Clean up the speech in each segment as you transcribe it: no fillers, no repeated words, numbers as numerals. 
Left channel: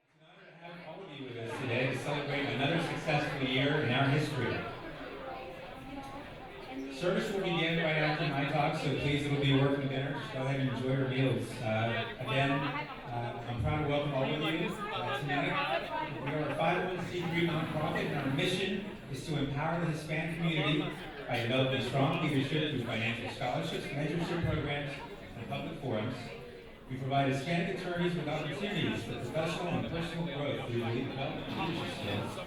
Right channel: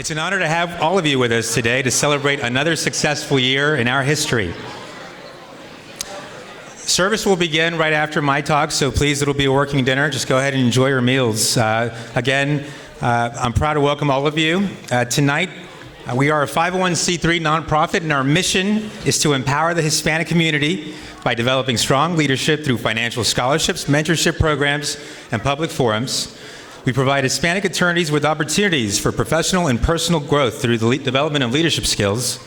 It's an honor to have all of you with us today to celebrate another successful year in our history. Service will begin right after my talk, so please, it'll be a working dinner. Just go ahead and enjoy your meals. I'm proud to welcome all of you. Tonight, we are a 501c3 nonprofit, and our mission is to empower the Hispanic community by developing strong leadership through financial scholarships, mentorship programs, and public forums. We provide Hispanic attorneys with opportunities for professional and personal growth through the development of leadership skills.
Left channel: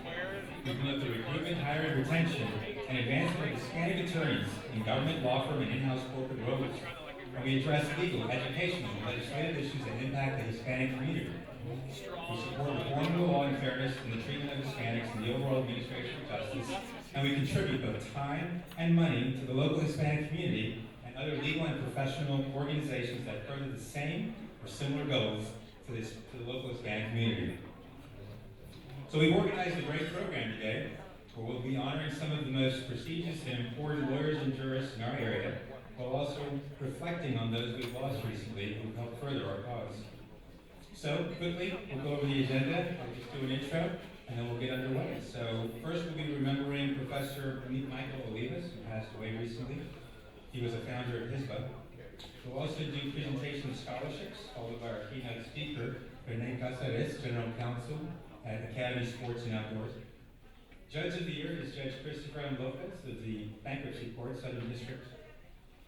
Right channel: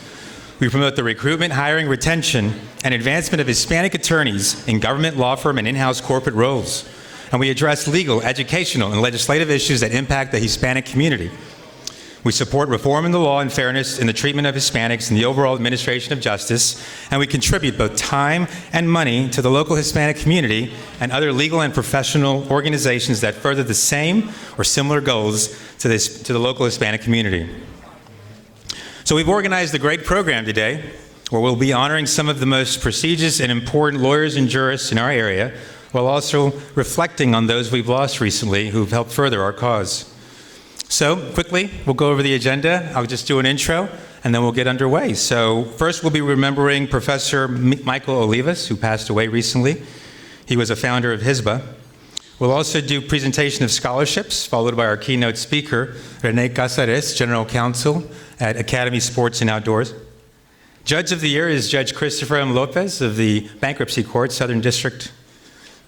We promote the recruitment, hiring, retention, and advancement of Hispanic attorneys in government, law firm, and in-house corporate roles. And we address legal, educational, and legislative issues that impact the Hispanic community. We support reform in the law and fairness in the treatment of Hispanics and the overall administration of justice, and we contribute both time and money to the local Hispanic community and other legal and professional organizations that further the same or similar goals to the local Hispanic community. So we've organized a great program today where we'll be honoring some of the most prestigious and important lawyers and jurists in our area, while also reflecting on those we've lost recently who've helped further our cause. So, quickly, we'll go over the agenda. I'll just do an intro, and then we'll get underway. So, first, we'll be remembering Professor Michael Olivas, who passed away recently. He was a founder of HISBA. We'll also do presentation of scholarships, followed by our keynote speaker, Rene Casares, General Counsel at Academy Sports and Outdoors. Judge of the Year is Judge Christopher M. Lopez of the Bankruptcy Court, Southern District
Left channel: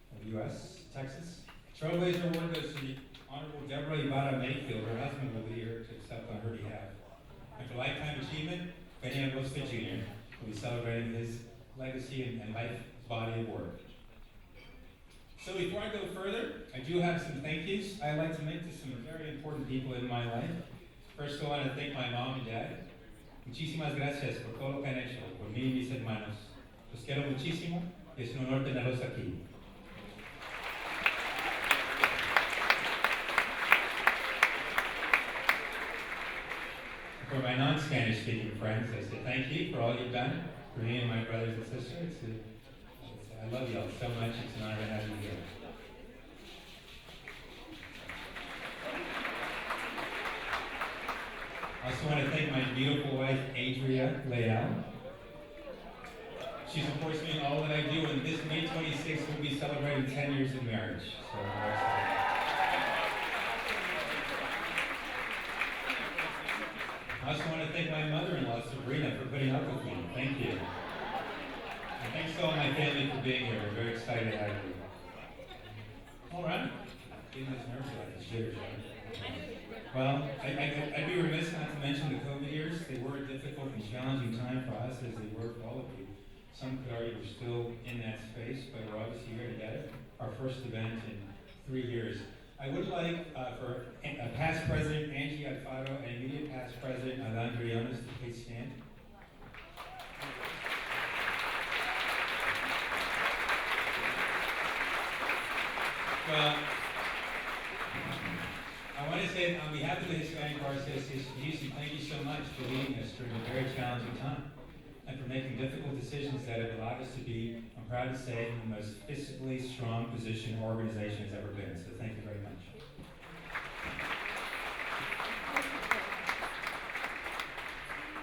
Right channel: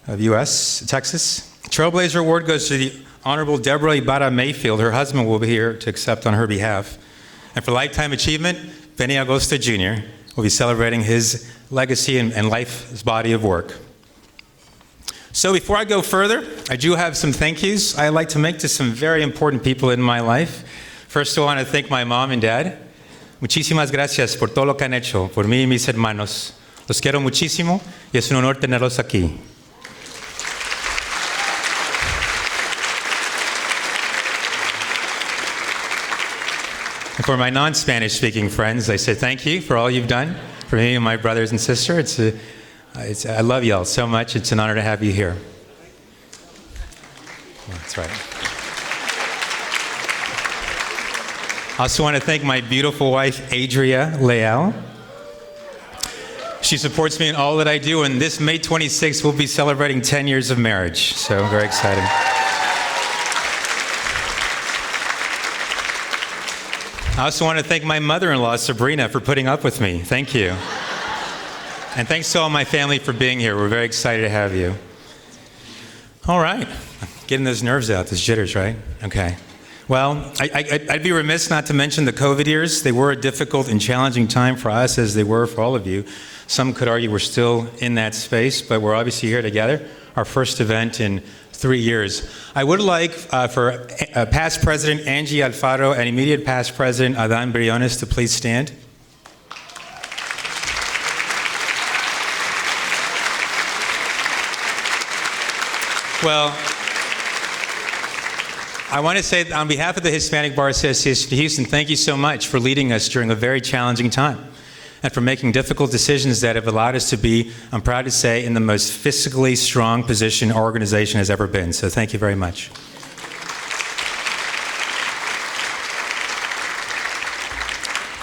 of U.S., Texas. Trailblazer Award goes to the Honorable Deborah Ibarra Mayfield. Her husband will be here to accept on her behalf. And for Lifetime Achievement, Benny Agosta Jr. will be celebrating his legacy and life's body of work. So before I go further, I do have some thank yous I'd like to make to some very important people in my life. First, I want to thank my mom and dad. Muchísimas gracias por todo lo que han hecho por mí y mis hermanos. Los quiero muchísimo y es un honor tenerlos aquí. And for my non-Spanish speaking friends, I say thank you for all you've done for me and my brothers and sisters. I love y'all so much. It's an honor to have you here. That's right. I also want to thank my beautiful wife, Adria Leal. She supports me in all that I do, and this May 26th, we'll be celebrating 10 years of marriage. So very exciting. I also want to thank my mother-in-law, Sabrina, for putting up with me. Thank you. And thanks to all my family for being here. We're very excited to have you. All right. Getting those nerves out, those jitters, right? Okay. Well, I'd be remiss not to mention the COVID years. They were a difficult and challenging time for us, as they were for all of you. Some could argue we're still in that space, but we're obviously here together. Our first event in 3 years. I would like for past President Angie Alfaro and immediate past President Adán Briones to please stand. Well, I want to say on behalf of the Hispanic Bar Association of Houston, thank you so much for leading us during a very challenging time and for making difficult decisions that have allowed us to be, I'm proud to say, in the most fiscally strong position our organization has ever been. So thank you very much.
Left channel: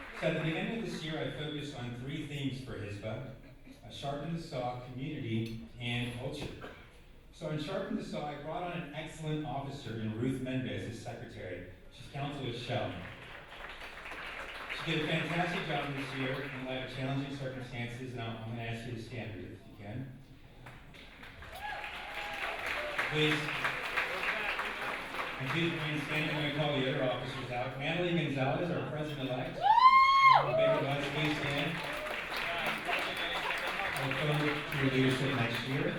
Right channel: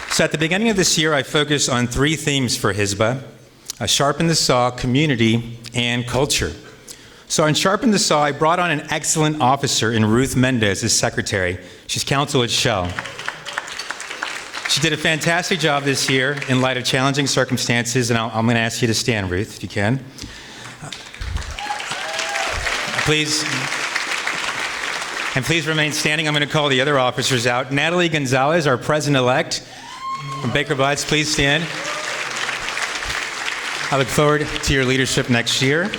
So at the beginning of this year, I focused on 3 themes for HISBA: Sharpen the Saw, Community, and Culture. So on Sharpen the Saw, I brought on an excellent officer in Ruth Mendez as secretary. She's counsel at Shell. She did a fantastic job this year in light of challenging circumstances, and I'm going to ask you to stand, Ruth, if you can. Please remain standing. I'm going to call the other officers out. Natalie Gonzalez, our president-elect from Baker Botts, please stand. I look forward to your leadership next year.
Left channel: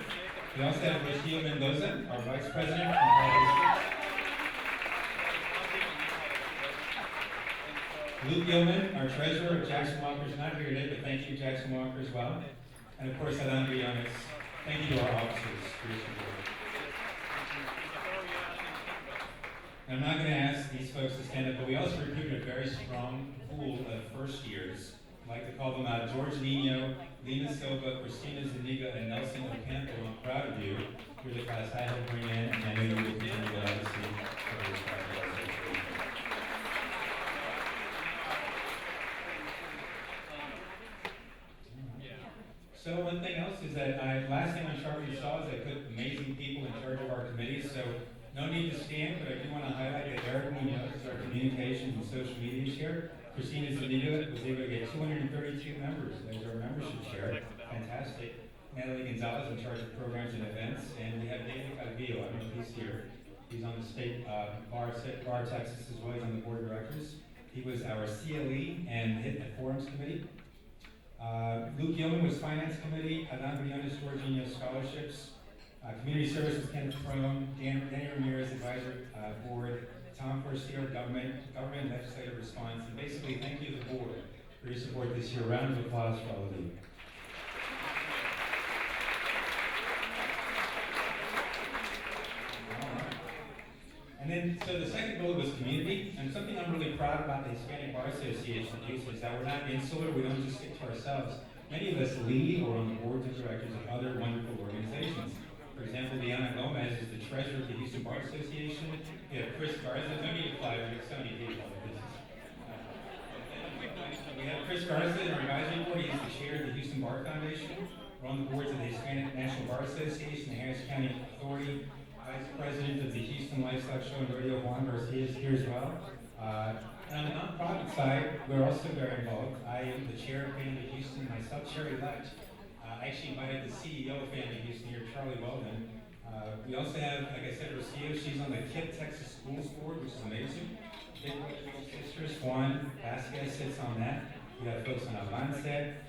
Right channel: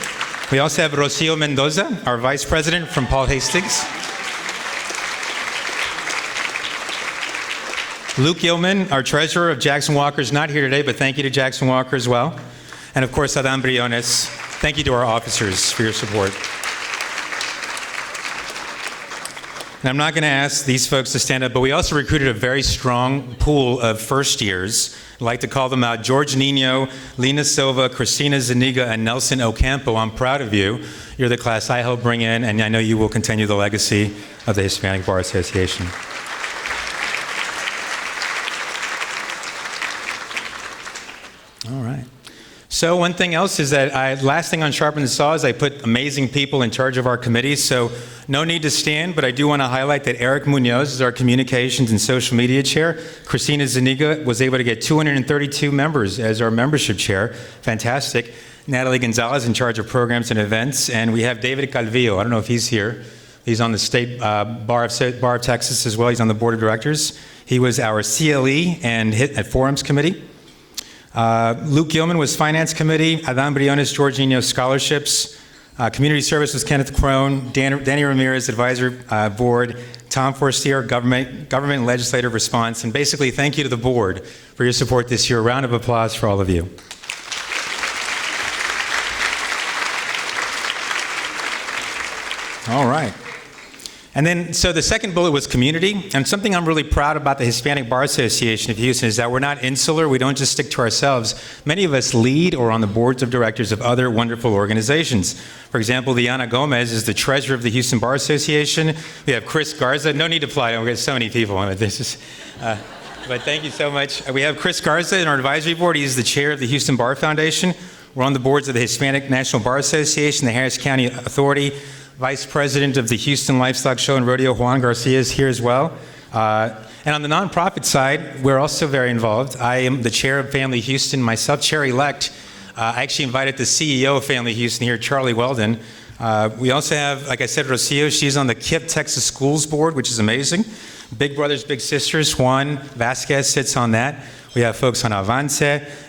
We also have Rocio Mendoza, our vice president from Paul Hastings. Luke Gilman, our treasurer of Jackson Walker, is not here today, but thank you to Jackson Walker as well. And of course, Adán Briones. Thank you to our officers for your support. And I'm not going to ask these folks to stand up, but we also recruited a very strong pool of first years. I'd like to call them out: George Nino, Lena Silva, Christina Zuniga, and Nelson Ocampo. I'm proud of you. You're the class I helped bring in, and I know you will continue the legacy of the Hispanic Bar Association. So one thing else is that last thing on Sharpen the Saw is I put amazing people in charge of our committees, so no need to stand, but I do want to highlight that Eric Munoz is our communications and social media chair. Christina Zuniga was able to get 232 members as our membership chair. Fantastic. Natalie Gonzalez in charge of programs and events, and we have David Calvillo. I don't know if he's here. He's on the State Bar of Texas as well. He's on the board of directors. He was our CLE and at Forums Committee. Luke Gilman was Finance Committee, Adam Briones, Jorginho Scholarships, Community Service was Kenneth Crone, Danny Ramirez, Advisor Board, Tom Forstier, Government and Legislative Response, and basically thank you to the board for your support this year. A round of applause for all of you. All right. And then, so the second bullet was community, and something I'm really proud about the Hispanic Bar Association of Houston is that we're not insular, we don't just stick to ourselves. Many of us lead or on the boards of directors of other wonderful organizations. For example, Liana Gomez is the treasurer of the Houston Bar Association. We have Chris Garza, no need to apply, we have so many people on it. But thank you so much. We have Chris Garza in our advisory board, he's the chair of the Houston Bar Foundation. We're on the boards of the Hispanic National Bar Association, the Harris County Authority. Vice President of the Houston Livestock Show and Rodeo, Juan Garcia, is here as well. And on the nonprofit side, we're also very involved. I am the chair of Family Houston, myself, chair-elect. I actually invited the CEO of Family Houston here, Charlie Weldon. We also have, like I said, Rocio. She's on the KIPP Texas Schools Board, which is amazing. Big Brothers Big Sisters, Juan Vasquez sits on that. We have folks on Avance,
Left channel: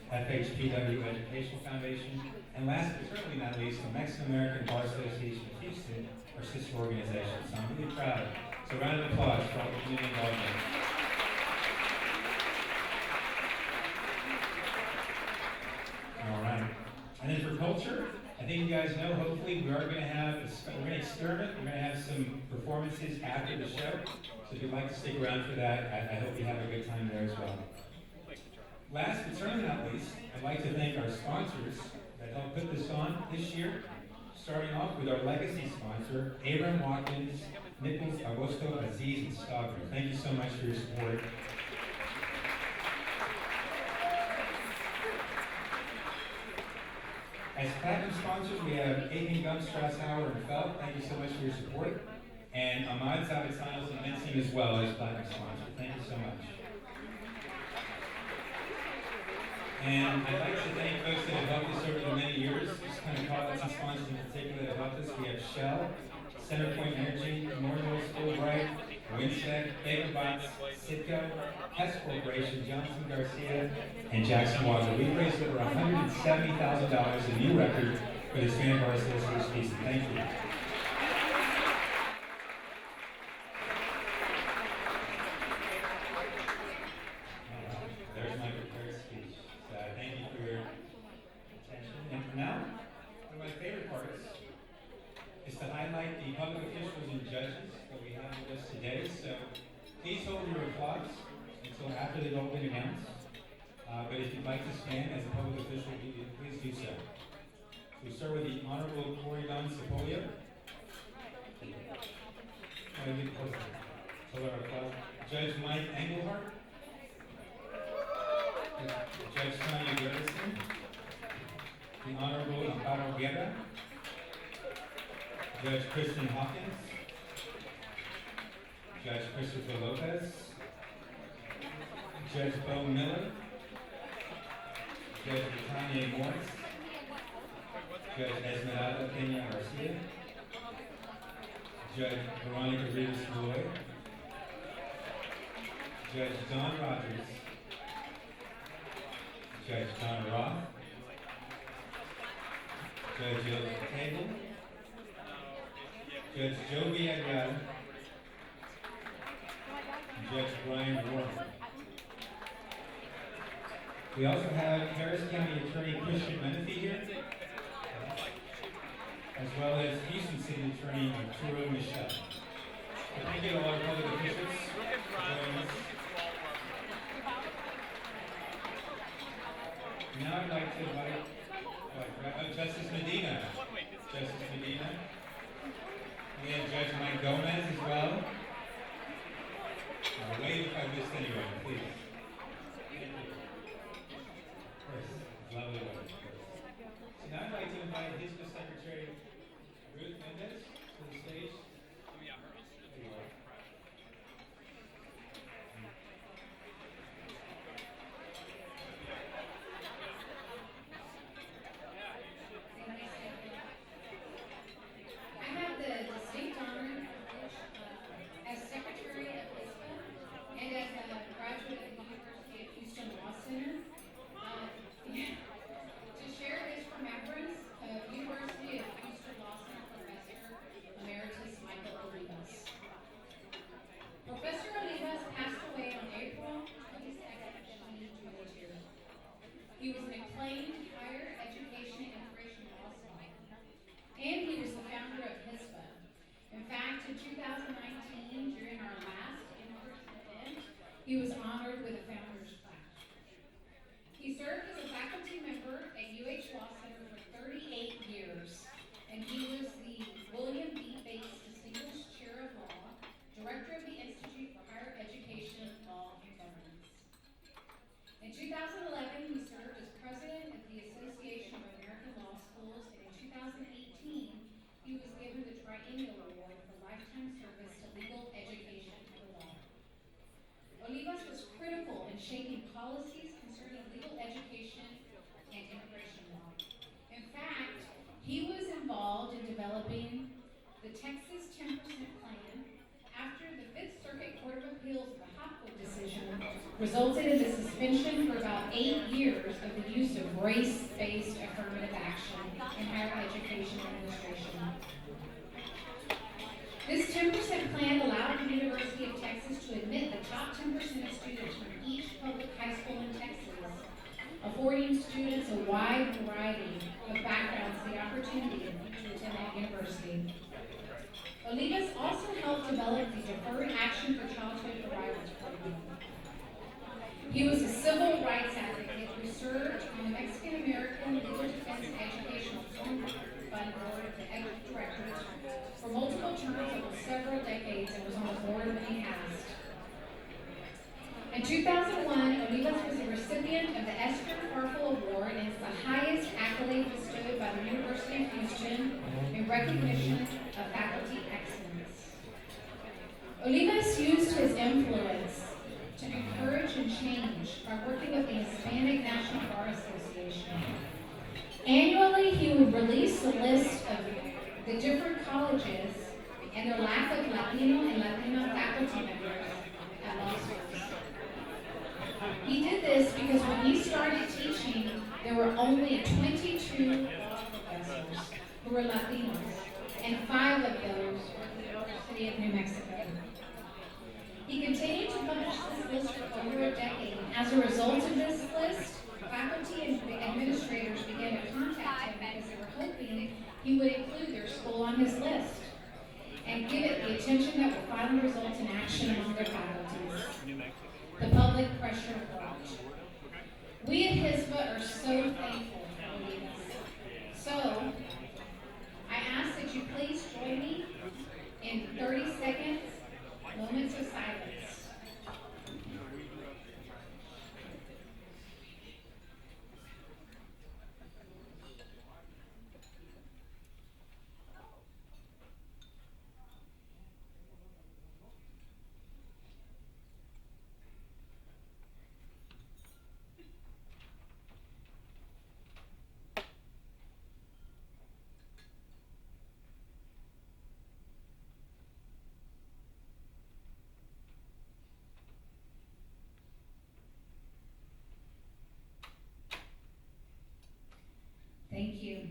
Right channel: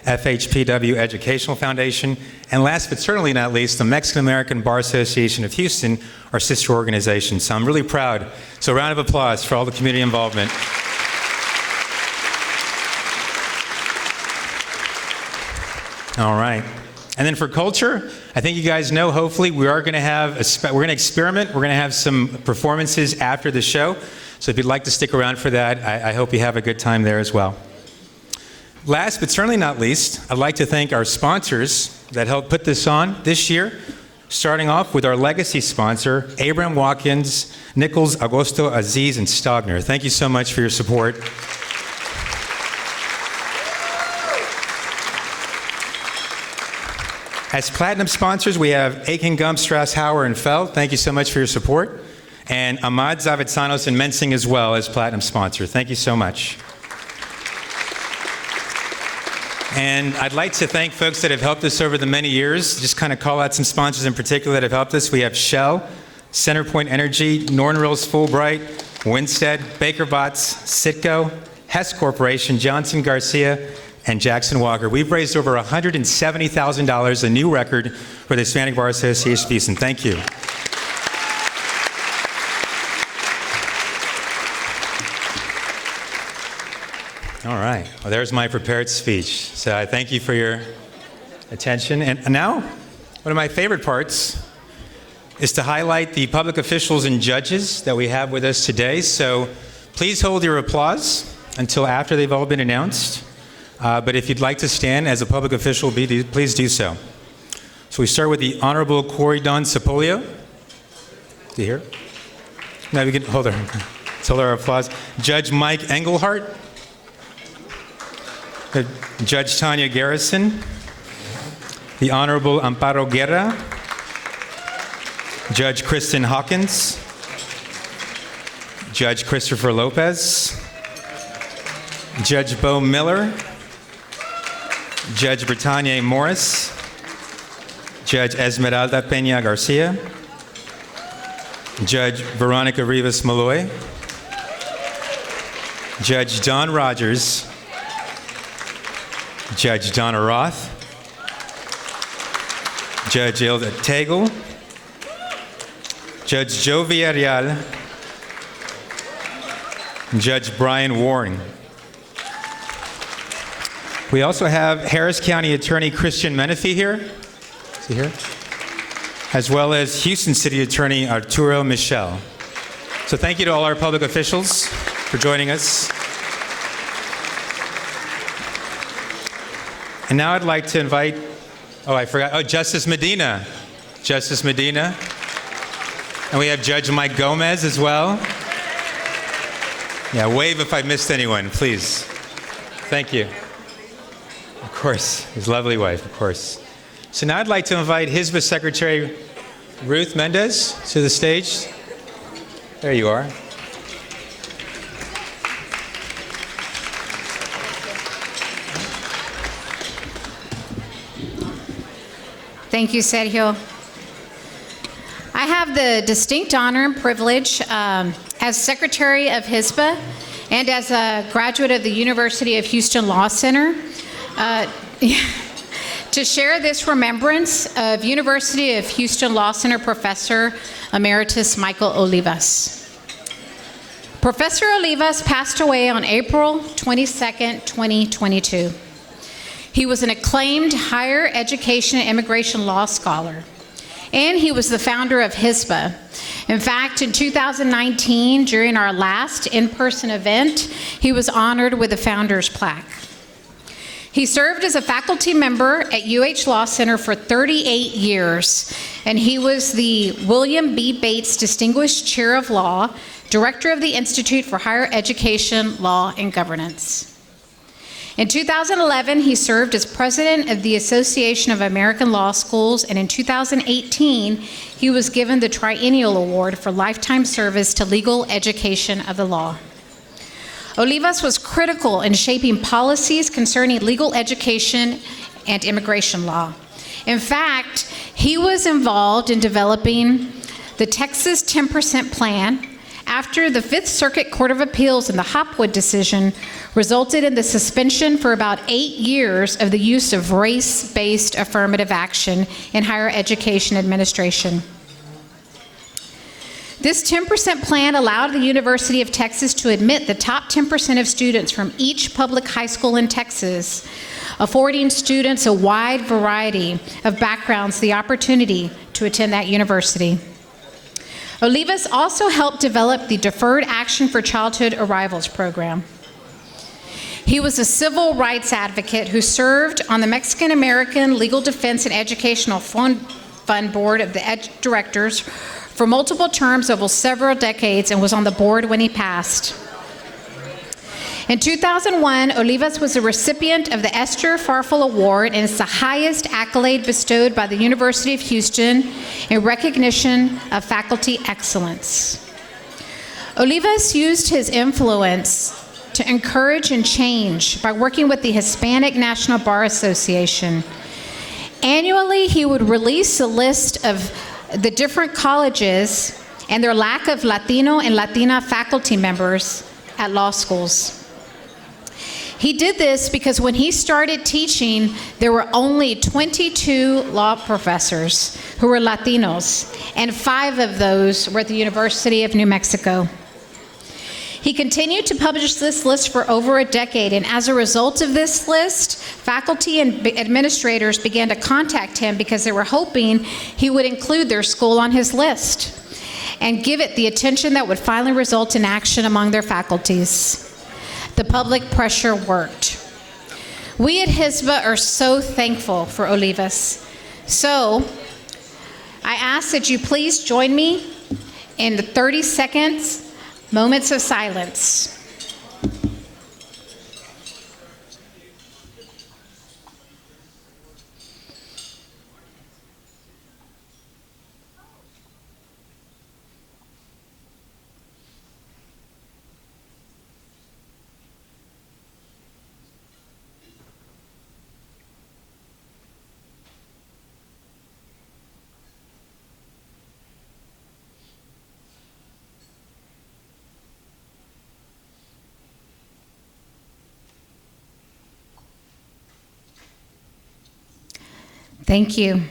FHPW Educational Foundation, and last but certainly not least, the Mexican American Bar Association of Houston, our sister organization. So I'm really proud. So a round of applause for all the community involvement. All right. And then for culture, I think you guys know, hopefully, we're going to experiment. We're going to have some performances after the show. So if you'd like to stick around for that, I hope you have a good time there as well. Last but certainly not least, I'd like to thank our sponsors that helped put this on this year, starting off with our legacy sponsor, Abraham Watkins, Nichols, Agosto, Aziz, and Stogner. Thank you so much for your support. As platinum sponsors, we have Aiken, Gump, Strauss, Hauer, and Feld. Thank you so much for your support. And Ahmad Zavitsanos and Mensing as well as platinum sponsor. Thank you so much. And I'd like to thank folks that have helped us over the many years. Just kind of call out some sponsors in particular that have helped us. We have Shell, Centerpoint Energy, Norton Rose Fulbright, Winstead, Baker Botts, Citgo, Hess Corporation, Johnson Garcia, and Jackson Walker. We've raised over $170,000, a new record for the Hispanic Bar Association of Houston. Thank you. All right. Well, there's my prepared speech. So I thank you for your attention. And now, one of my favorite parts is to highlight the public officials and judges that we have with us today. So please hold your applause until after they've all been announced. But if you'd like to stand as a public official, please do so. So we start with the Honorable Corey Don Cipolio. Is he here? No, we can hold our applause. Judge Mike Engelhardt. Judge Tanya Garrison, the Honorable Amparo Guerra, Judge Kristen Hawkins, Judge Christopher Lopez, Judge Bo Miller, Judge Brittanya Morris, Judge Esmeralda Peña Garcia, Judge Veronica Rivas Malloy, Judge Don Rogers, Judge Donna Roth, Judge Ilda Tegel, Judge Joe Villarreal, Judge Brian Warren. We also have Harris County Attorney Christian Menifee here. Is he here? As well as Houston City Attorney Arturo Michel. So thank you to all our public officials for joining us. And now I'd like to invite, Justice Medina. Justice Medina. And we have Judge Mike Gomez as well. Yeah, wave if I missed anyone, please. Thank you. Of course, his lovely wife, of course. So now I'd like to invite HSBA Secretary Ruth Mendez to the stage. There you are. Thank you, Sergio. I have the distinct honor and privilege as Secretary of HSBA and as a graduate of the University of Houston Law Center to share this remembrance of University of Houston Law Center Professor Emeritus Michael Olivas. Professor Olivas passed away on April 22nd, 2022. He was an acclaimed higher education and immigration law scholar, and he was the founder of HSBA. In fact, in 2019, during our last in-person event, he was honored with a founder's plaque. He served as a faculty member at UH Law Center for 38 years, and he was the William B. Bates Distinguished Chair of Law, Director of the Institute for Higher Education, Law, and Governance. In 2011, he served as president of the Association of American Law Schools, and in 2018, he was given the Triennial Award for Lifetime Service to Legal Education of the Law. Olivas was critical in shaping policies concerning legal education and immigration law. In fact, he was involved in developing the Texas 10% Plan after the Fifth Circuit Court of Appeals in the Hopwood decision resulted in the suspension for about 8 years of the use of race-based affirmative action in higher education administration. This 10% plan allowed the University of Texas to admit the top 10% of students from each public high school in Texas, affording students a wide variety of backgrounds the opportunity to attend that university. Olivas also helped develop the Deferred Action for Childhood Arrivals program. He was a civil rights advocate who served on the Mexican American Legal Defense and Educational Fund Board of the Directors for multiple terms over several decades and was on the board when he passed. In 2001, Olivas was a recipient of the Esther Farfel Award, and it's the highest accolade bestowed by the University of Houston in recognition of faculty excellence. Olivas used his influence to encourage and change by working with the Hispanic National Bar Association. Annually, he would release a list of the different colleges and their lack of Latino and Latina faculty members at law schools. He did this because when he started teaching, there were only 22 law professors who were Latinos, and 5 of those were at the University of New Mexico. He continued to publish this list for over a decade, and as a result of this list, faculty and administrators began to contact him because they were hoping he would include their school on his list and give it the attention that would finally result in action among their faculties. The public pressure worked. We at HSBA are so thankful for Olivas. So I ask that you please join me in the 30 seconds moments of silence. Thank you.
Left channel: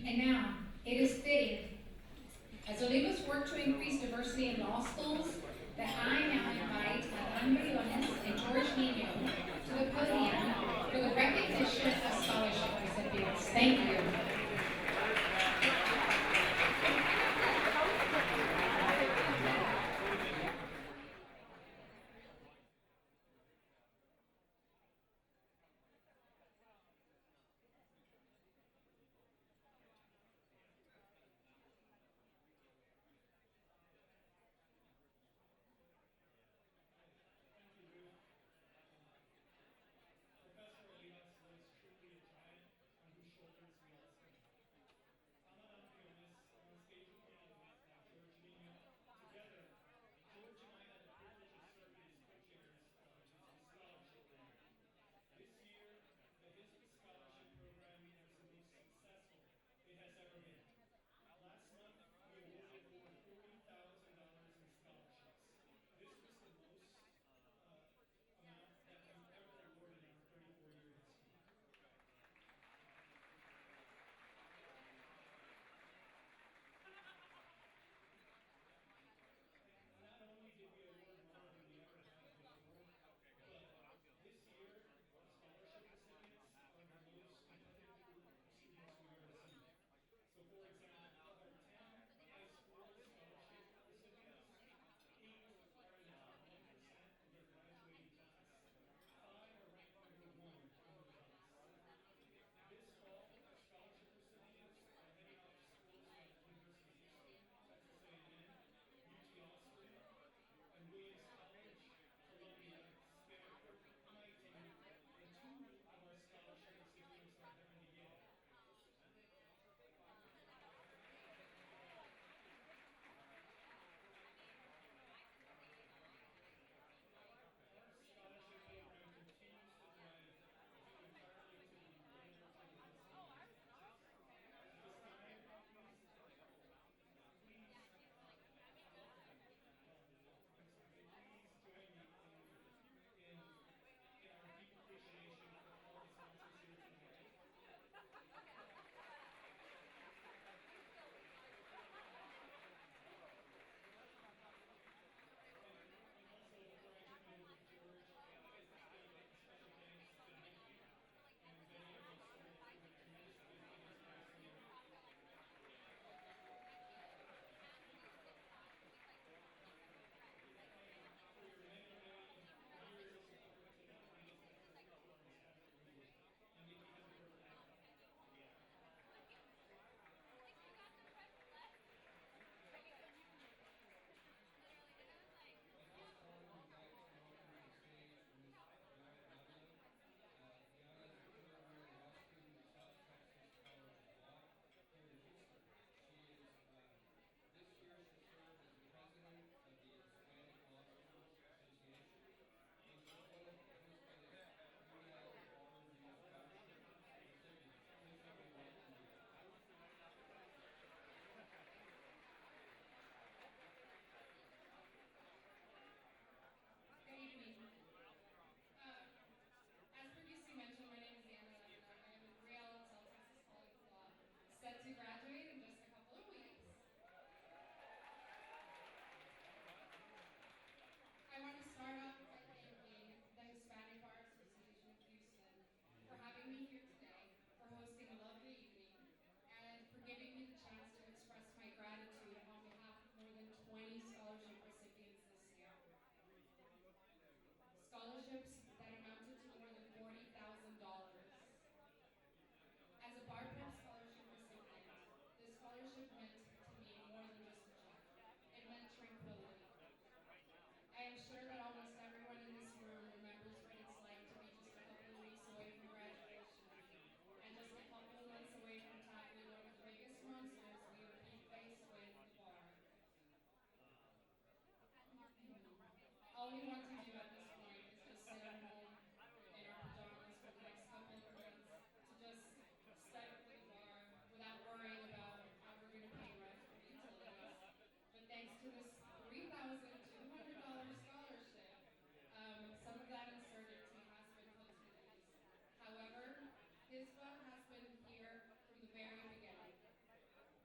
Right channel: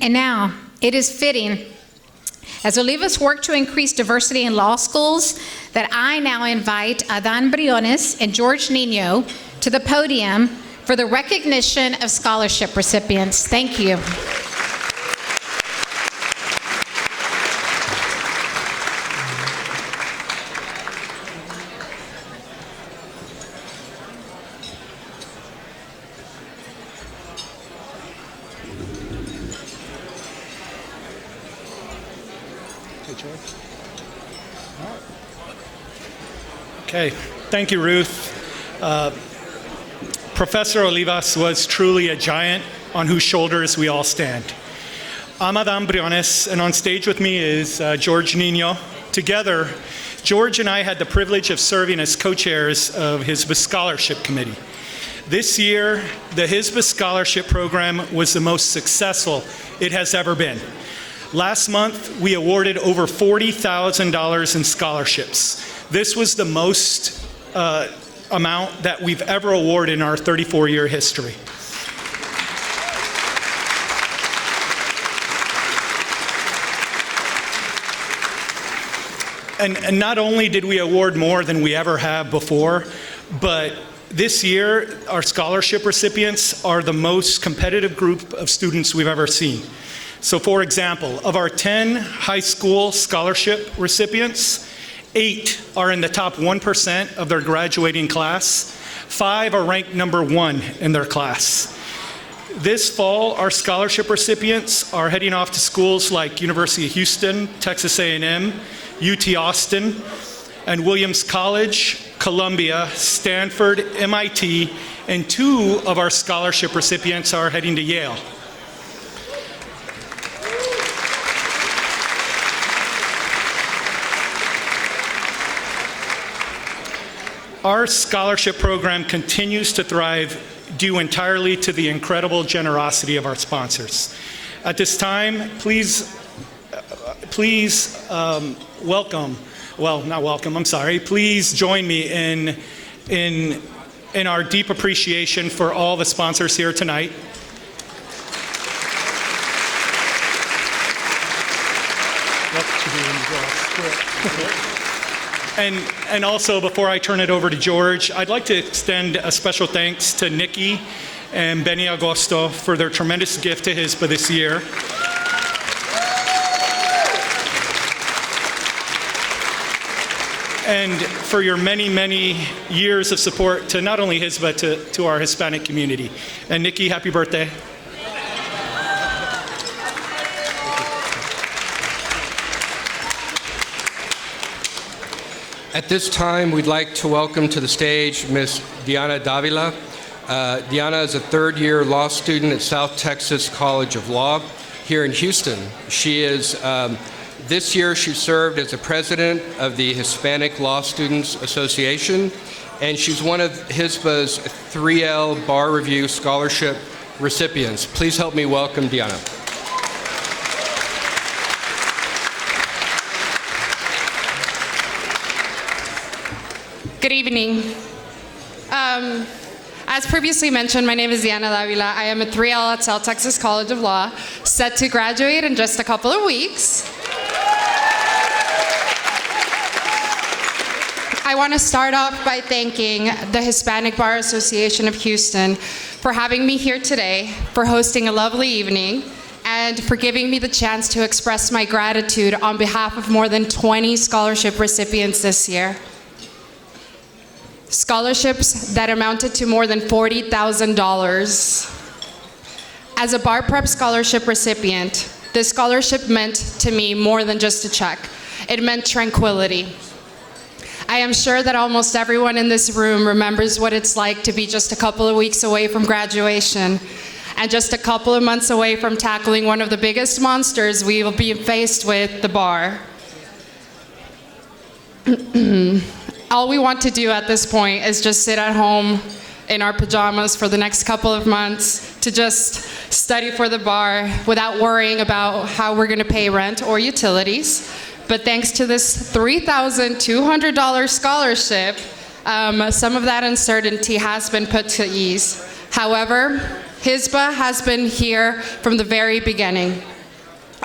And now, it is fitting, as Olivas worked to increase diversity in law schools, that I now invite Adan Briones and George Nino to the podium for the recognition of scholarship recipients. Thank you. Okay, thank you, Ruth. Professor Olivas was truly a giant on whose shoulders we all stand. I'm Adam Briones, and on stage with me is George Nino. Together, George and I had the privilege of serving as co-chairs of HSBA Scholarship Committee. This year, the HSBA Scholarship Program was the most successful it has ever been. Last month, we awarded over $40,000 in scholarships. This was the most amount that we've ever awarded in our 34-year history. And not only did we award more than we ever have before, but this year, our scholarship recipients are the most competitive group of students we've ever seen. So for example, of our 10 high school scholarship recipients, 8 are in the top 1% of their graduating class. 5 are ranked number 1 in their class. This fall, our scholarship recipients are heading off to schools like University of Houston, Texas A&M, UT Austin, and Williams College, Columbia, Stanford, MIT, and 2 of our scholarship recipients are heading to Yale. Our scholarship program continues to thrive due entirely to the incredible generosity of our sponsors. At this time, please please join me in our deep appreciation for all the sponsors here tonight. And also, before I turn it over to George, I'd like to extend a special thanks to Nikki and Benny Agosto for their tremendous gift to HSBA this year. And for your many, many years of support to not only HSBA, but to our Hispanic community. And Nikki, happy birthday. At this time, we'd like to welcome to the stage Ms. Diana Davila. Diana is a third-year law student at South Texas College of Law here in Houston. She is, this year she served as the president of the Hispanic Law Students Association, and she's one of HSBA's 3L Bar Review Scholarship recipients. Please help me welcome Diana. Good evening. As previously mentioned, my name is Diana Davila. I am a 3L at South Texas College of Law, set to graduate in just a couple of weeks. I want to start off by thanking the Hispanic Bar Association of Houston for having me here today, for hosting a lovely evening, and for giving me the chance to express my gratitude on behalf of more than 20 scholarship recipients this year. Scholarships that amounted to more than $40,000. As a Bar Prep Scholarship recipient, this scholarship meant to me more than just a check. It meant tranquility. I am sure that almost everyone in this room remembers what it's like to be just a couple of weeks away from graduation and just a couple of months away from tackling one of the biggest monsters we will be faced with, the bar. All we want to do at this point is just sit at home in our pajamas for the next couple of months to just study for the bar without worrying about how we're going to pay rent or utilities. But thanks to this $3,200 scholarship, some of that uncertainty has been put to ease. However, HSBA has been here from the very beginning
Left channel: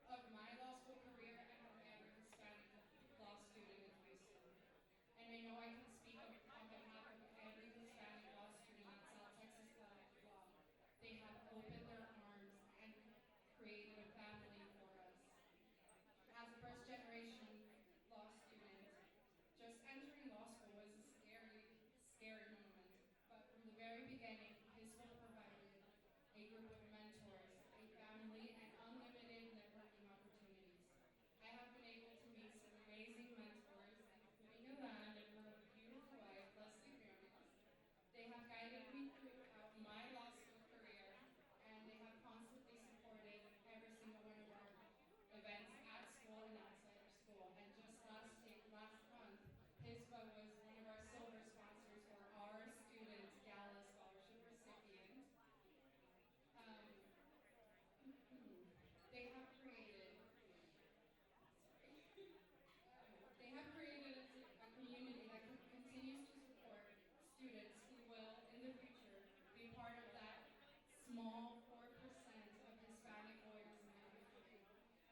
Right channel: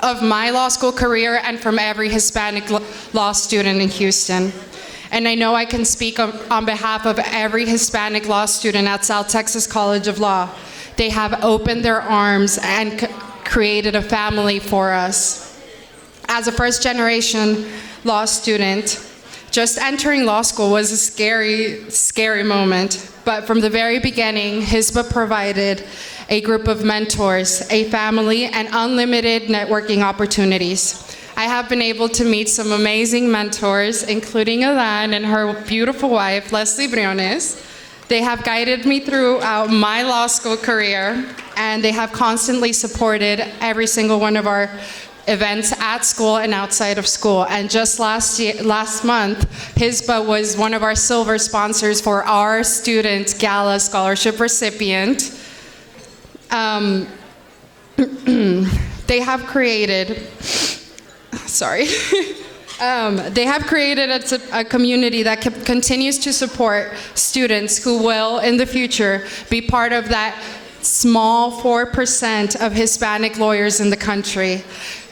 of my law school career and from every Hispanic law student in Houston. And I know I can speak on behalf of every Hispanic law student at South Texas College of Law. They have opened their arms and created a family for us. As a first-generation law student, just entering law school was a scary, scary moment. But from the very beginning, HSBA provided a group of mentors, a family, and unlimited networking opportunities. I have been able to meet some amazing mentors, including Alan and her beautiful wife, Leslie Briones. They have guided me throughout my law school career, and they have constantly supported every single one of our events at school and outside of school. And just last month, HISBA was one of our silver sponsors for our student Gala scholarship recipient. They have created, they have created a community that continues to support students who will, in the future, be part of that small 4% of Hispanic lawyers in the country,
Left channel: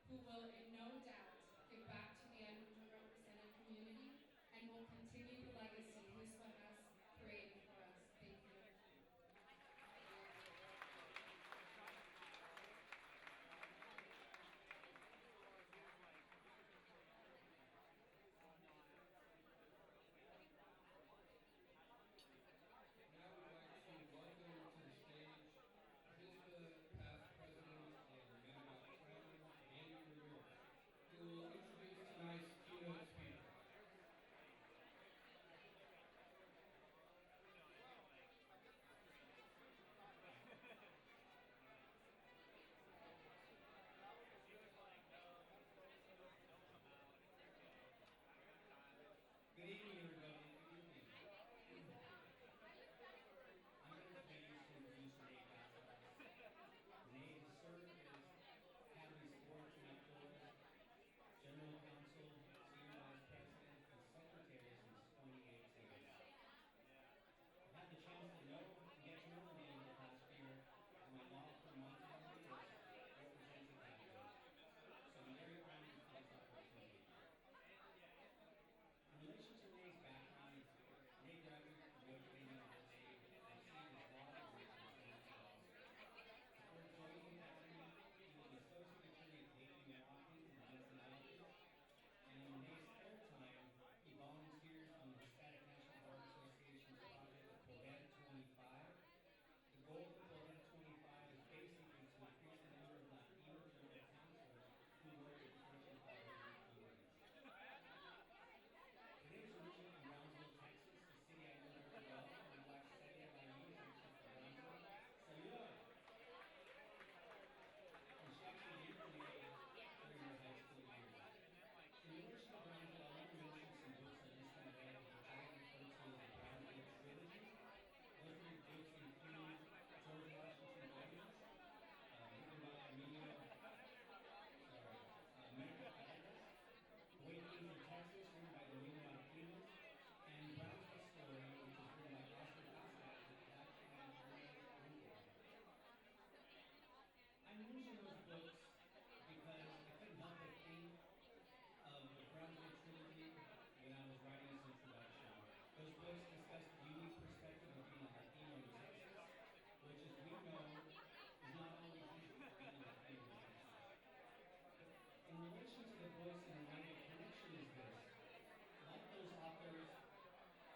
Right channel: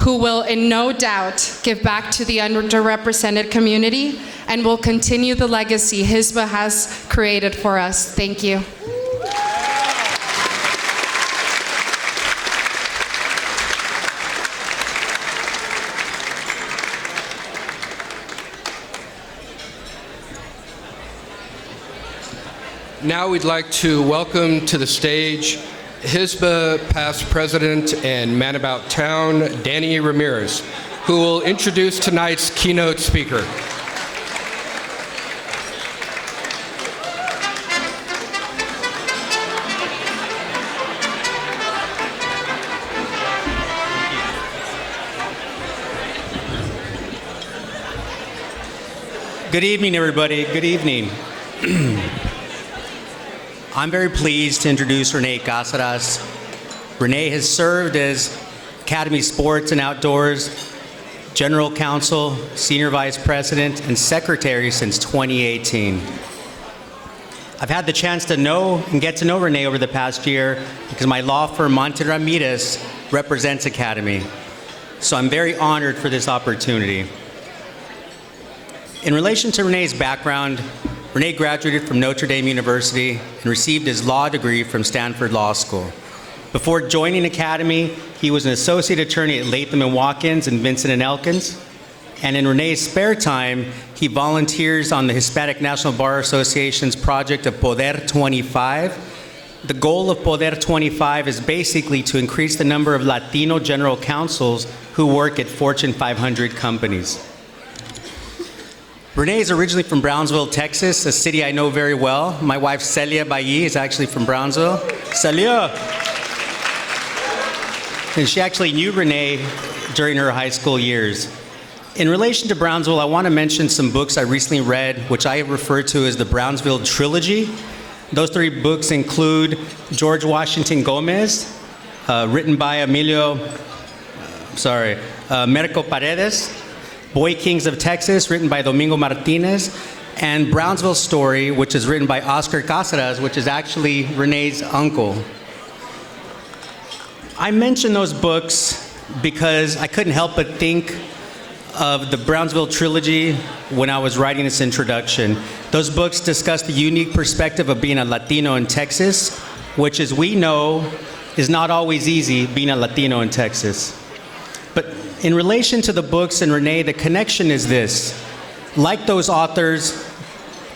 who will, in no doubt, give back to the underrepresented community and will continue the legacy HISBA has created for us. Thank you. Now we'd like to welcome to the stage HISBA past president and man about town, Danny Ramirez, who will introduce tonight's keynote speaker. Good evening, everybody. Good evening. I'm very pleased to introduce Renee Cáceres. Renee has served as Academy Sports and Outdoors General Counsel, Senior Vice President, and Secretary since 2018. I've had the chance to know and get to know Renee over the past year because my law firm, Monte Ramirez, represents Academy. So I'm very honored for this opportunity. In relation to Renee's background, Renee graduated from Notre Dame University and received his law degree from Stanford Law School. Before joining Academy, he was an associate attorney at Latham & Watkins and Vincent & Elkins. And in Renee's spare time, he volunteers on the Hispanic National Bar Association's project of Poder 25. The goal of Poder 25 is basically to increase the number of Latino general counsels who work at Fortune 500 companies. Renee is originally from Brownsville, Texas, a city I know very well. My wife, Celia Bailly, is actually from Brownsville. Celia! And she actually knew Renee during her high school years. In relation to Brownsville, I want to mention some books I recently read, which I refer to as the Brownsville Trilogy. Those three books include George Washington Gomez, written by Merico Paredes, Boy Kings of Texas, written by Domingo Martinez, and Brownsville Story, which is written by Oscar Cáceres, which is actually Renee's uncle. I mention those books because I couldn't help but think of the Brownsville Trilogy when I was writing this introduction. Those books discuss the unique perspective of being a Latino in Texas, which, as we know, is not always easy being a Latino in Texas. But in relation to the books and Renee, the connection is this. Like those authors,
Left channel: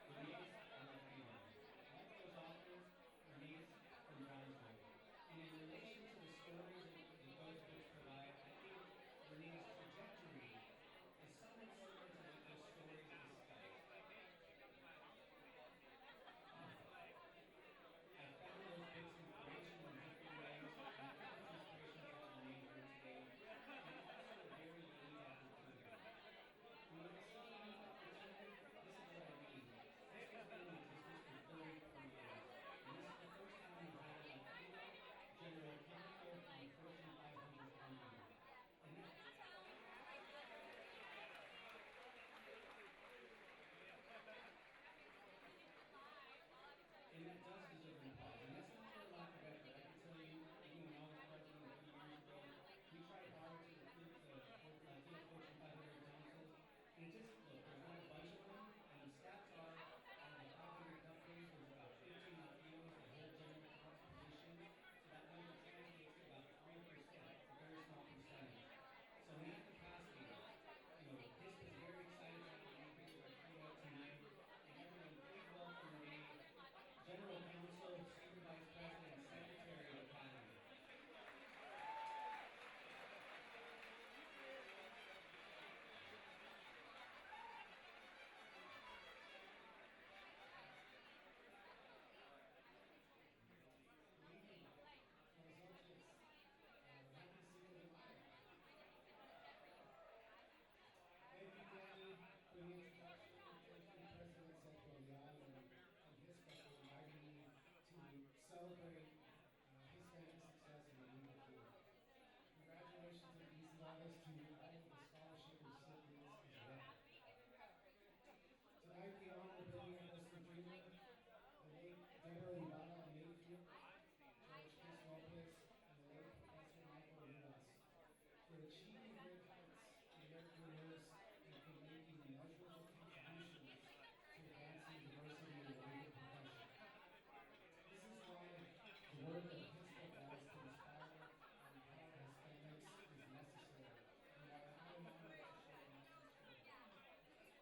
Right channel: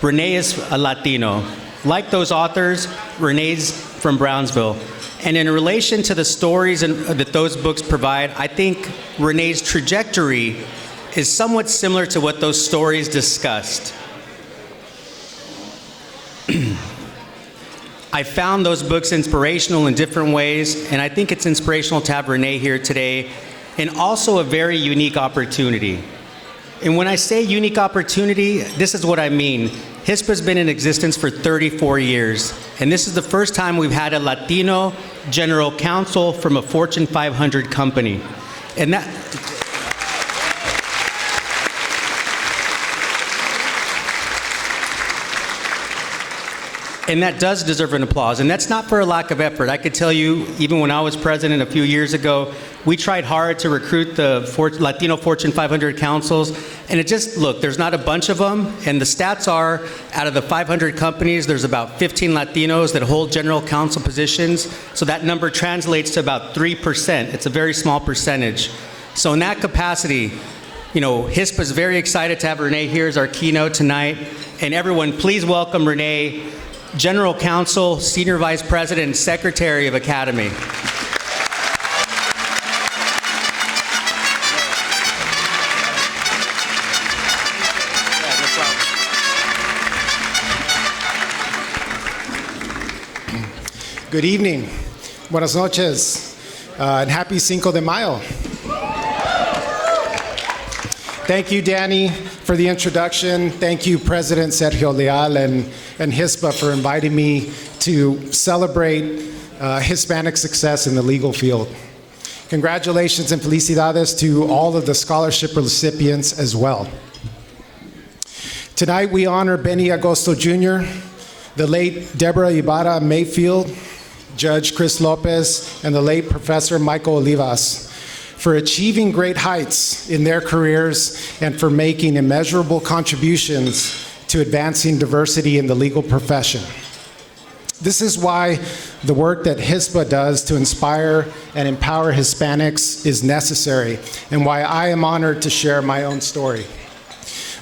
Renee is a Latino. Like those authors, Renee's from Brownsville. And in relation to the stories that those books provide, I think Renee's trajectory is somewhat similar to what those stories discussed. I found those books inspirational in different ways, and I think it's inspirational to have Renee here today, and also a very unique opportunity. And when I say unique opportunity, this is what I mean. HISPA's been in existence for 34 years, and this is the first time we've had a Latino general counsel from a Fortune 500 company. And that does deserve an applause, and that's not for a lack of effort. I could tell you, even when I was president a few years ago, we tried hard to recruit the Latino Fortune 500 counsels, and it just, look, there's not a bunch of them, and the stats are, out of the 500 companies, there's about 15 Latinos that hold general counsel positions, so that number translates to about 3%. It's a very small percentage. So in that capacity, you know, HISPA is very excited to have Renee here as our keynote tonight, and everyone, please welcome Renee, General Counsel, Senior Vice President, and Secretary of Academy. Good evening. Buenas noches. And happy Cinco de Mayo. Thank you, Danny, for the introduction. Thank you, President Sergio Leal and HISPA for inviting me to celebrate Hispanic success in the legal field. Congratulations and felicidades to all of the scholarship recipients as well. Tonight we honor Benny Agosto Jr., the late Deborah Ibarra Mayfield, Judge Chris Lopez, and the late Professor Michael Olivas for achieving great heights in their careers and for making immeasurable contributions to advancing diversity in the legal profession. This is why the work that HISPA does to inspire and empower Hispanics is necessary, and why I am honored to share my own story.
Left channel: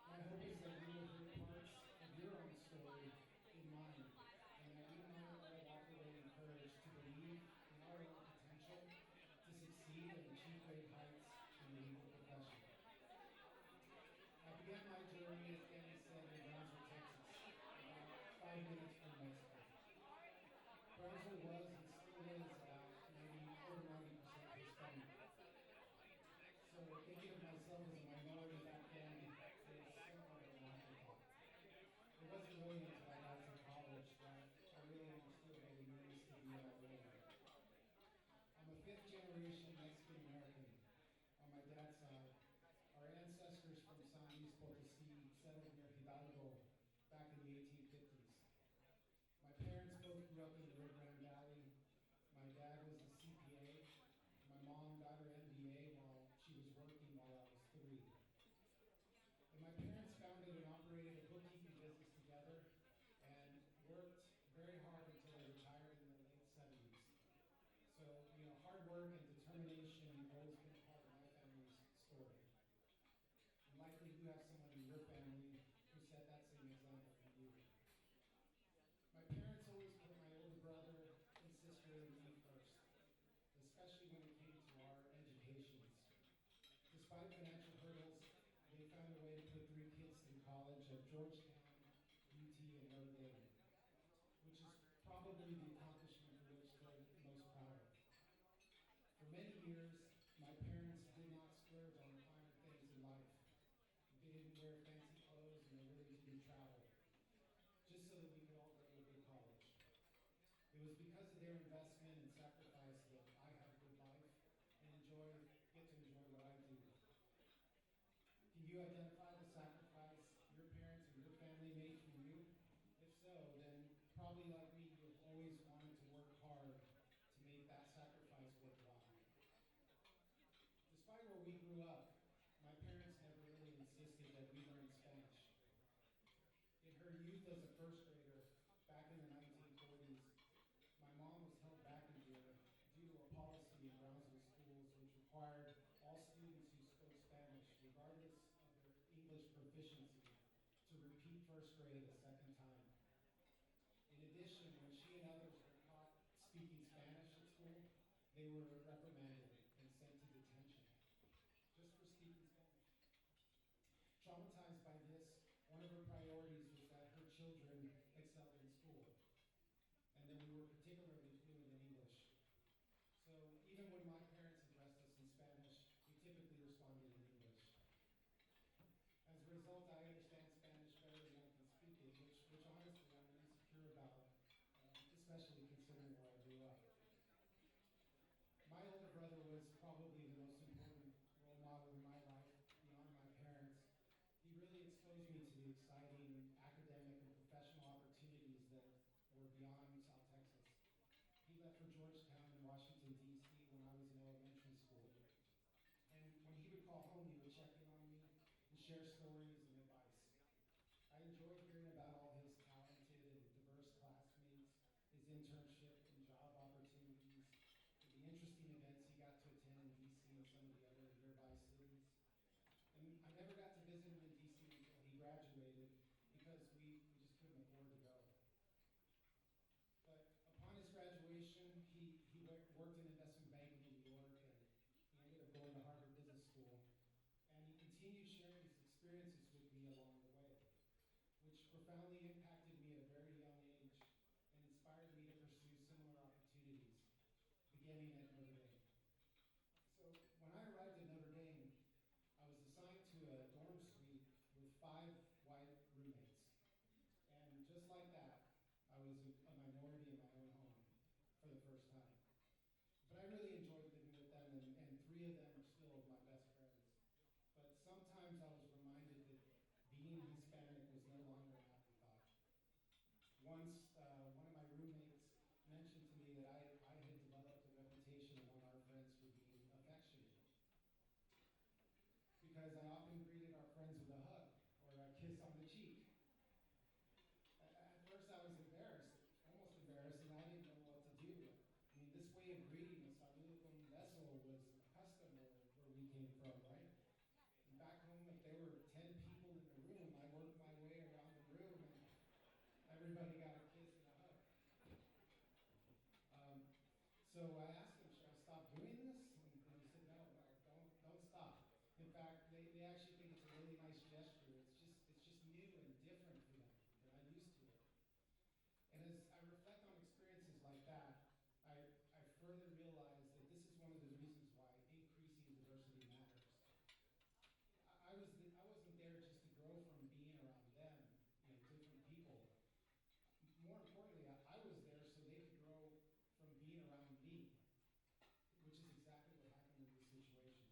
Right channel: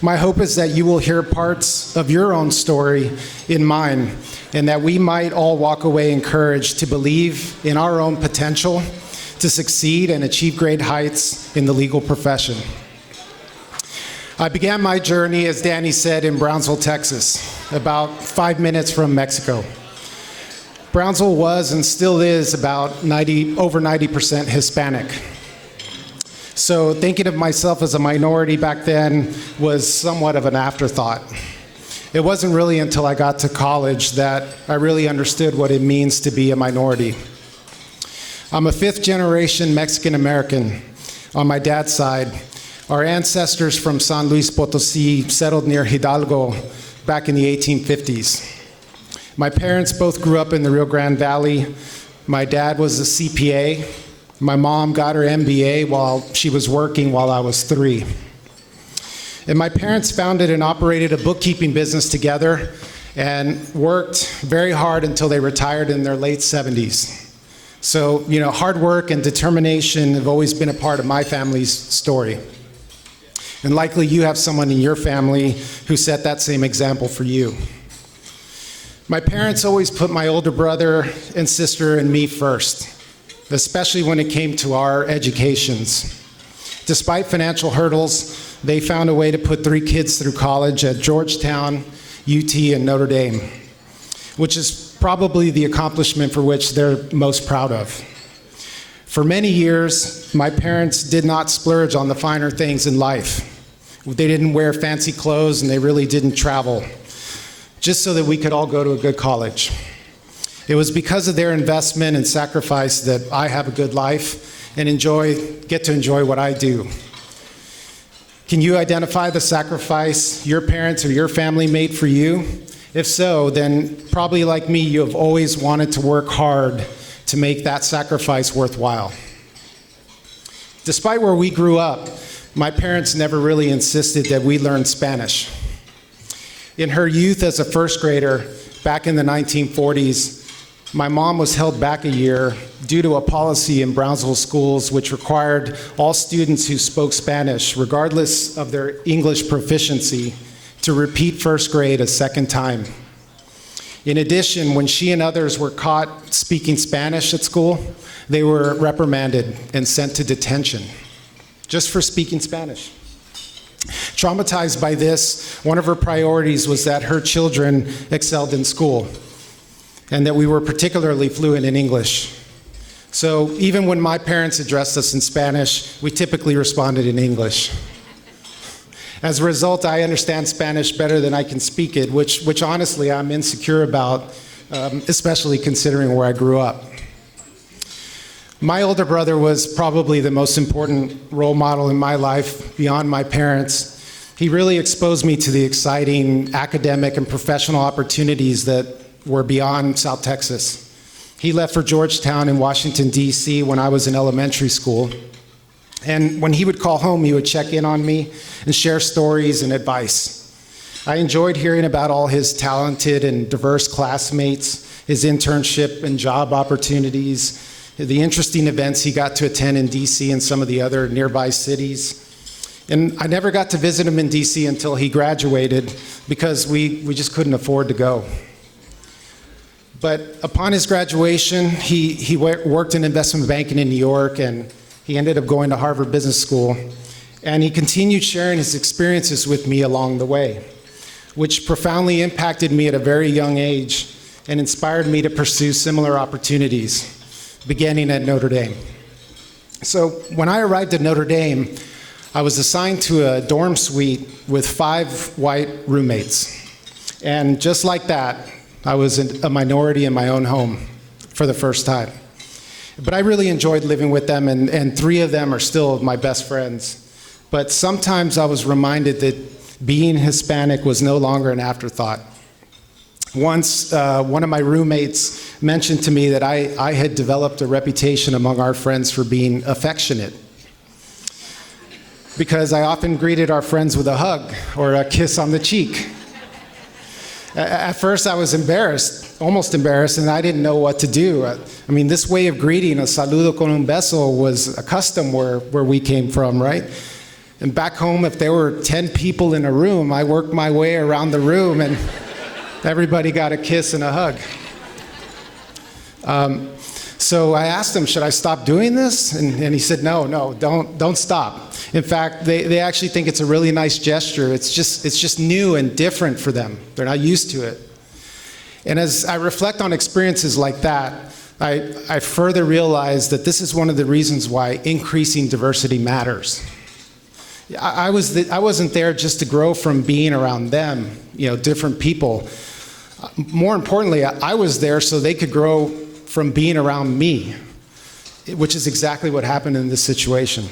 My hope is that you will hear parts of your own story in mine, and that we might all walk away encouraged to believe in our own potential to succeed and achieve great heights in the legal profession. I began my journey, as Danny said, in Brownsville, Texas, about 5 minutes from Mexico. Brownsville was and still is about over 90% Hispanic. So thinking of myself as a minority back then was somewhat of an afterthought. It wasn't really until I got to college that I really understood what it means to be a minority. I'm a fifth-generation Mexican-American on my dad's side. Our ancestors from San Luis Potosí settled near Hidalgo back in the 1850s. My parents both grew up in the Rio Grande Valley. My dad was a CPA. My mom got her MBA while she was working while I was 3. And my parents founded and operated a bookkeeping business together and worked very hard until they retired in their late 70s. So, hard work and determination have always been a part of my family's story. And likely you have someone in your family who set that same example for you. My parents always put my older brother and sister and me first, especially when it came to our educations. Despite financial hurdles, they found a way to put 3 kids through college at Georgetown, UT, and Notre Dame, which is probably the accomplishment for which they're most proud of. For many years, my parents did not splurge on the finer things in life. They didn't wear fancy clothes and they really didn't travel, just so that we could all go to a good college. It was because of their investment and sacrifice that I have a good life and get to enjoy what I do. Can you identify the sacrifice your parents or your family made for you? If so, then probably like me, you have always wanted to work hard to make that sacrifice worthwhile. Despite where we grew up, my parents never really insisted that we learn Spanish. In her youth as a first grader, back in the 1940s, my mom was held back a year due to a policy in Brownsville schools which required all students who spoke Spanish, regardless of their English proficiency, to repeat first grade a second time. In addition, when she and others were caught speaking Spanish at school, they were reprimanded and sent to detention, just for speaking Spanish. Traumatized by this, one of her priorities was that her children excelled in school, and that we were particularly fluent in English. So even when my parents addressed us in Spanish, we typically responded in English. As a result, I understand Spanish better than I can speak it, which honestly I'm insecure about, especially considering where I grew up. My older brother was probably the most important role model in my life beyond my parents. He really exposed me to the exciting academic and professional opportunities that were beyond South Texas. He left for Georgetown in Washington, D.C. when I was in elementary school. And when he would call home, he would check in on me and share stories and advice. I enjoyed hearing about all his talented and diverse classmates, his internship and job opportunities, the interesting events he got to attend in DC and some of the other nearby cities. And I never got to visit him in DC until he graduated because we just couldn't afford to go. But upon his graduation, he worked in investment banking in New York, and he ended up going to Harvard Business School. And he continued sharing his experiences with me along the way, which profoundly impacted me at a very young age and inspired me to pursue similar opportunities, beginning at Notre Dame. So when I arrived at Notre Dame, I was assigned to a dorm suite with 5 white roommates. And just like that, I was a minority in my own home for the first time. But I really enjoyed living with them, and 3 of them are still my best friends. But sometimes I was reminded that being Hispanic was no longer an afterthought. Once, one of my roommates mentioned to me that I had developed a reputation among our friends for being affectionate, because I often greeted our friends with a hug or a kiss on the cheek. At first, I was embarrassed, almost embarrassed, and I didn't know what to do. I mean, this way of greeting, a saludo con un beso, was a custom where we came from, right? And back home, if there were 10 people in a room, I worked my way around the room, and everybody got a kiss and a hug. So I asked him, should I stop doing this? And he said, no, don't stop. In fact, they actually think it's a really nice gesture. It's just new and different for them. They're not used to it. And as I reflect on experiences like that, I further realize that this is one of the reasons why increasing diversity matters. I wasn't there just to grow from being around them, different people. More importantly, I was there so they could grow from being around me, which is exactly what happened in this situation.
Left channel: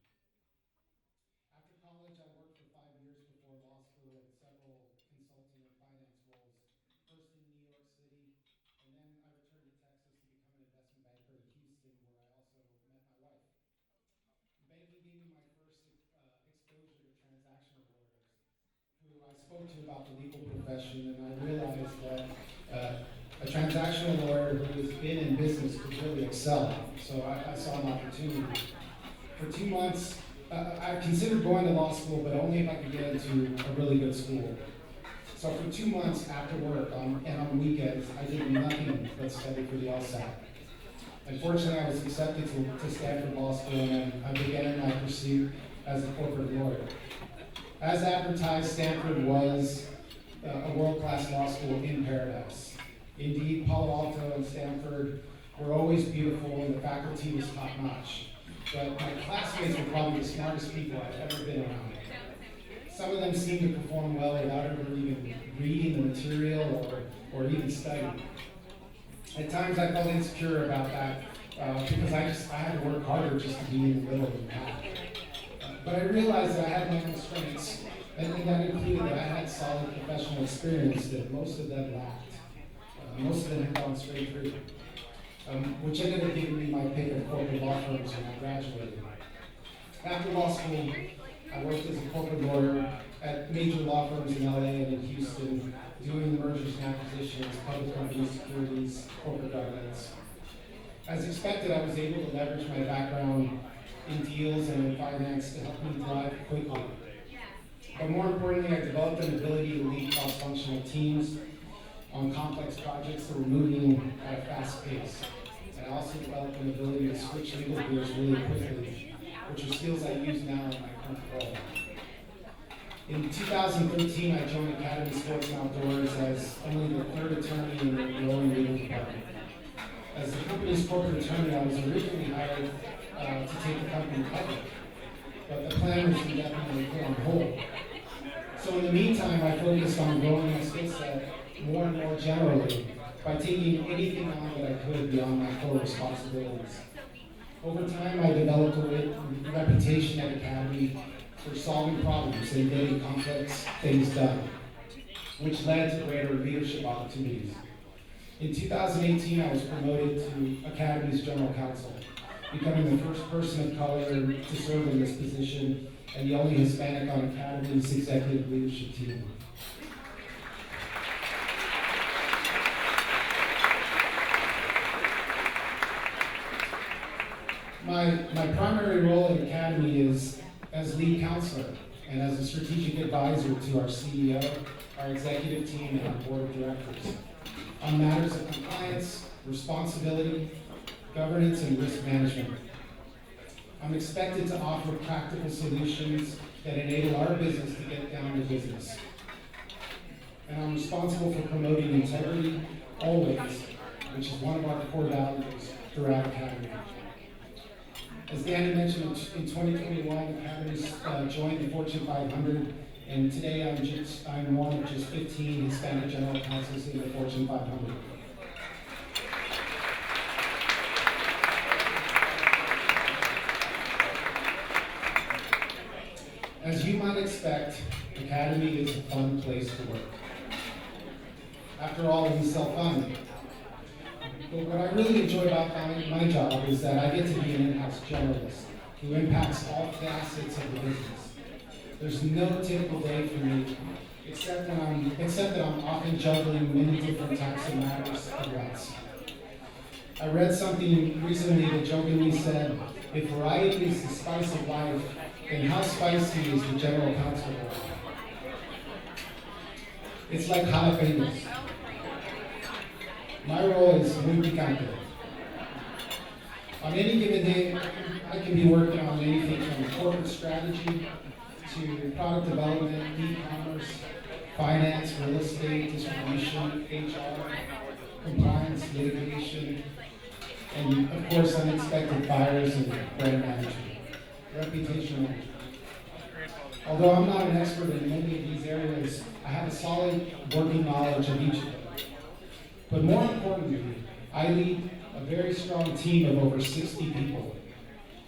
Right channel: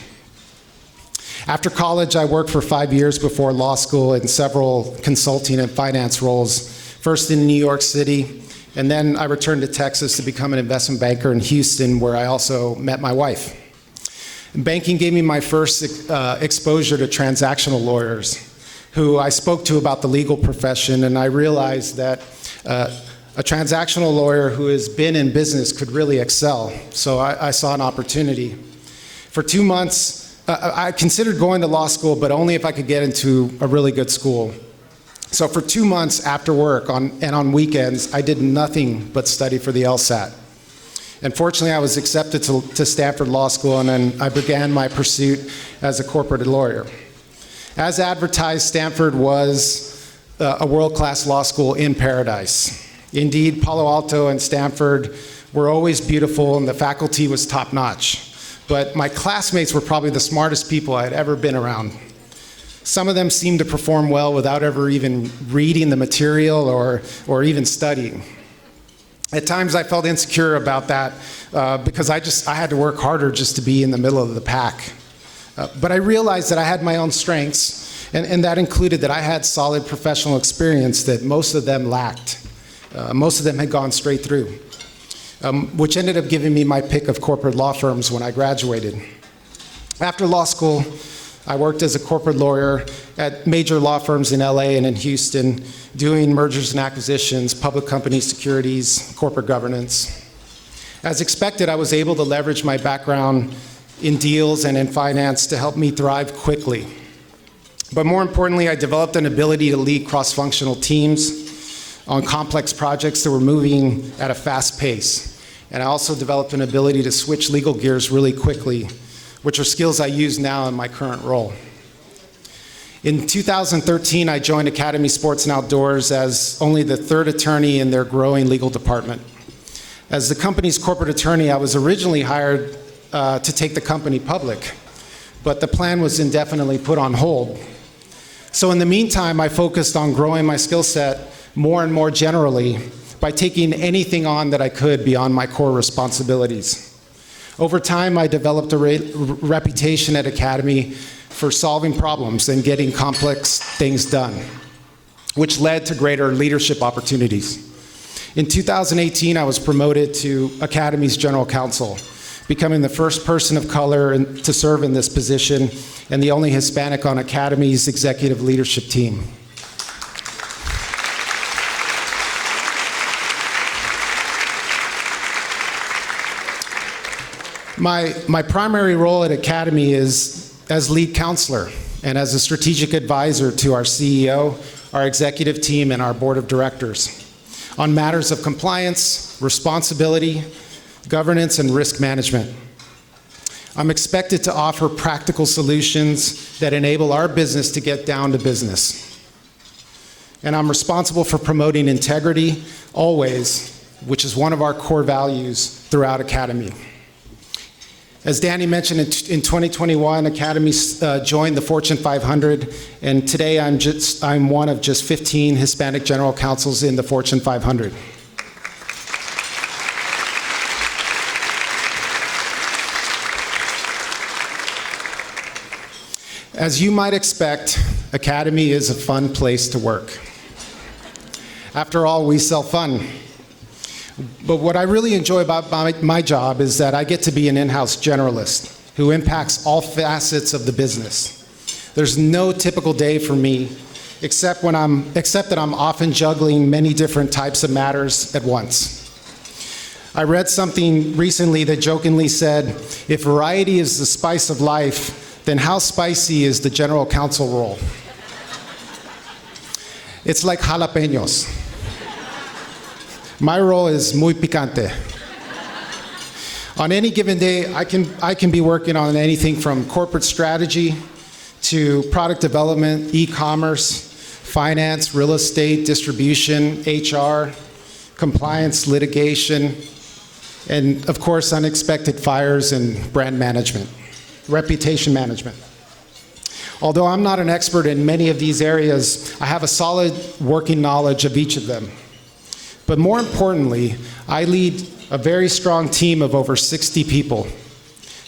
After college, I worked for 5 years before law school in several consulting and finance roles, first in New York City, and then I returned to Texas to become an investment banker in Houston, where I also met my wife. Banking gave me my first exposure to transactional lawyers, who I spoke to about the legal profession, and I realized that a transactional lawyer who has been in business could really excel. So I saw an opportunity. For 2 months, I considered going to law school, but only if I could get into a really good school. So for 2 months after work and on weekends, I did nothing but study for the LSAT. And fortunately, I was accepted to Stanford Law School, and then I began my pursuit as a corporate lawyer. As advertised, Stanford was a world-class law school in paradise. Indeed, Palo Alto and Stanford were always beautiful, and the faculty was top-notch. But my classmates were probably the smartest people I had ever been around. Some of them seemed to perform well without ever even reading the material or even studying. At times, I felt insecure about that because I had to work harder just to be in the middle of the pack. But I realized that I had my own strengths, and that included that I had solid professional experience that most of them lacked. Most of them had gone straight through, which ended up giving me my pick of corporate law firms when I graduated. After law school, I worked as a corporate lawyer at major law firms in LA and in Houston, doing mergers and acquisitions, public company securities, corporate governance. As expected, I was able to leverage my background in deals and in finance to help me thrive quickly. But more importantly, I developed an ability to lead cross-functional teams on complex projects that were moving at a fast pace. And I also developed an ability to switch legal gears really quickly, which are skills I use now in my current role. In 2013, I joined Academy Sports and Outdoors as only the 3rd attorney in their growing legal department. As the company's corporate attorney, I was originally hired to take the company public, but the plan was indefinitely put on hold. So in the meantime, I focused on growing my skill set more and more generally by taking anything on that I could beyond my core responsibilities. Over time, I developed a reputation at Academy for solving problems and getting complex things done, which led to greater leadership opportunities. In 2018, I was promoted to Academy's general counsel, becoming the first person of color to serve in this position and the only Hispanic on Academy's executive leadership team. My primary role at Academy is as lead counselor and as a strategic advisor to our CEO, our executive team, and our board of directors on matters of compliance, responsibility, governance, and risk management. I'm expected to offer practical solutions that enable our business to get down to business. And I'm responsible for promoting integrity, always, which is one of our core values throughout Academy. As Danny mentioned, in 2021, Academy joined the Fortune 500, and today I'm one of just 15 Hispanic general counsels in the Fortune 500. As you might expect, Academy is a fun place to work. After all, we sell fun. But what I really enjoy about my job is that I get to be an in-house generalist who impacts all facets of the business. There's no typical day for me, except that I'm often juggling many different types of matters at once. I read something recently that jokingly said, if variety is the spice of life, then how spicy is the general counsel role? It's like jalapenos. My role is muy picante. On any given day, I can be working on anything from corporate strategy to product development, e-commerce, finance, real estate, distribution, HR, compliance, litigation, and of course, unexpected fires and brand management, reputation management. Although I'm not an expert in many of these areas, I have a solid working knowledge of each of them. But more importantly, I lead a very strong team of over 60 people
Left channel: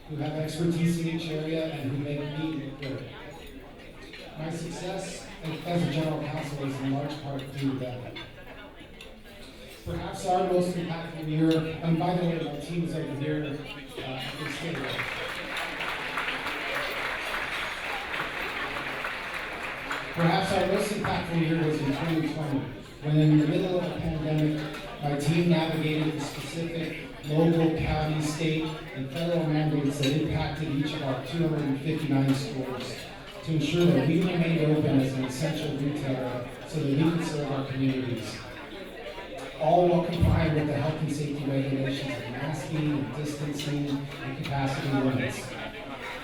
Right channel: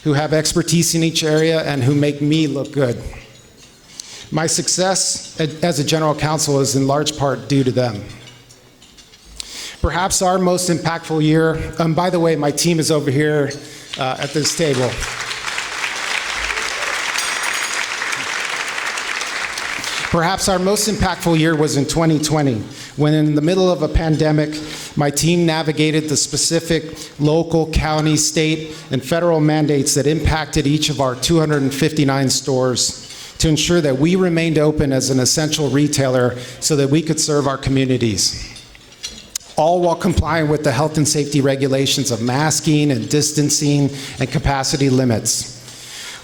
who have expertise in each area and who make me look good. My success as a general counsel is in large part due to them. Perhaps our most impactful year, by the way, my team is over here at this table. Perhaps our most impactful year was in 2020, when in the middle of a pandemic, my team navigated the specific local, county, state, and federal mandates that impacted each of our 259 stores to ensure that we remained open as an essential retailer so that we could serve our communities, all while complying with the health and safety regulations of masking and distancing and capacity limits.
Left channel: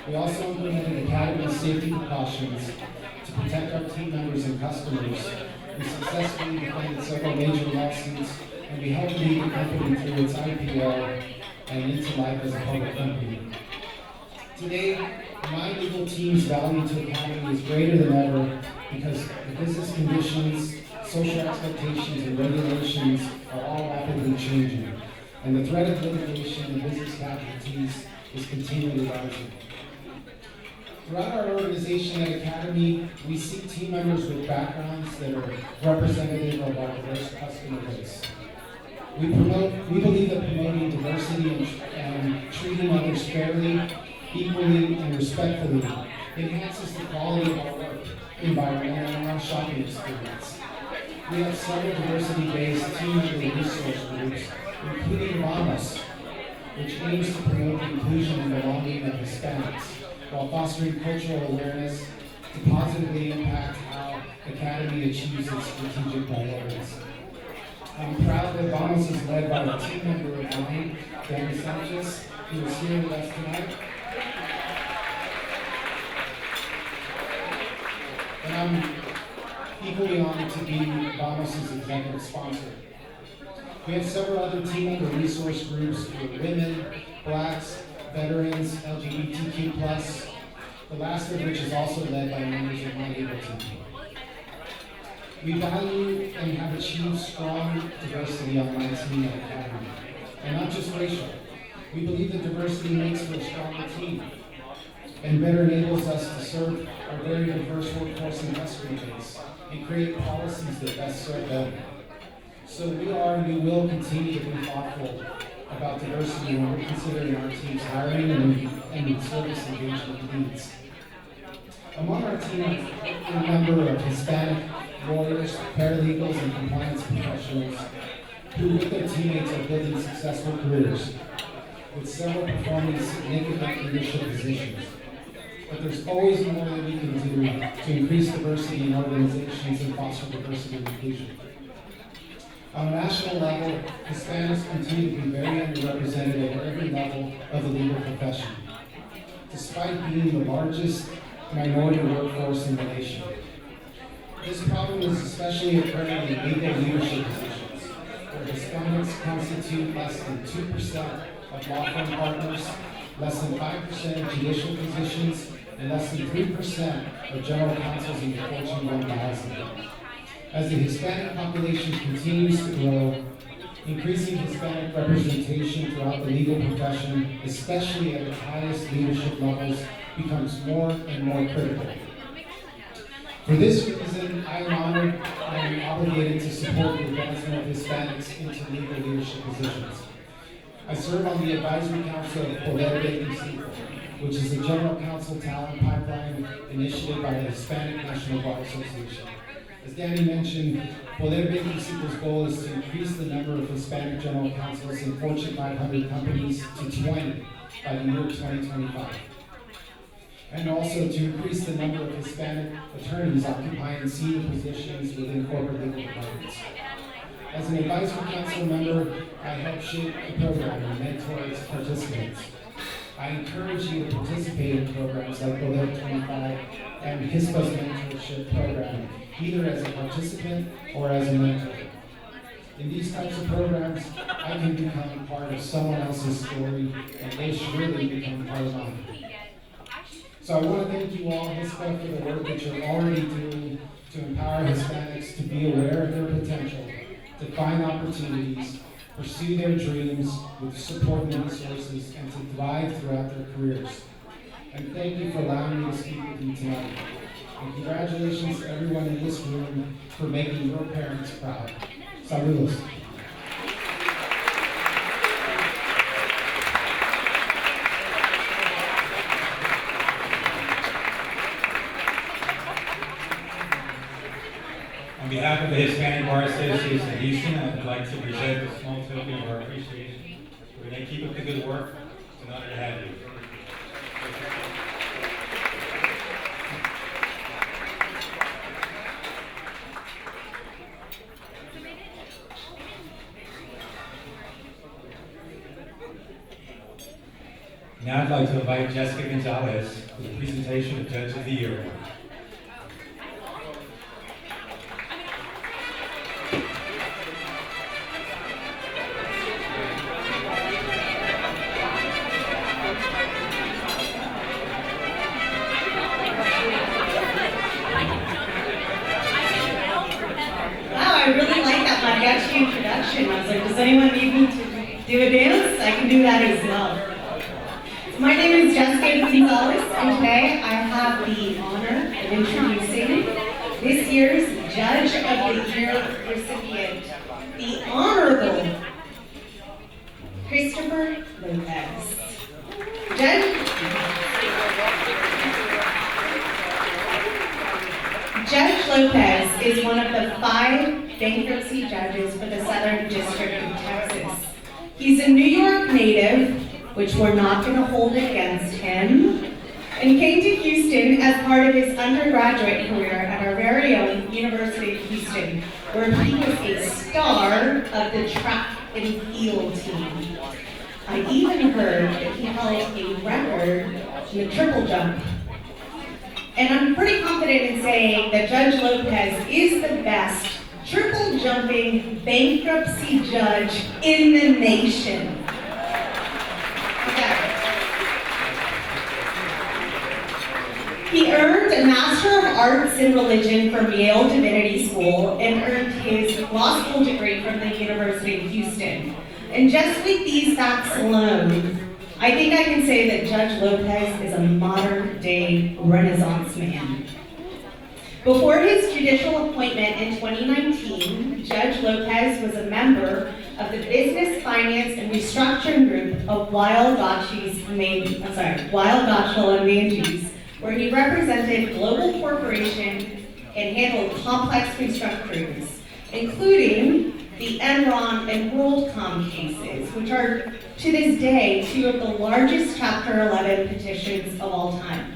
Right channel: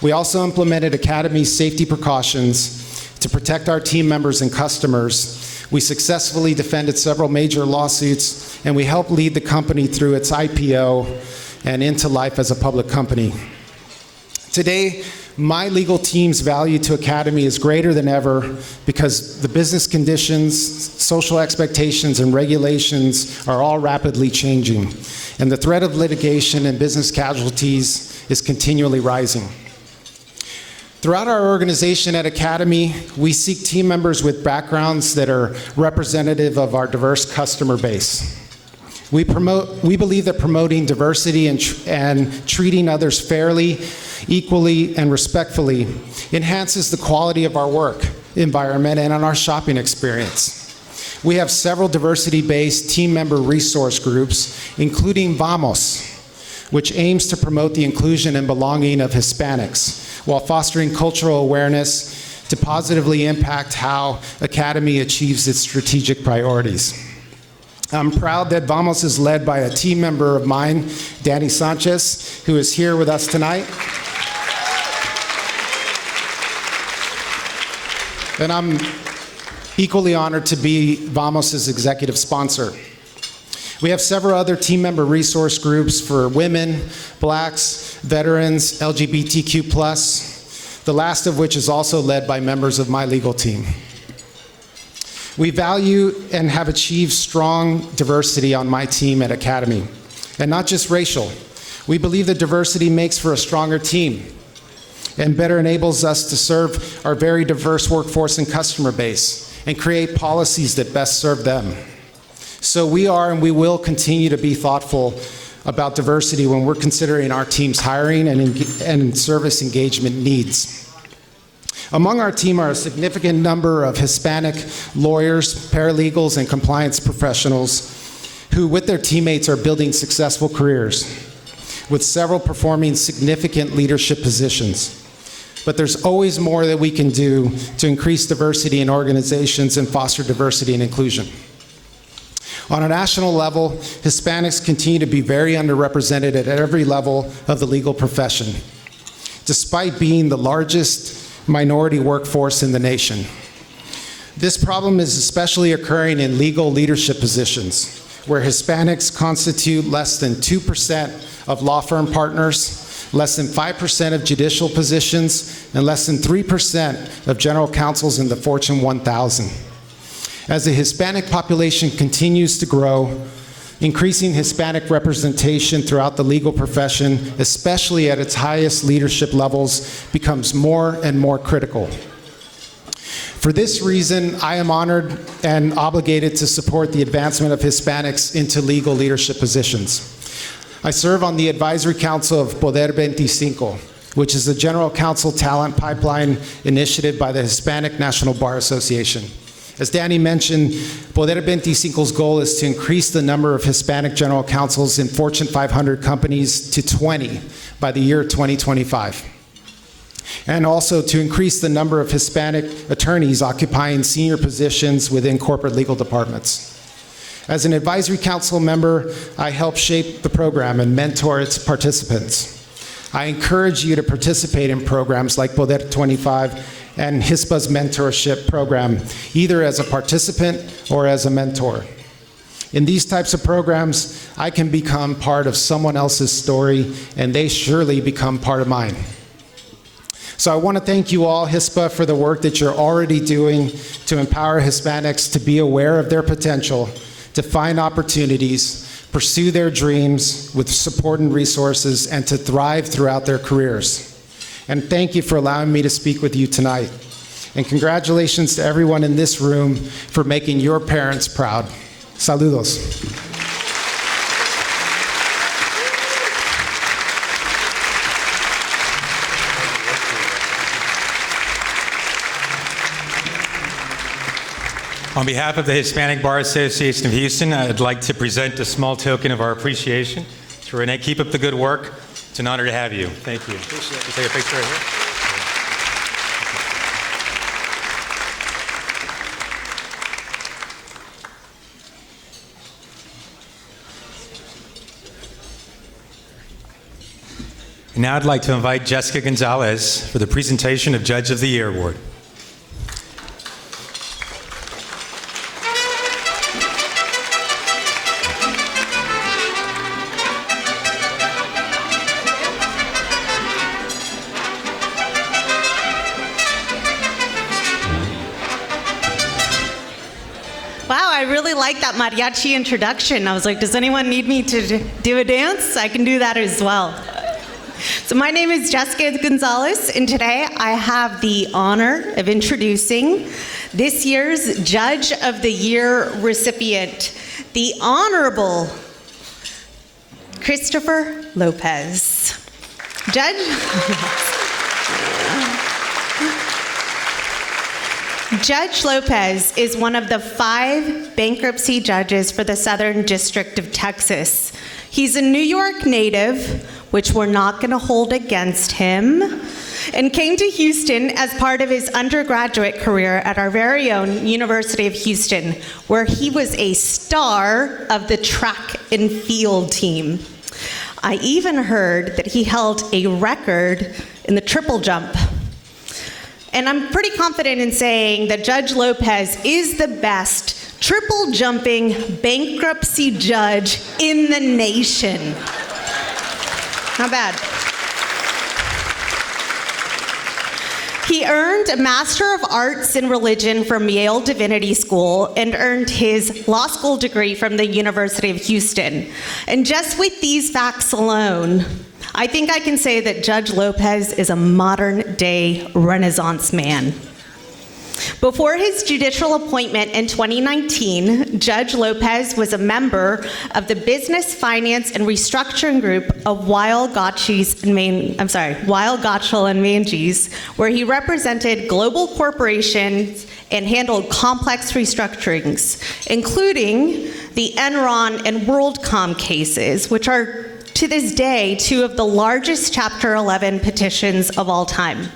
We also implemented Academy's safety precautions to protect our team members and customers. We successfully defended several major lawsuits, and we helped lead the company through its IPO and into life as a public company. Today, my legal team's value to Academy is greater than ever because the business conditions, social expectations, and regulations are all rapidly changing, and the threat of litigation and business casualties is continually rising. Throughout our organization at Academy, we seek team members with backgrounds that are representative of our diverse customer base. We believe that promoting diversity and treating others fairly, equally, and respectfully enhances the quality of our work environment and on our shopping experience. We have several diversity-based team member resource groups, including Vamos, which aims to promote the inclusion and belonging of Hispanics, while fostering cultural awareness to positively impact how Academy achieves its strategic priorities. I'm proud that Vamos is led by a team member of mine, Danny Sanchez, who is here with us tonight. And I'm equally honored to be Vamos' executive sponsor. We have several other team member resource groups for women, blacks, veterans, LGBTQ+, the last of which is also led by members of my legal team. We value and have achieved strong diversity on my team at Academy, and not just racial. We believe that diversity makes for a stronger team and better enables us to serve our very diverse workforce and customer base and create policies that best serve them. So we are and we will continue to be thoughtful about diversity when we're considering our team's hiring and service engagement needs. Among our team are a significant number of Hispanic lawyers, paralegals, and compliance professionals who, with their teammates, are building successful careers, with several performing significant leadership positions. But there's always more that we can do to increase diversity in organizations and foster diversity and inclusion. On a national level, Hispanics continue to be very underrepresented at every level of the legal profession, despite being the largest minority workforce in the nation. This problem is especially occurring in legal leadership positions, where Hispanics constitute less than 2% of law firm partners, less than 5% of judicial positions, and less than 3% of general counsels in the Fortune 1000. As the Hispanic population continues to grow, increasing Hispanic representation throughout the legal profession, especially at its highest leadership levels, becomes more and more critical. For this reason, I am honored and obligated to support the advancement of Hispanics into legal leadership positions. I serve on the advisory council of Poder 25, which is the general counsel talent pipeline initiative by the Hispanic National Bar Association. As Danny mentioned, Poder 25's goal is to increase the number of Hispanic general counsels in Fortune 500 companies to 20 by the year 2025. And also to increase the number of Hispanic attorneys occupying senior positions within corporate legal departments. As an advisory council member, I help shape the program and mentor its participants. I encourage you to participate in programs like Poder 25 and HISPA's mentorship program, either as a participant or as a mentor. In these types of programs, I can become part of someone else's story, and they surely become part of mine. So I want to thank you all, HISPA, for the work that you're already doing to empower Hispanics to be aware of their potential, to find opportunities, pursue their dreams with support and resources, and to thrive throughout their careers. And thank you for allowing me to speak with you tonight. And congratulations to everyone in this room for making your parents proud. Saludos. On behalf of the Hispanic Bar Association of Houston, I'd like to present a small token of our appreciation to Renee. Keep up the good work. It's an honor to have you. Thank you. Appreciate it. Take a picture right here. Now I'd like to invite Jessica Gonzalez for the presentation of Judge of the Year Award. Mariachi introduction. I was like, does anyone need me to do a dance? I can do that as well. So my name is Jessica Gonzalez, and today I have the honor of introducing this year's Judge of the Year recipient, the Honorable Christopher Lopez. Judge Lopez is one of the 5 bankruptcy judges for the Southern District of Texas. He's a New York native, which we're not going to hold against him, and came to Houston as part of his undergraduate career at our very own University of Houston, where he was a star of the track and field team. I even heard that he held a record in the triple jump. And I'm pretty confident in saying that Judge Lopez is the best triple jumping bankruptcy judge in the nation. Not bad. He earned a Master of Arts in Religion from Yale Divinity School and earned his law school degree from the University of Houston. And just with these facts alone, I think I can say that Judge Lopez is a modern-day Renaissance man. Before his judicial appointment in 2019, Judge Lopez was a member of the Business, Finance, and Restructuring Group of Weil, Gotshal and Manges, where he represented global corporations and handled complex restructurings, including the Enron and WorldCom cases, which are to this day 2 of the largest Chapter 11 petitions of all time.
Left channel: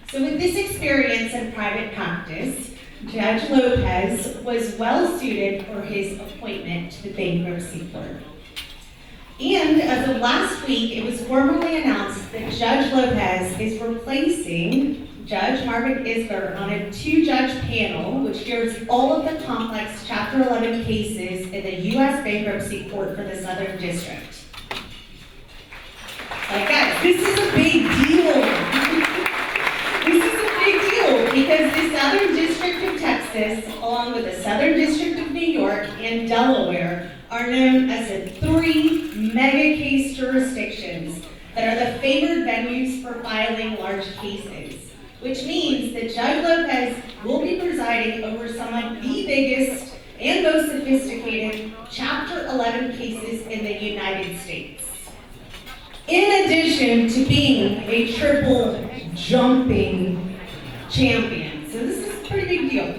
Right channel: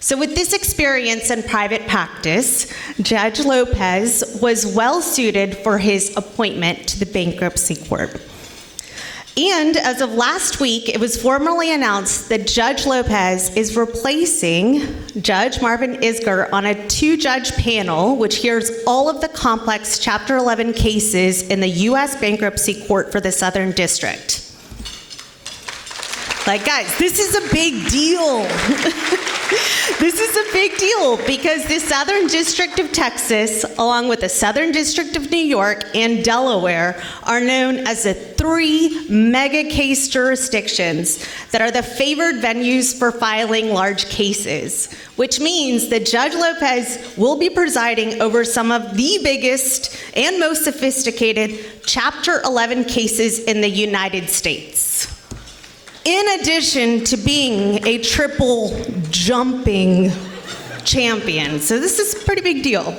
So with this experience in private practice, Judge Lopez was well suited for his appointment to the bankruptcy court. And as of last week, it was formally announced that Judge Lopez is replacing Judge Marvin Isger on a 2-judge panel, which hears all of the complex Chapter 11 cases in the U.S. Bankruptcy Court for the Southern District. Like, guys, this is a big deal. This is a big deal because the Southern District of Texas, along with the Southern District of New York and Delaware, are known as the 3 mega case jurisdictions that are the favored venues for filing large cases, which means that Judge Lopez will be presiding over some of the biggest and most sophisticated Chapter 11 cases in the United States. In addition to being a triple jumping champion. So this is a pretty big deal.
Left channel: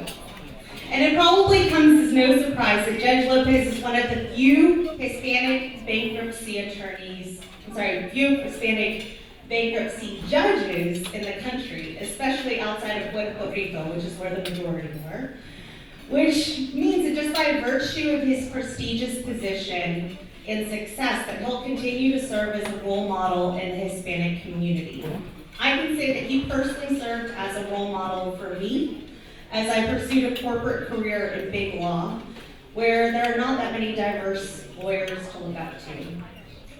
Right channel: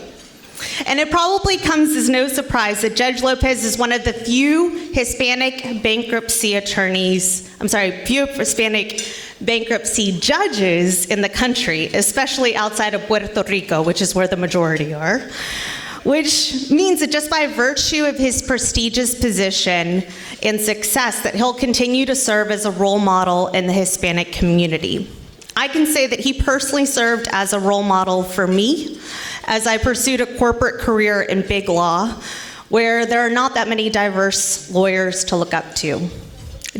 And it probably comes as no surprise that Judge Lopez is one of the few Hispanic bankruptcy judges in the country, especially outside of Puerto Rico, which is where the majority are. Which means that just by virtue of his prestigious position and success, that he'll continue to serve as a role model in the Hispanic community. I can say that he personally served as a role model for me as I pursued a corporate career in big law, where there are not that many diverse lawyers to look up to.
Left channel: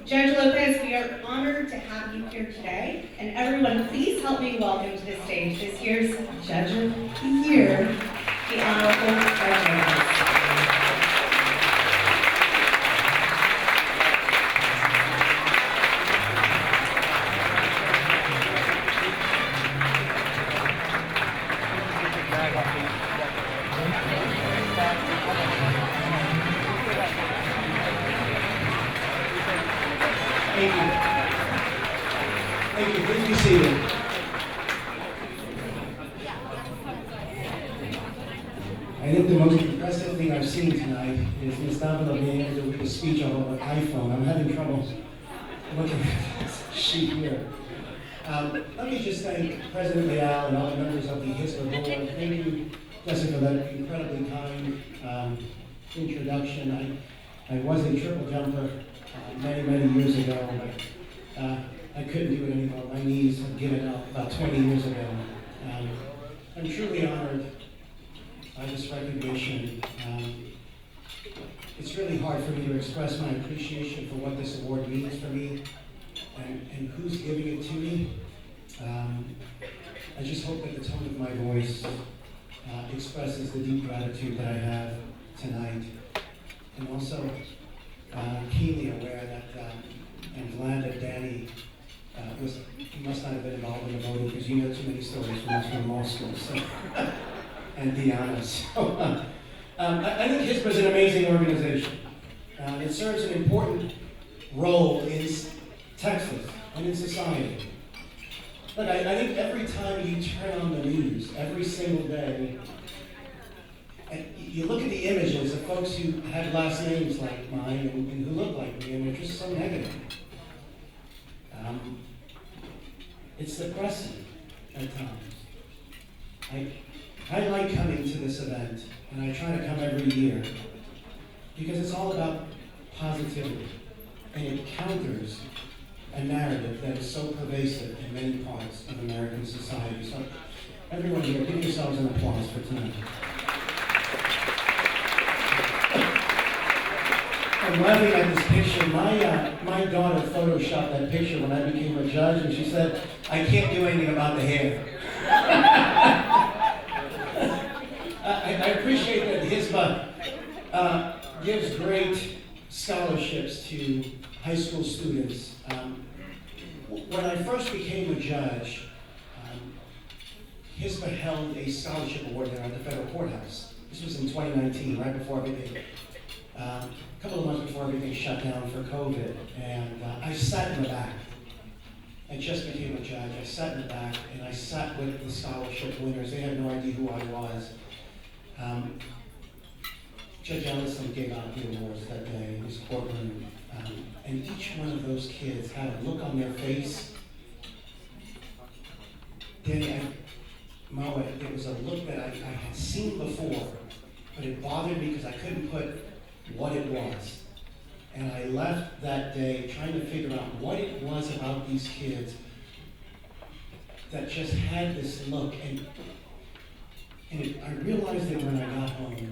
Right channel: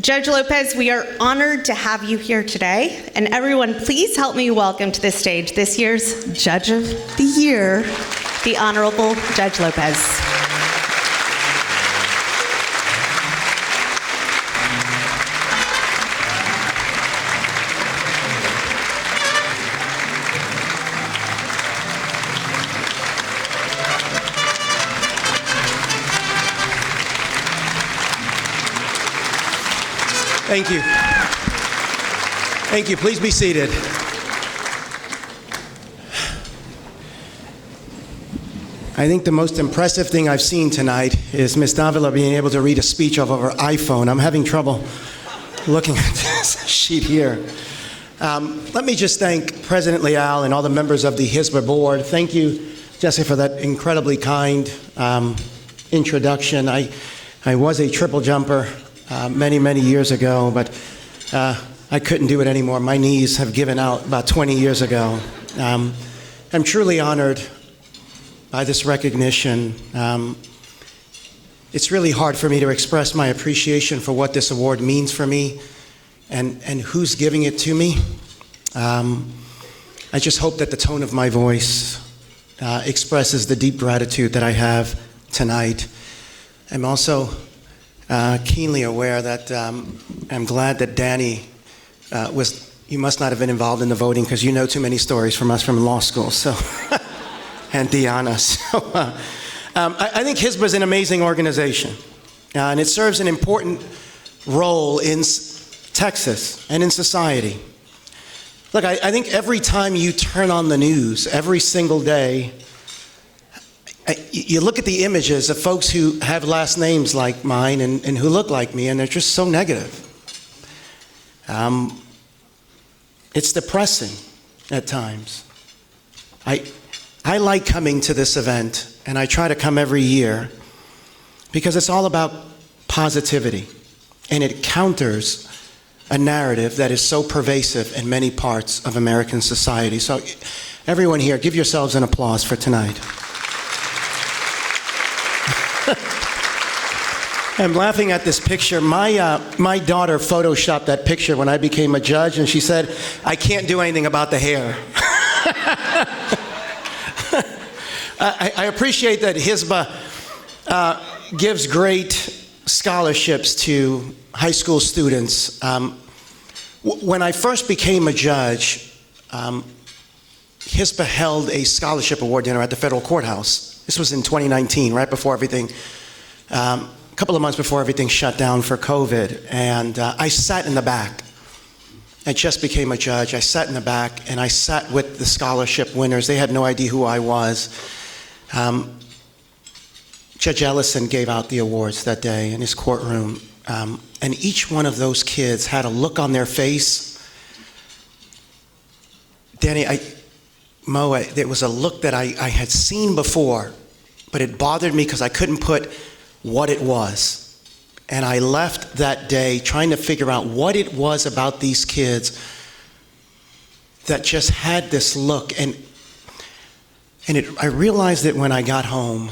Judge Lopez, we are honored to have you here today, and everyone, please help me welcome to the stage this year's Judge of the Year, the Honorable Judge Lopez. Thank you. Thank you. Please be seated. I think the most impressive thing I've seen tonight is Ms. Davila being able to read a speech off of her iPhone. I'm having trouble looking at this sheet here. Let me just thank President Leal and all the members of the HISBA board. Thank you, Jesse, for that incredibly kind introduction. I was a triple jumper many, many years ago, but I couldn't do it anymore. My knees have given out about 20 years ago. I'm truly honored by this recognition. It's really hard for me to express my appreciation for what this award means for me and who's giving it to me. I just hope that the tone of my voice expresses the deep gratitude that I have tonight. I'm also keenly aware that I'm glad that Danny he must not have been involved in the voting because you know too many stories from us from law school, so, and Deanna. So I think HISBA is an amazing organization, and it serves an important role in Texas and in society. Look, I think every time you turn on the news, every single day, you look at the images of folks who have last names like mine and who look like me, and they're just so negative. It's depressing at times. I like coming to this event, and I try to come every year because it's all about positivity, and it counters a narrative that is so pervasive in many parts of American society. So everyone here, give yourselves an applause for tonight. I'm laughing at this picture. My daughter photoshopped that picture when I became a judge, and she said, I can't do anything about the hair. I appreciate that HISBA gives great scholarships to high school students. When I first became a judge, HISBA held a scholarship award dinner at the federal courthouse. This was in 2019, right before everything, a couple of months before everything shut down for COVID. And I sat in the back. I just became a judge. I sat in the back, and I sat with the scholarship winners. They had no idea who I was. Judge Ellison gave out the awards that day in his courtroom. And each one of those kids had a look on their face. Danny, Mo, there was a look that I had seen before, but it bothered me because I couldn't put what it was. And I left that day trying to figure out what it was about these kids that just had this look. I realized it when I got home.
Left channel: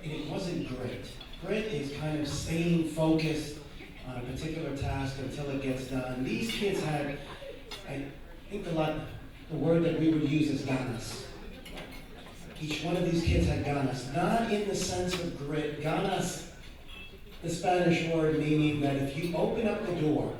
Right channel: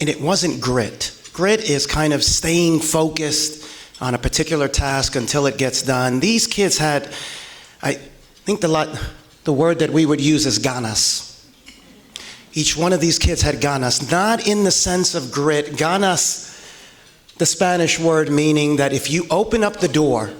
And it wasn't grit. Grit is kind of staying focused on a particular task until it gets done. These kids had, I think the word that we would use is ganas. Each one of these kids had ganas, not in the sense of grit. Ganas, the Spanish word meaning that if you open up the door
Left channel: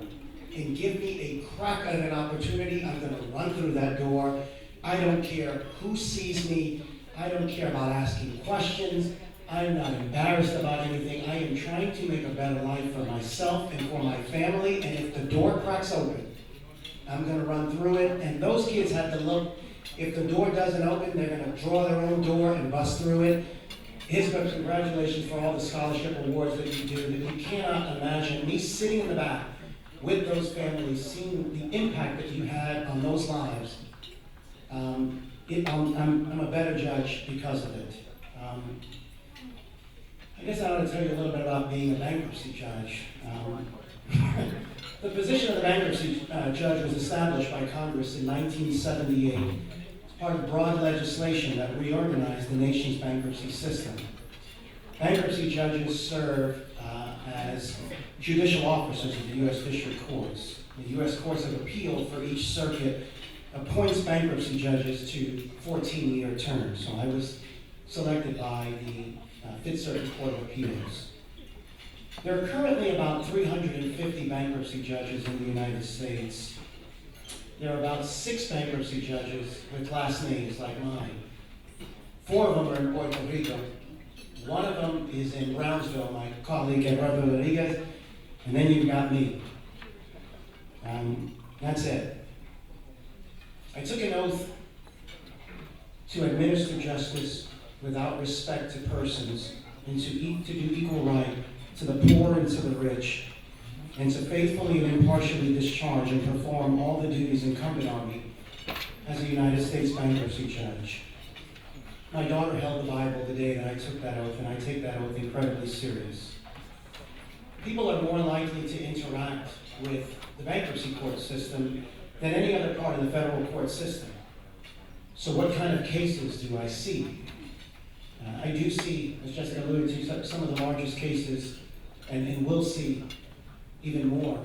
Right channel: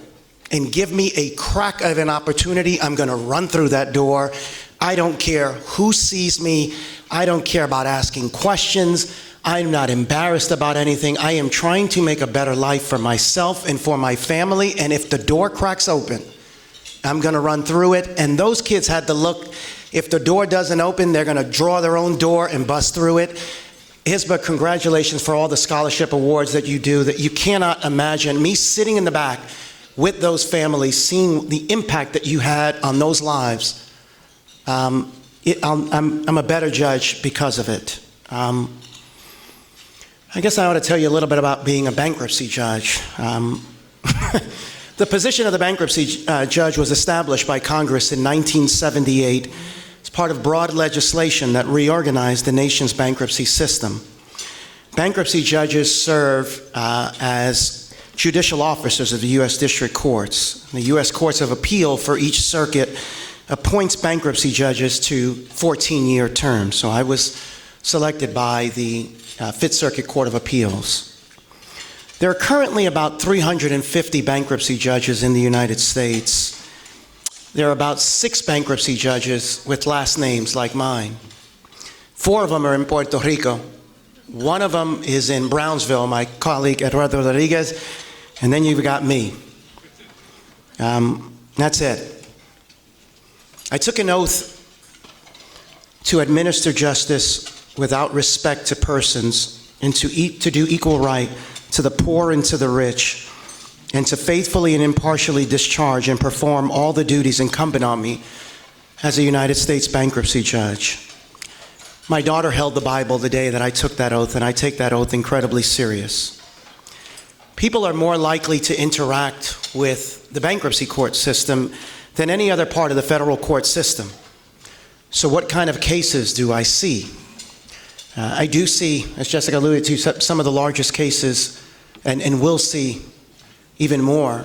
and give me a crack of an opportunity, I'm gonna run through that door. I don't care who sees me. I don't care about asking questions. I'm not embarrassed about anything. I am trying to make a better life for myself and for my family, and if the door cracks open, I'm gonna run through it. And those kids had to look. If the door doesn't open, they're gonna draw their own door and bust through it. Hisba, congratulations for all the scholarship awards that you do, that you cannot imagine. Me sitting in the back with those families, seeing the impact that you had on those lives. I'm a better judge because of it. I guess I ought to tell you a little bit about being a bankruptcy judge. The position of the bankruptcy judge was established by Congress in 1978 as part of broad legislation that reorganized the nation's bankruptcy system. Bankruptcy judges serve as judicial officers of the U.S. District Courts. The U.S. Courts of Appeal for each circuit appoints bankruptcy judges to 14-year terms. So I was selected by the Fifth Circuit Court of Appeals. There are currently about 350 bankruptcy judges in the United States. There are about 6 bankruptcy judges with last names like mine. 4 of them are in Puerto Rico. 1 of them is in Brownsville, my colleague Eduardo Rodriguez, and then you've got me. That's it. I took an oath to administer justice without respect to persons and to do equal right to the poor and to the rich, and to faithfully and impartially discharge and perform all the duties incumbent on me as a United States bankruptcy judge. My daughter held the Bible the day that I took that oath, and I take that oath incredibly serious. People are more likely to interact with the bankruptcy court system than any other part of the federal court system. So what kind of cases do I see? I do see, as Jessica alluded to, some of the largest cases, and we'll see even more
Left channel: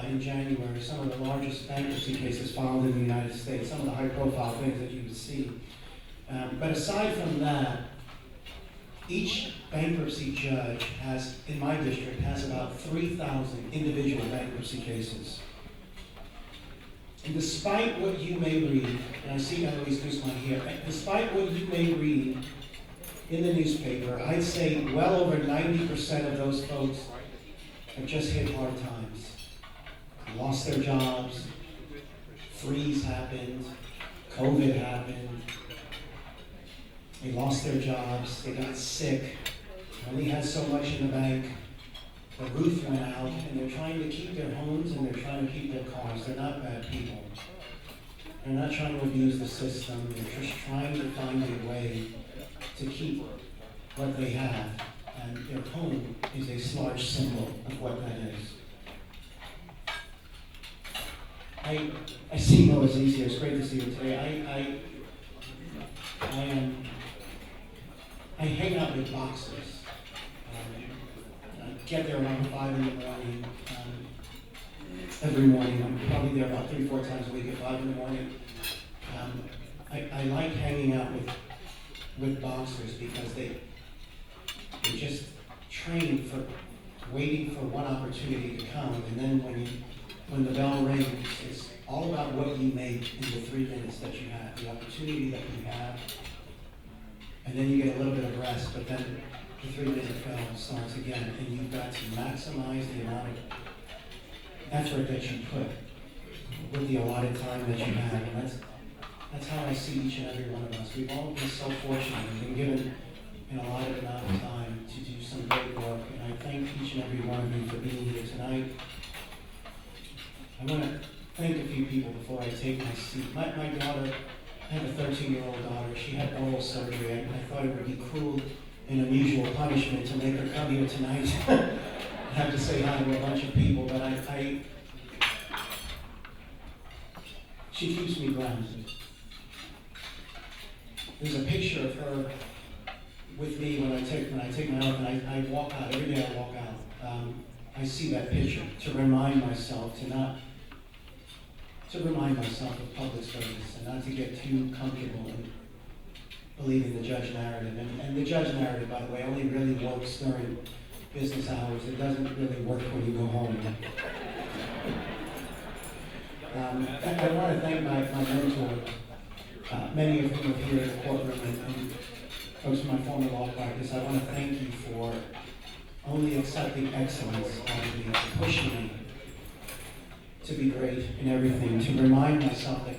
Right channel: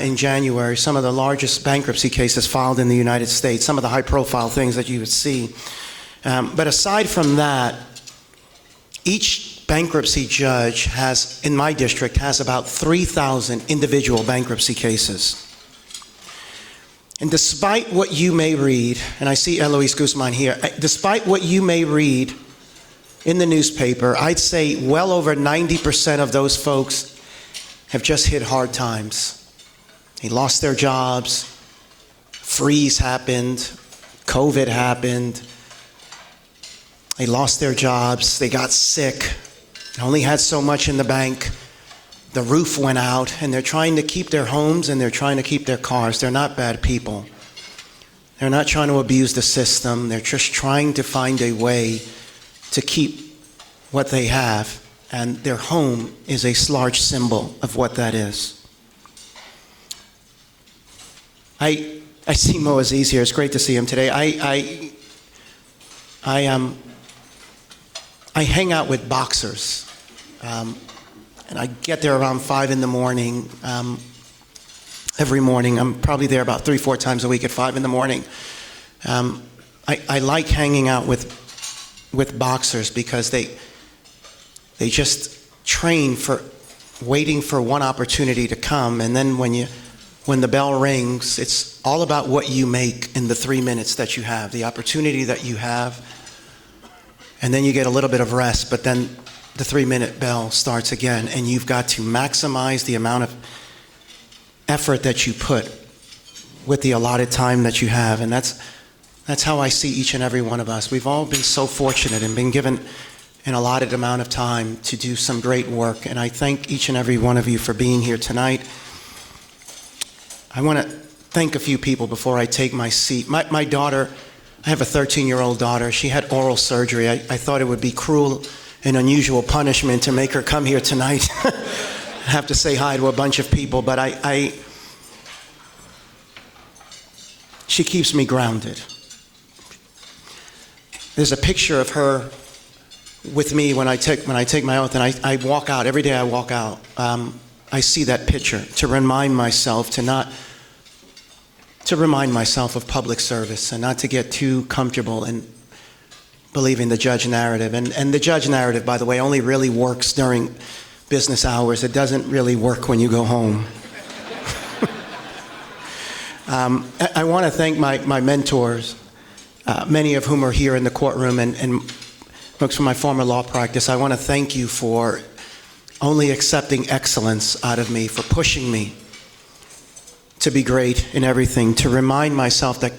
in January, some of the largest bankruptcy cases filed in the United States, some of the high-profile things that you would see. But aside from that, each bankruptcy judge has, in my district, has about 3,000 individual bankruptcy cases. And despite what you may read, and I see Eloise Guzman here, despite what you may read in the newspaper, I'd say well over 90% of those folks have just hit hard times. They lost their jobs, freeze happened, COVID happened, they lost their jobs, they got sick, they only had so much in the bank, the roof went out, and they're trying to keep their homes and they're trying to keep their cars. They're not bad people. They're not trying to abuse the system. They're just trying to find a way to keep what they have, and their home is a large symbol of what that is. I see Mo Aziz here. It's great to see him today. I hang out with boxers, and I get there around 5 in the morning. Every morning, I'm probably there about 3-4 times a week at 5 in the morning. I like hanging out with boxers because they just train for waiting for one opportunity to come, and then when the bell rings, it's all about what you make in the 3 minutes that you have, the opportunity that you have, and then you get a little bit of rest, but then the 3-minute bell starts again, and you've got to maximize the amount of effort that you put with the allotted time that you have, and that's how I see each and every one of us. We've all been so fortunate and been given an allotted amount of time to do some great work, and I thank each and every one of you for being here tonight. I want to thank a few people before I take my seat. My daughter, I have a 13-year-old daughter. She had oral surgery. I thought it would be cruel an unusual punishment to make her come here tonight. I have to say hi to a bunch of people, but she keeps me grounded. There's a picture of her with me when I take my oath, and I walk out. Every day I walk out, I see that picture to remind myself of public service and not to get too comfortable in believing the judge narrative. And the judge narrative, by the way, only really works during business hours. It doesn't really work when you go home. I want to thank my mentors, many of whom are here in the courtroom, and folks from my former law practice. I want to thank you for only accepting excellence out of me, for pushing me to be great in everything, to remind myself that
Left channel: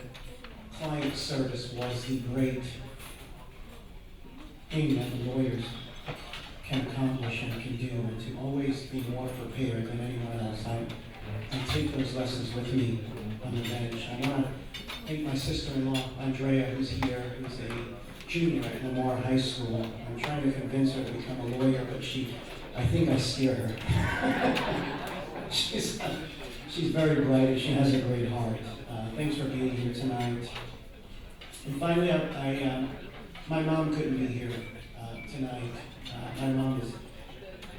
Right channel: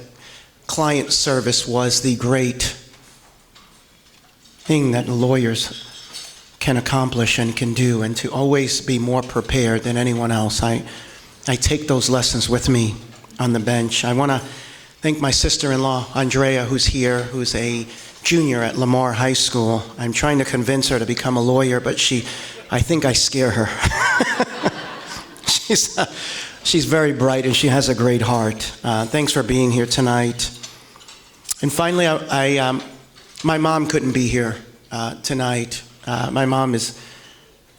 client service was the great thing that lawyers can accomplish and can do, and to always be more prepared than anyone else. I take those lessons with me on the bench. I want to thank my sister-in-law, Andrea, who's here, who's a junior at Lamar High School. I'm trying to convince her to become a lawyer, but I think I scare her. She's very bright and she has a great heart. Thanks for being here tonight. And finally, my mom couldn't be here tonight. My mom is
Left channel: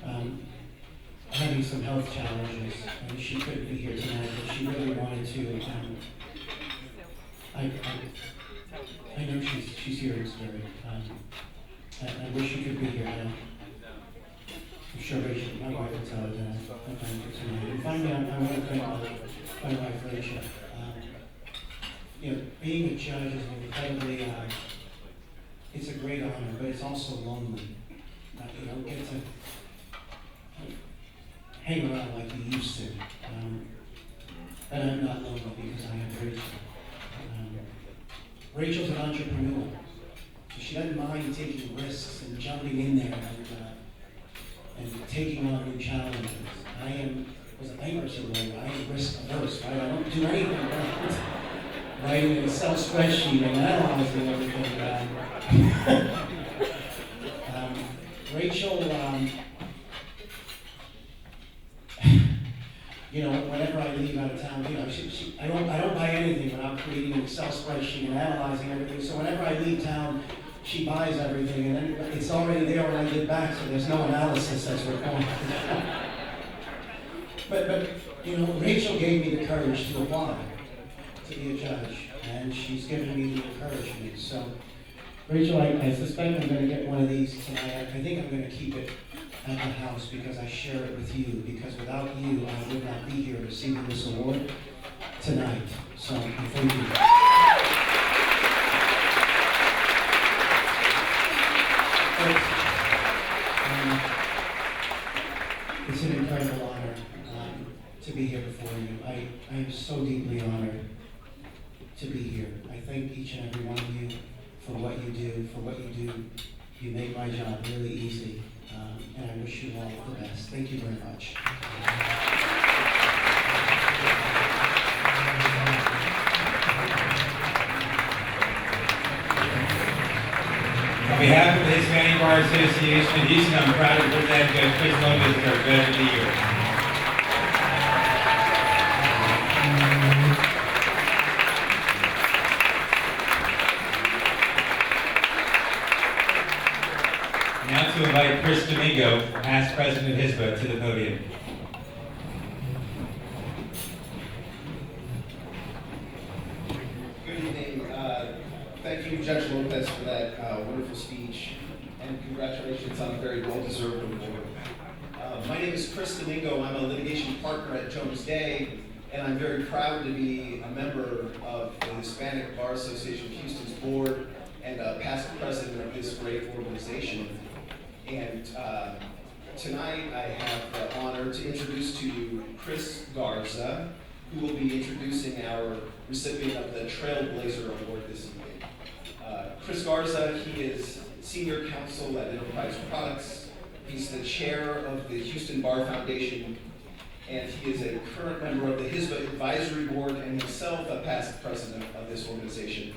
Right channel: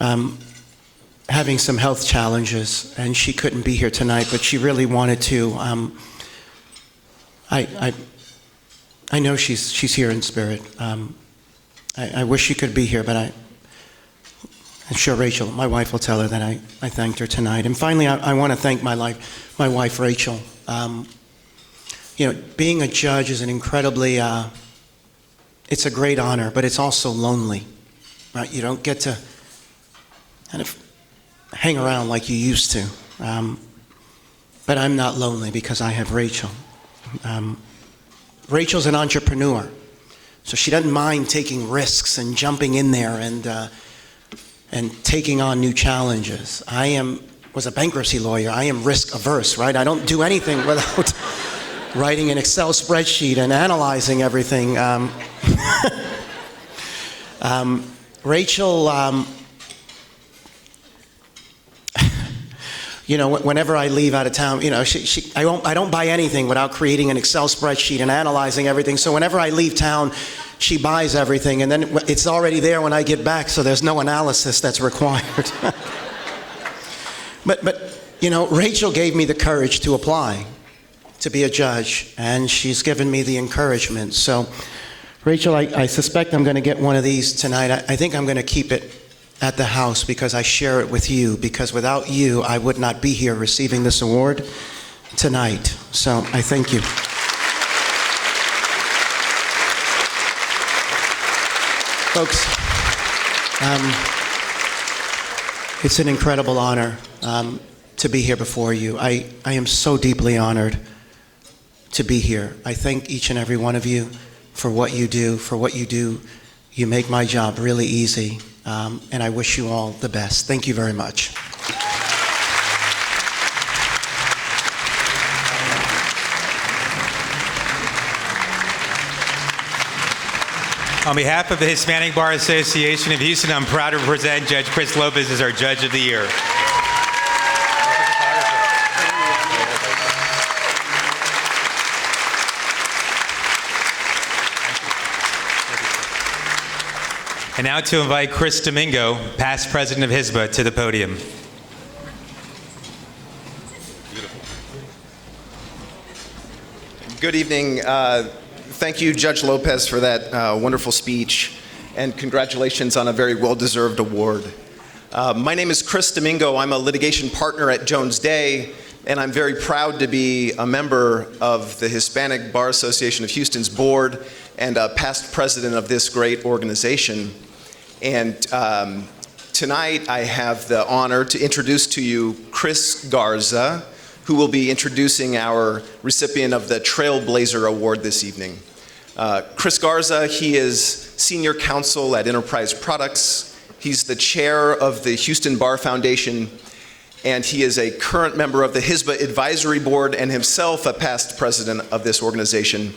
having some health challenges, and she couldn't be here tonight, but she really wanted to. I know she's here in spirit. I wish she could be here, but I'm sure Rachel, my wife, will tell her that I thanked her tonight. And finally, I want to thank my wife, Rachel. Being a judge is an incredibly, it's a great honor, but it's also lonely, right? You don't get to kind of hang around like you used to. But I'm not lonely because I have Rachel. Rachel's an entrepreneur, so she doesn't mind taking risks and jumping in there and taking on new challenges. I was a bankruptcy lawyer. I am risk averse, right? I don't do anything without writing an Excel spreadsheet and analyzing everything. Rachel, whenever I leave out of town, I don't buy anything without creating an Excel spreadsheet and analyzing everything. So whenever I leave town, she buys everything, and then it's already there when I get back, so there's no analysis that's required. But Rachel gave me the courage to apply to be a judge, and she's given me the encouragement. So, Rachel, I suspect I'm going to get one of these tonight. I think I'm going to keep it at the house because I share it with you, because without you, I would not be here receiving this award tonight. So I thank you. Folks, it's an incredible honor to be here before you. I am so deeply honored to be here. I thank each and every one of you for what you do. For what you do, you make my job really easy. And I wish you all the best. Thank you very much. On behalf of the Hispanic Bar Association of Houston, I'm proud to present Judge Chris Lopez as our Judge of the Year. And now to invite Chris Domingo, past president of HISBA, to the podium. Good evening. Thank you, Judge Lopez, for that wonderful speech, and congratulations on a very well-deserved award. My name is Chris Domingo. I'm a litigation partner at Jones Day, and I'm very proud to be a member of the Hispanic Bar Association of Houston's board and a past president of this great organization. And tonight I have the honor to introduce to you Chris Garza, who will be introducing our recipient of the Trailblazer Award this evening. Chris Garza, he is senior counsel at Enterprise Products. He's the chair of the Houston Bar Foundation, and he is a current member of the HISBA Advisory Board and himself a past president of this organization.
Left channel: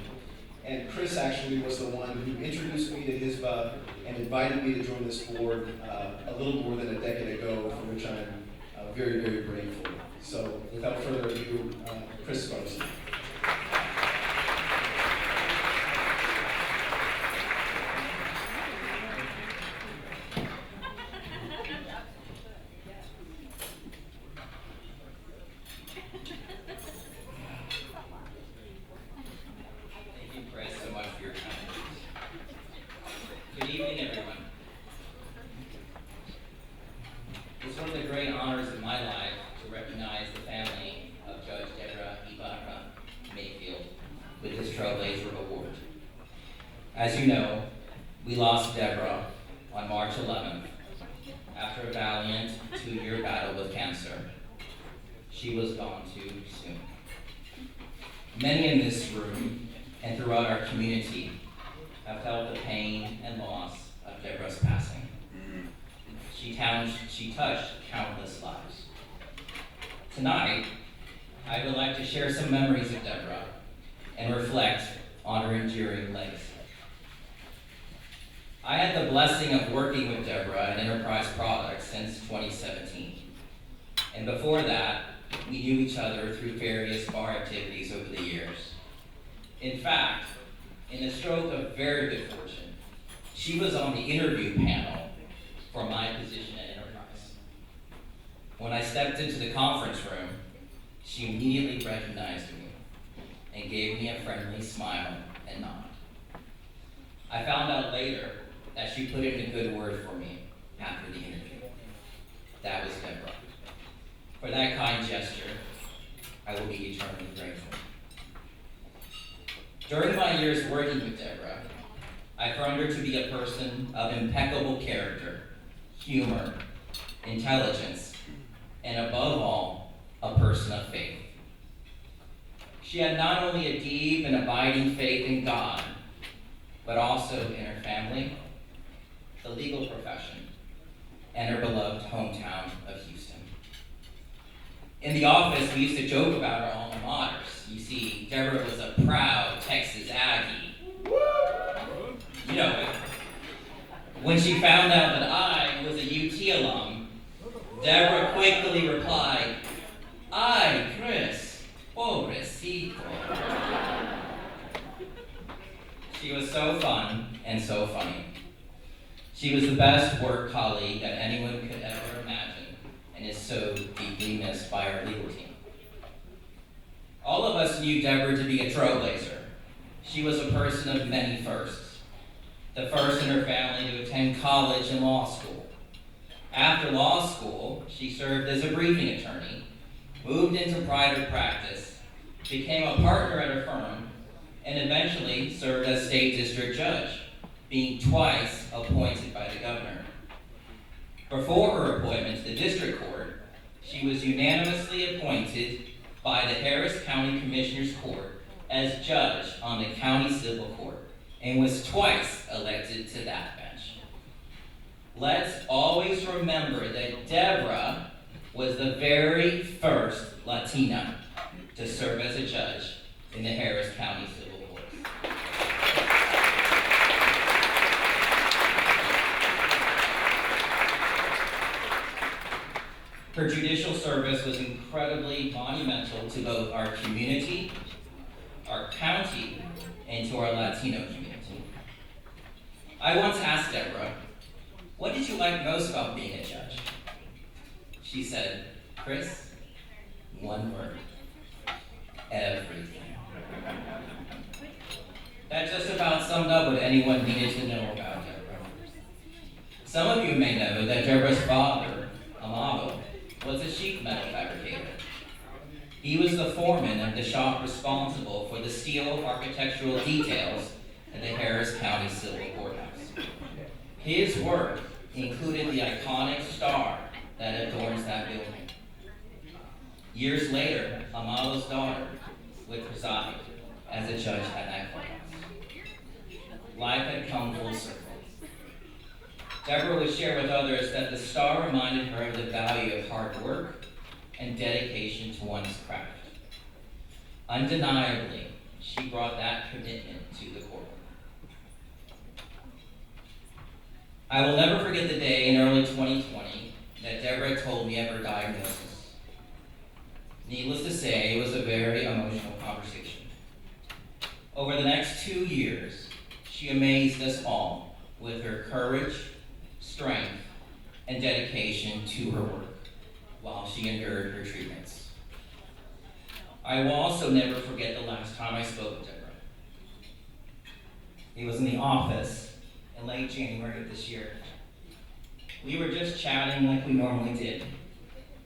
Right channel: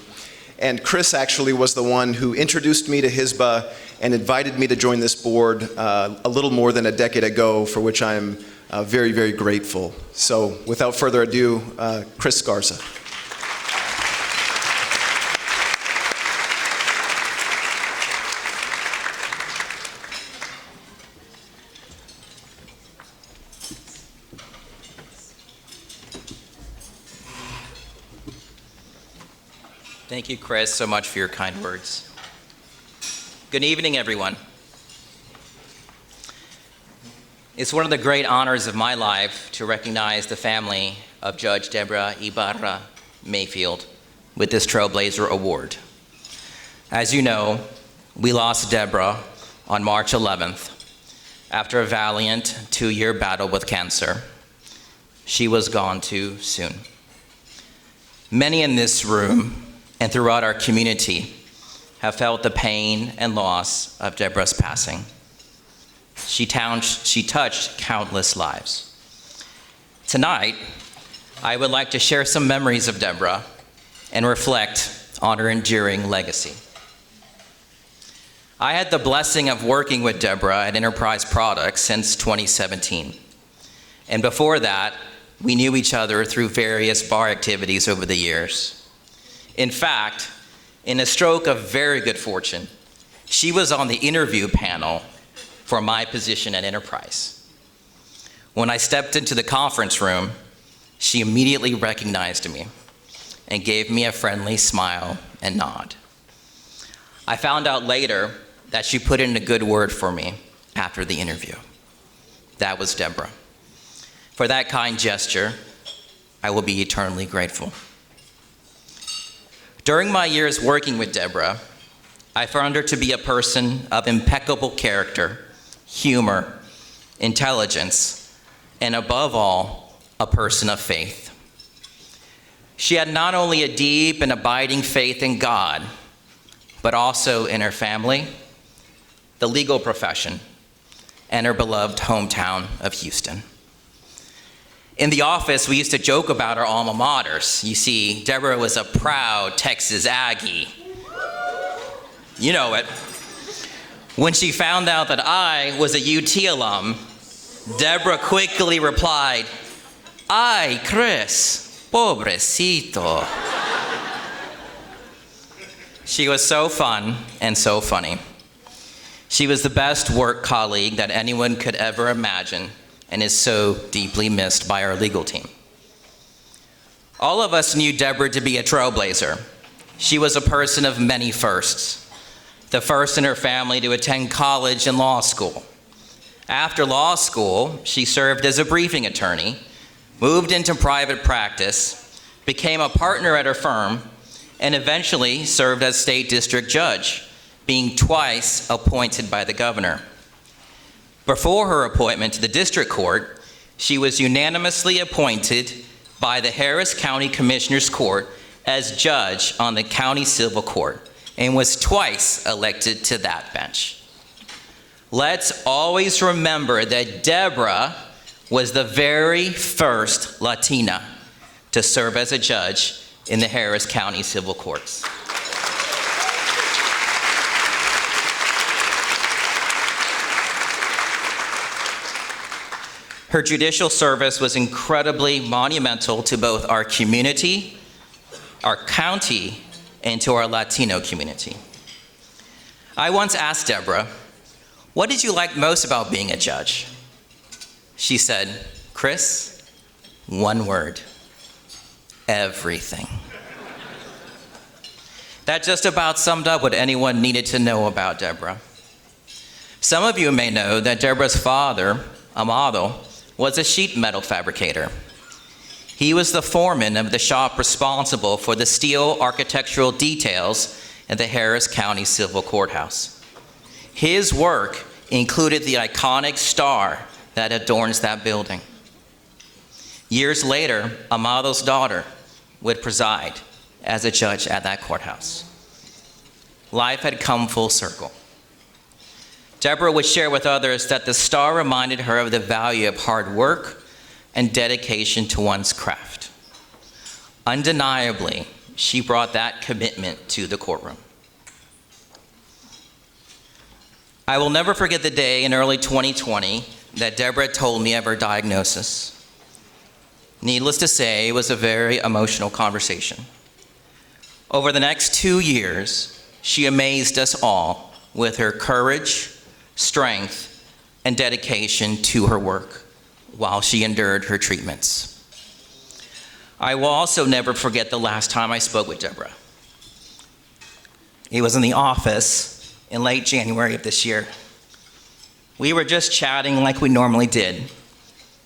And Chris actually was the one who introduced me to HISBA and invited me to join this board a little more than a decade ago, for which I'm very, very grateful. So without further ado, Chris Garza. Thank you, Chris, so much for your kind words. Good evening, everyone. It's one of the great honors of my life to recognize the family of Judge Deborah Ibarra Mayfield with this Trailblazer Award. As you know, we lost Deborah on March 11th after a valiant 2-year battle with cancer. She was gone too soon. Many in this room and throughout our community have felt the pain and loss of Deborah's passing. She touched countless lives. Tonight, I would like to share some memories of Deborah and reflect on her enduring legacy. I had the blessing of working with Deborah at Enterprise Products since 2017. And before that, we knew each other through various bar activities over the years. In fact, in a stroke of very good fortune, she was on the interview panel for my position at Enterprise. When I stepped into the conference room, she immediately recognized me and gave me a friendly smile and nod. I found out later that she put in a good word for me after the interview. That was Deborah. For that kind gesture, I will be eternally grateful. During my years working with Deborah, I found her to be a person of impeccable character, humor, intelligence, and above all, a person of faith. She had not only a deep and abiding faith in God, but also in her family, the legal profession, and her beloved hometown of Houston. In the office, we used to joke about our alma maters. You see, Deborah was a proud Texas Aggie. You know it. When she found out that I was a UT alum, Deborah quickly replied, "Ay, Chris, pobrecito." She was so fun and so funny. She was the best work colleague that anyone could ever imagine, and is so deeply missed by our legal team. All of us knew Deborah to be a trailblazer. She was a person of many firsts. The first in her family to attend college and law school. After law school, she served as a briefing attorney, moved into private practice, became a partner at her firm, and eventually served as state district judge, being twice appointed by the governor. Before her appointment to the district court, she was unanimously appointed by the Harris County Commissioner's Court as judge on the county civil court and was twice elected to that bench. Let's always remember that Deborah was the very first Latina to serve as a judge in the Harris County civil courts. Her judicial service was incredibly monumental to both our community, our county, and to our Latino community. I once asked Deborah, "What did you like most about being a judge?" She said, "Chris, one word, everything." That just about summed up what anyone needed to know about Deborah. Some of you may know that Deborah's father, Amado, was a sheet metal fabricator. He was the foreman of the shop responsible for the steel architectural details at the Harris County Civil Courthouse. His work included the iconic star that adorns that building. Years later, Amado's daughter would preside as a judge at that courthouse. Life had come full circle. Deborah would share with others that the star reminded her of the value of hard work and dedication to one's craft. Undeniably, she brought that commitment to the courtroom. I will never forget the day in early 2020 that Deborah told me of her diagnosis. Needless to say, it was a very emotional conversation. Over the next 2 years, she amazed us all with her courage, strength, and dedication to her work while she endured her treatments. I will also never forget the last time I spoke with Deborah. It was in the office in late January of this year. We were just chatting like we normally did,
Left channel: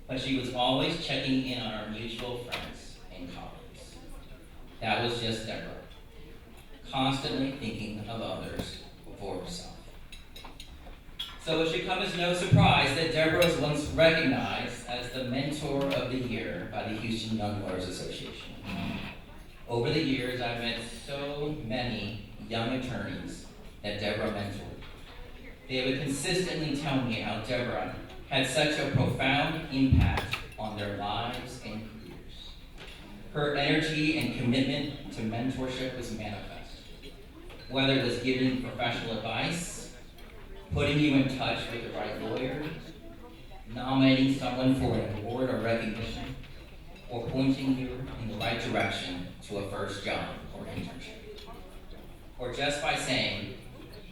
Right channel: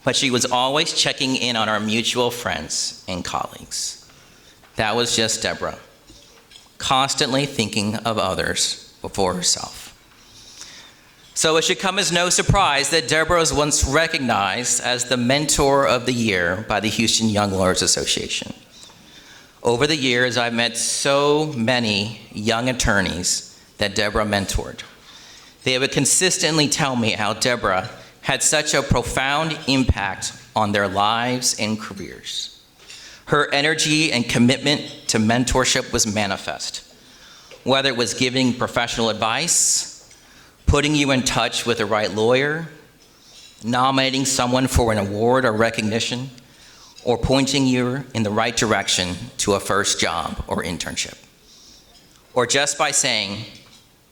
but she was always checking in on our mutual friends and colleagues. That was just Deborah, constantly thinking of others before herself. So it should come as no surprise that Deborah was once recognized as the Mentor of the Year by the Houston Young Lawyers Association. Over the years, I've met so many young attorneys that Deborah mentored. They would consistently tell me how Deborah had such a profound impact on their lives and careers. Her energy and commitment to mentorship was manifest, whether it was giving professional advice, putting you in touch with the right lawyer, nominating someone for an award or recognition, or pointing you in the right direction to a first job or internship. Or just by saying,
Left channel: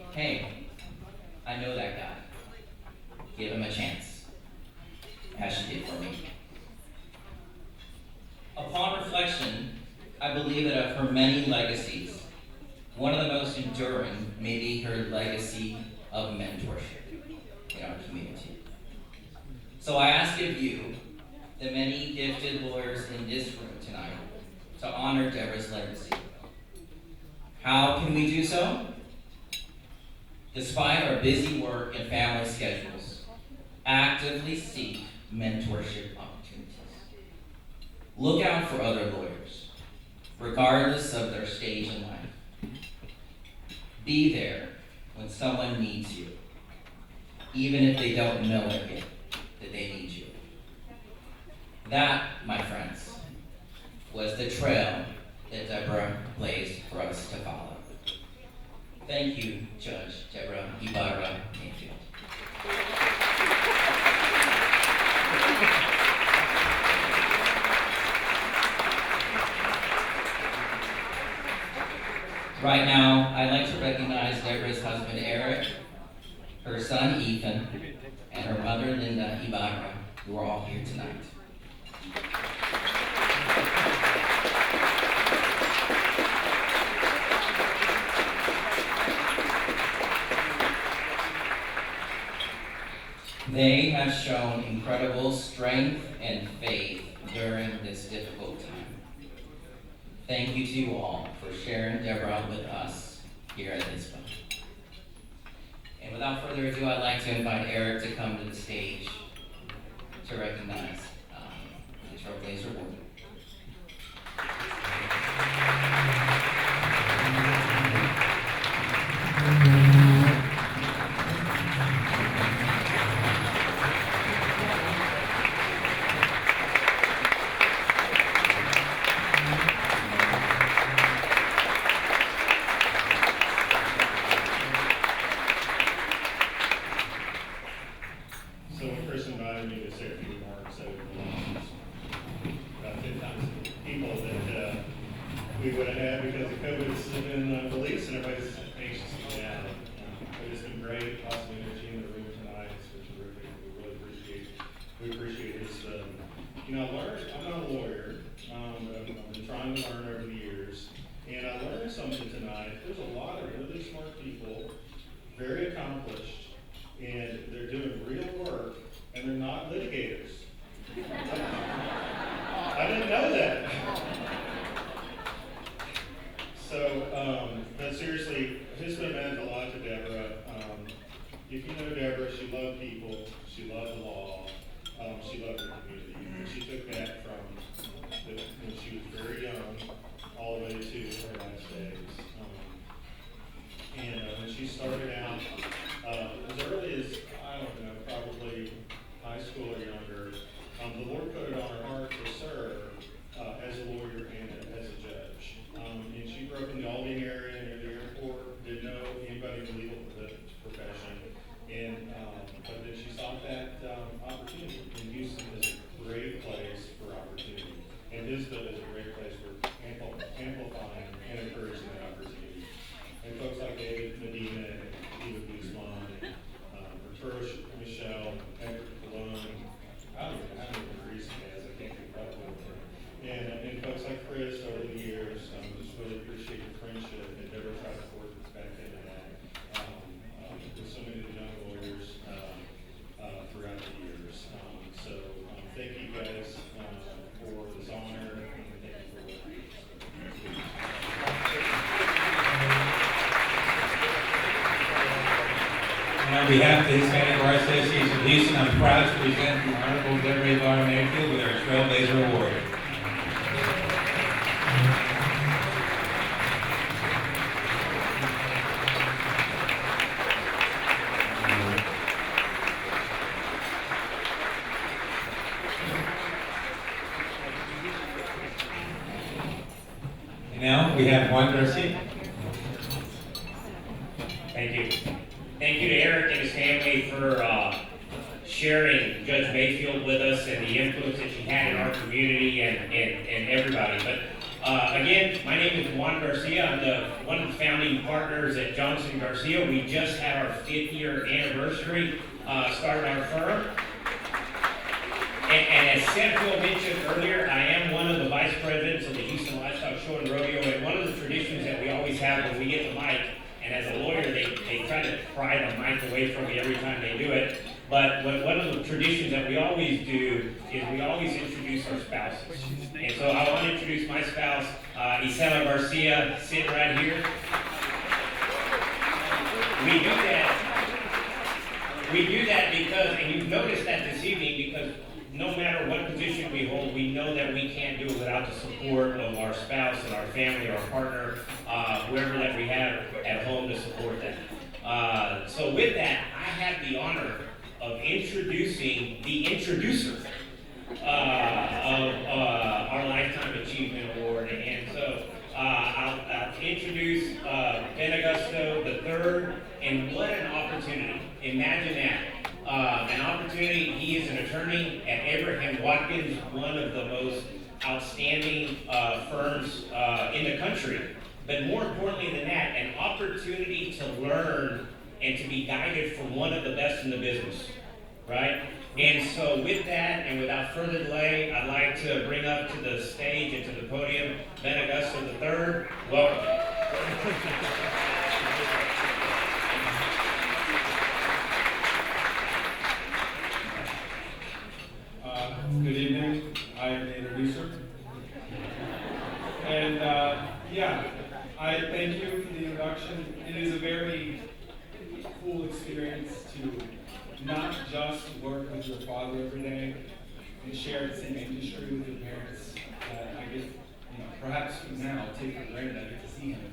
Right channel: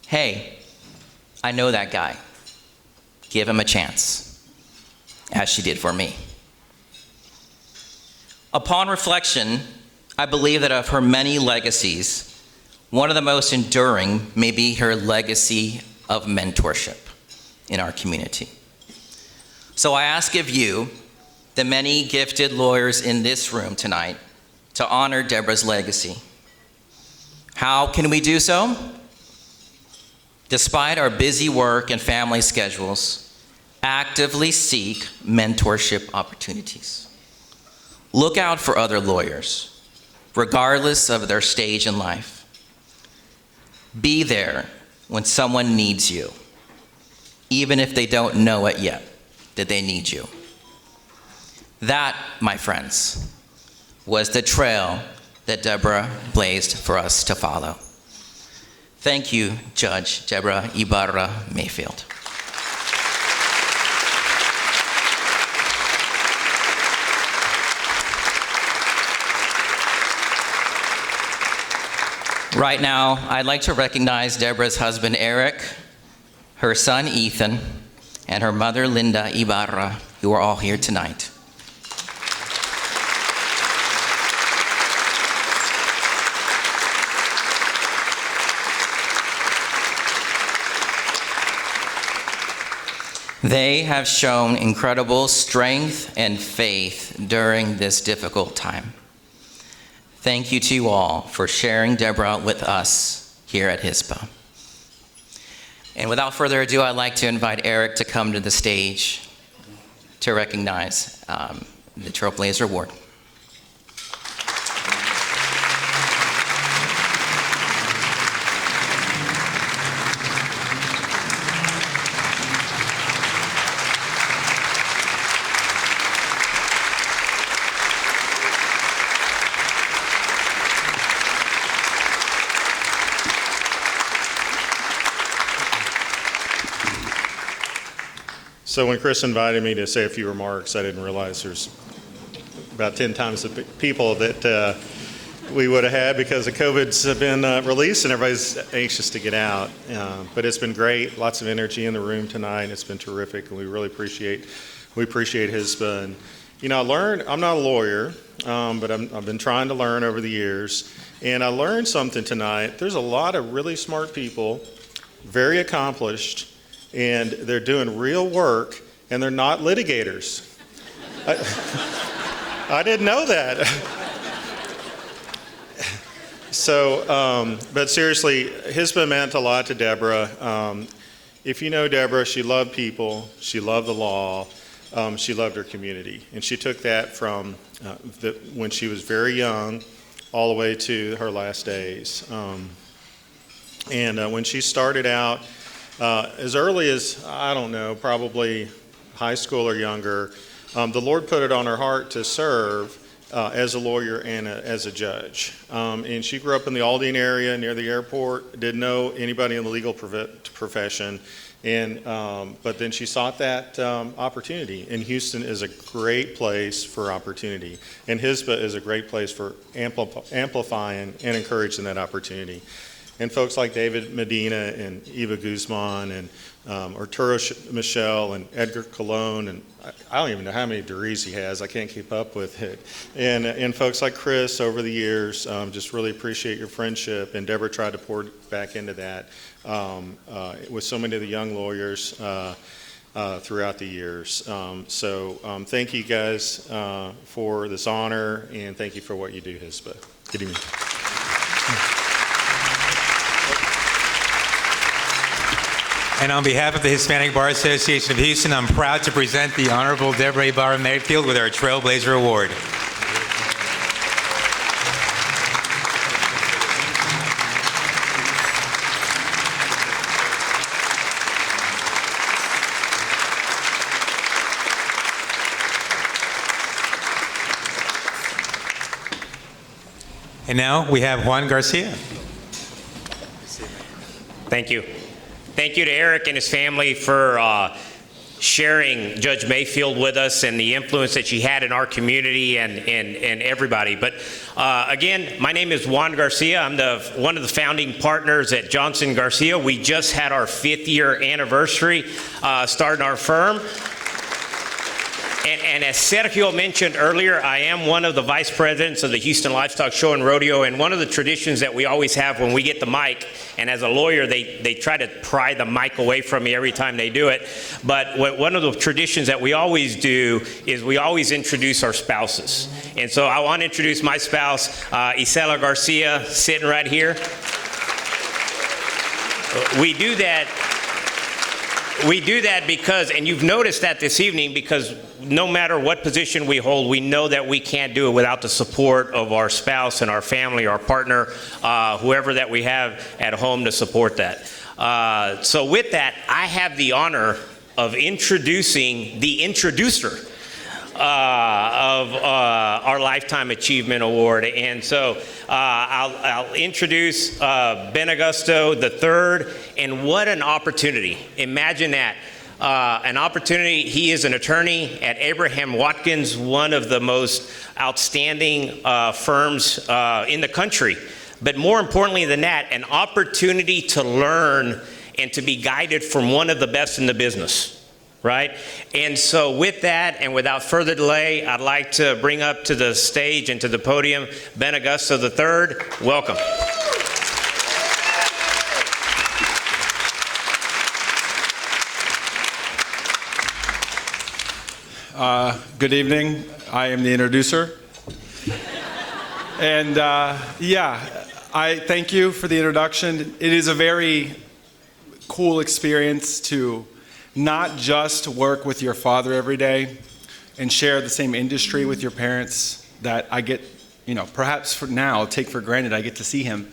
hey, I know that guy. Give him a chance, as she did for me. Upon reflection, I believe that of her many legacies, one of the most enduring may be her legacy of mentorship in our community. So I ask of you, the many gifted lawyers in this room tonight, to honor Deborah's legacy. How can we do so? Despite our busy work and family schedules, actively seek mentorship opportunities. Look out for other lawyers, regardless of their stage in life. Be there when someone needs you, even if they don't know it yet, that they need you. That, my friends, was the trail that Deborah blazed for us to follow. Thank you, Judge Deborah Ibarra Mayfield. Right now, I'd like to recognize Deborah's husband, Eric, her son, Ethan, and her mother, Linda Ibarra, who are all here tonight. They have shown incredible strength and faith during this difficult time. Thank you to you all for sharing Deborah with us here at HISPA. And without further ado, I'd like to invite Eric to come to the stage to recognize the Trailblazer Award. So when Chris invited me to say a few remarks, I didn't realize there's about 10 times the people that we would have had because the COVID's have been released and everybody's anxious to get out. But it's been great, lots of energy in the room tonight. It's been terrific, and we really appreciate HISPA. And you know, I'm not a lawyer, but I've been trying to learn over the years. And I learned something tonight. There's a lot of really smart people, very accomplished, and they're doing real work, and they're not litigators. I didn't know that. So, but seriously, HISPA meant a lot to Deborah. If you know Deborah, she loved people, she loved the law, she loved her community. And she took that from when she was very young all the way to her last days. And when she started out, as early as, I don't know, probably high school or younger, the Lord put it on her heart to serve as a lawyer and as a judge. And she grew up in the Aldine area near the airport, didn't know anybody in the legal profession. But then she sought that opportunity. And Houston is a great place for opportunity. And HISBA is a great place for amplifying and encouraging that opportunity. And folks like David Medina and Eva Guzman and Arturo Michel and Edgar Colon, and I don't even know how many degrees he has. I can't keep up with it. And folks like Chris over the years, just really appreciate your friendship. And Deborah tried to pour back into that with so many of the young lawyers throughout the years. So thank you guys for this honor, and thank you for what you do, HISBA. Good evening. And on behalf of the Hispanic Bar Association of Houston, I'm proud to present the Honorable Deborah Ibarra Mayfield with our Trailblazer Award. And now we have Juan Garcia. Thank you. Thank you to Eric and his family for sharing Judge Mayfield with us and the influence that she had in our community and everybody. But again, my name is Juan Garcia. I'm one of the founding partners at Johnson Garcia. We just had our 5th year anniversary starting our firm. And as Sergio mentioned earlier, I am one of the vice presidents of the Houston Livestock Show and Rodeo, and one of the traditions that we always have when we get the mic, and as a lawyer, they try to pry the mic away from me every time they do it, but one of the traditions that we always do is we always introduce our spouses. And so I want to introduce my spouse, Isela Garcia, sitting right here. We do that because, and you've noticed that this evening, because no matter what position we hold, we know that we can't do it without the support of our spouse and our family, our partner, whoever that we have at home to support that. So with that, I have the honor of introducing the introducer of our Lifetime Achievement Award. And so I'll introduce Ben Augusto III, and what an opportunity. Imagine that. An opportunity. He is an attorney at Abraham Watkins, one of the most outstanding firms in the country. But more importantly than that, an opportunity to learn and to be guided from one of the best in the business, right? And so with that, and without further delay, I'd like to bring up to the stage and to the podium Ben Augusto III. Welcome. Good evening. I am the introducer. And yeah, I thank you for the introduction. It is a very cool experience to not just work with your father every day and share the same industry with your parents that I get, perhaps for now, take for granted I get to see him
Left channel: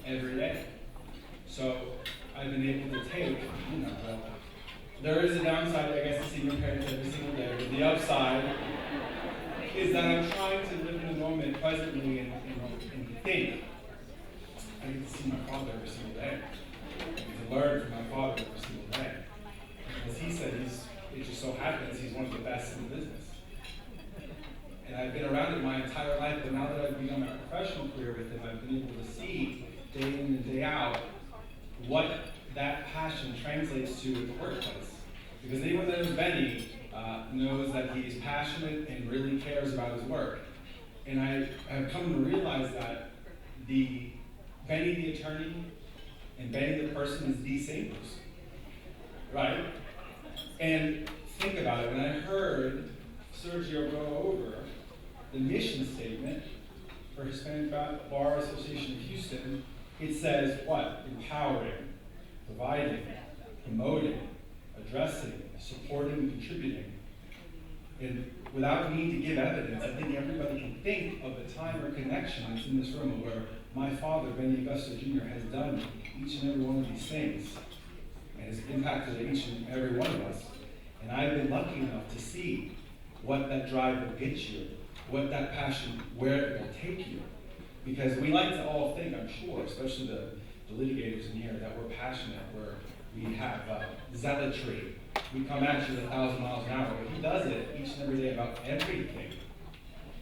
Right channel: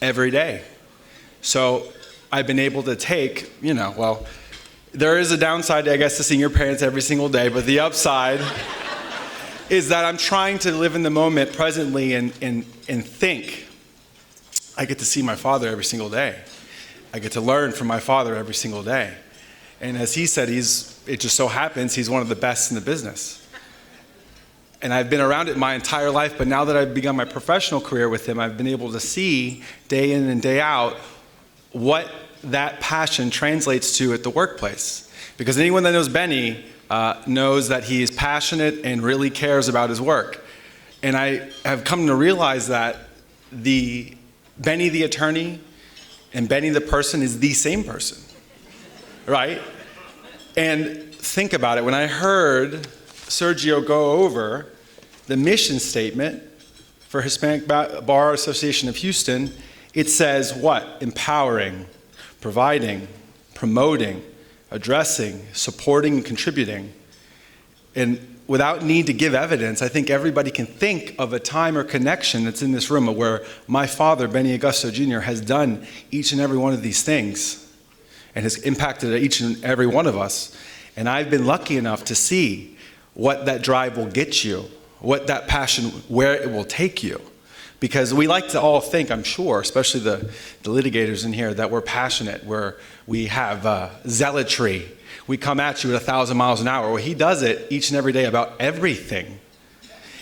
every day. So I've been able to take, well, there is a downside, I guess, to seeing your parents every single day, but the upside is that I'm trying to live in the moment presently and think. I get to see my father every single day. I get to learn from my father every single day. And as he said, it just so happens he's one of the best in the business. And I've been around it my entire life, but now that I've begun my professional career with him, I've been able to see day in and day out what that passion translates to at the workplace. Because anyone that knows Benny knows that he is passionate and really cares about his work. And I have come to realize that Benny the attorney and Benny the person is the same person, right? And think about it, when I heard Sergio go over the mission statement for Hispanic Bar Association of Houston, it says what? Empowering, providing, promoting, addressing, supporting, and contributing. And without need to give evidence, I think everybody can think of a time or connection that's in this room where my father, Benny Augusto Jr., has done each and every one of these things and has impacted each and every one of us. And I've been lucky enough to see what that drive will get you, what that passion, where it will take you. Because we like to all think, I'm sure, especially the litigators in here, that we're passionate, we have zealotry. We come at you at 1,000 miles an hour. Well, he does it each and every day about everything.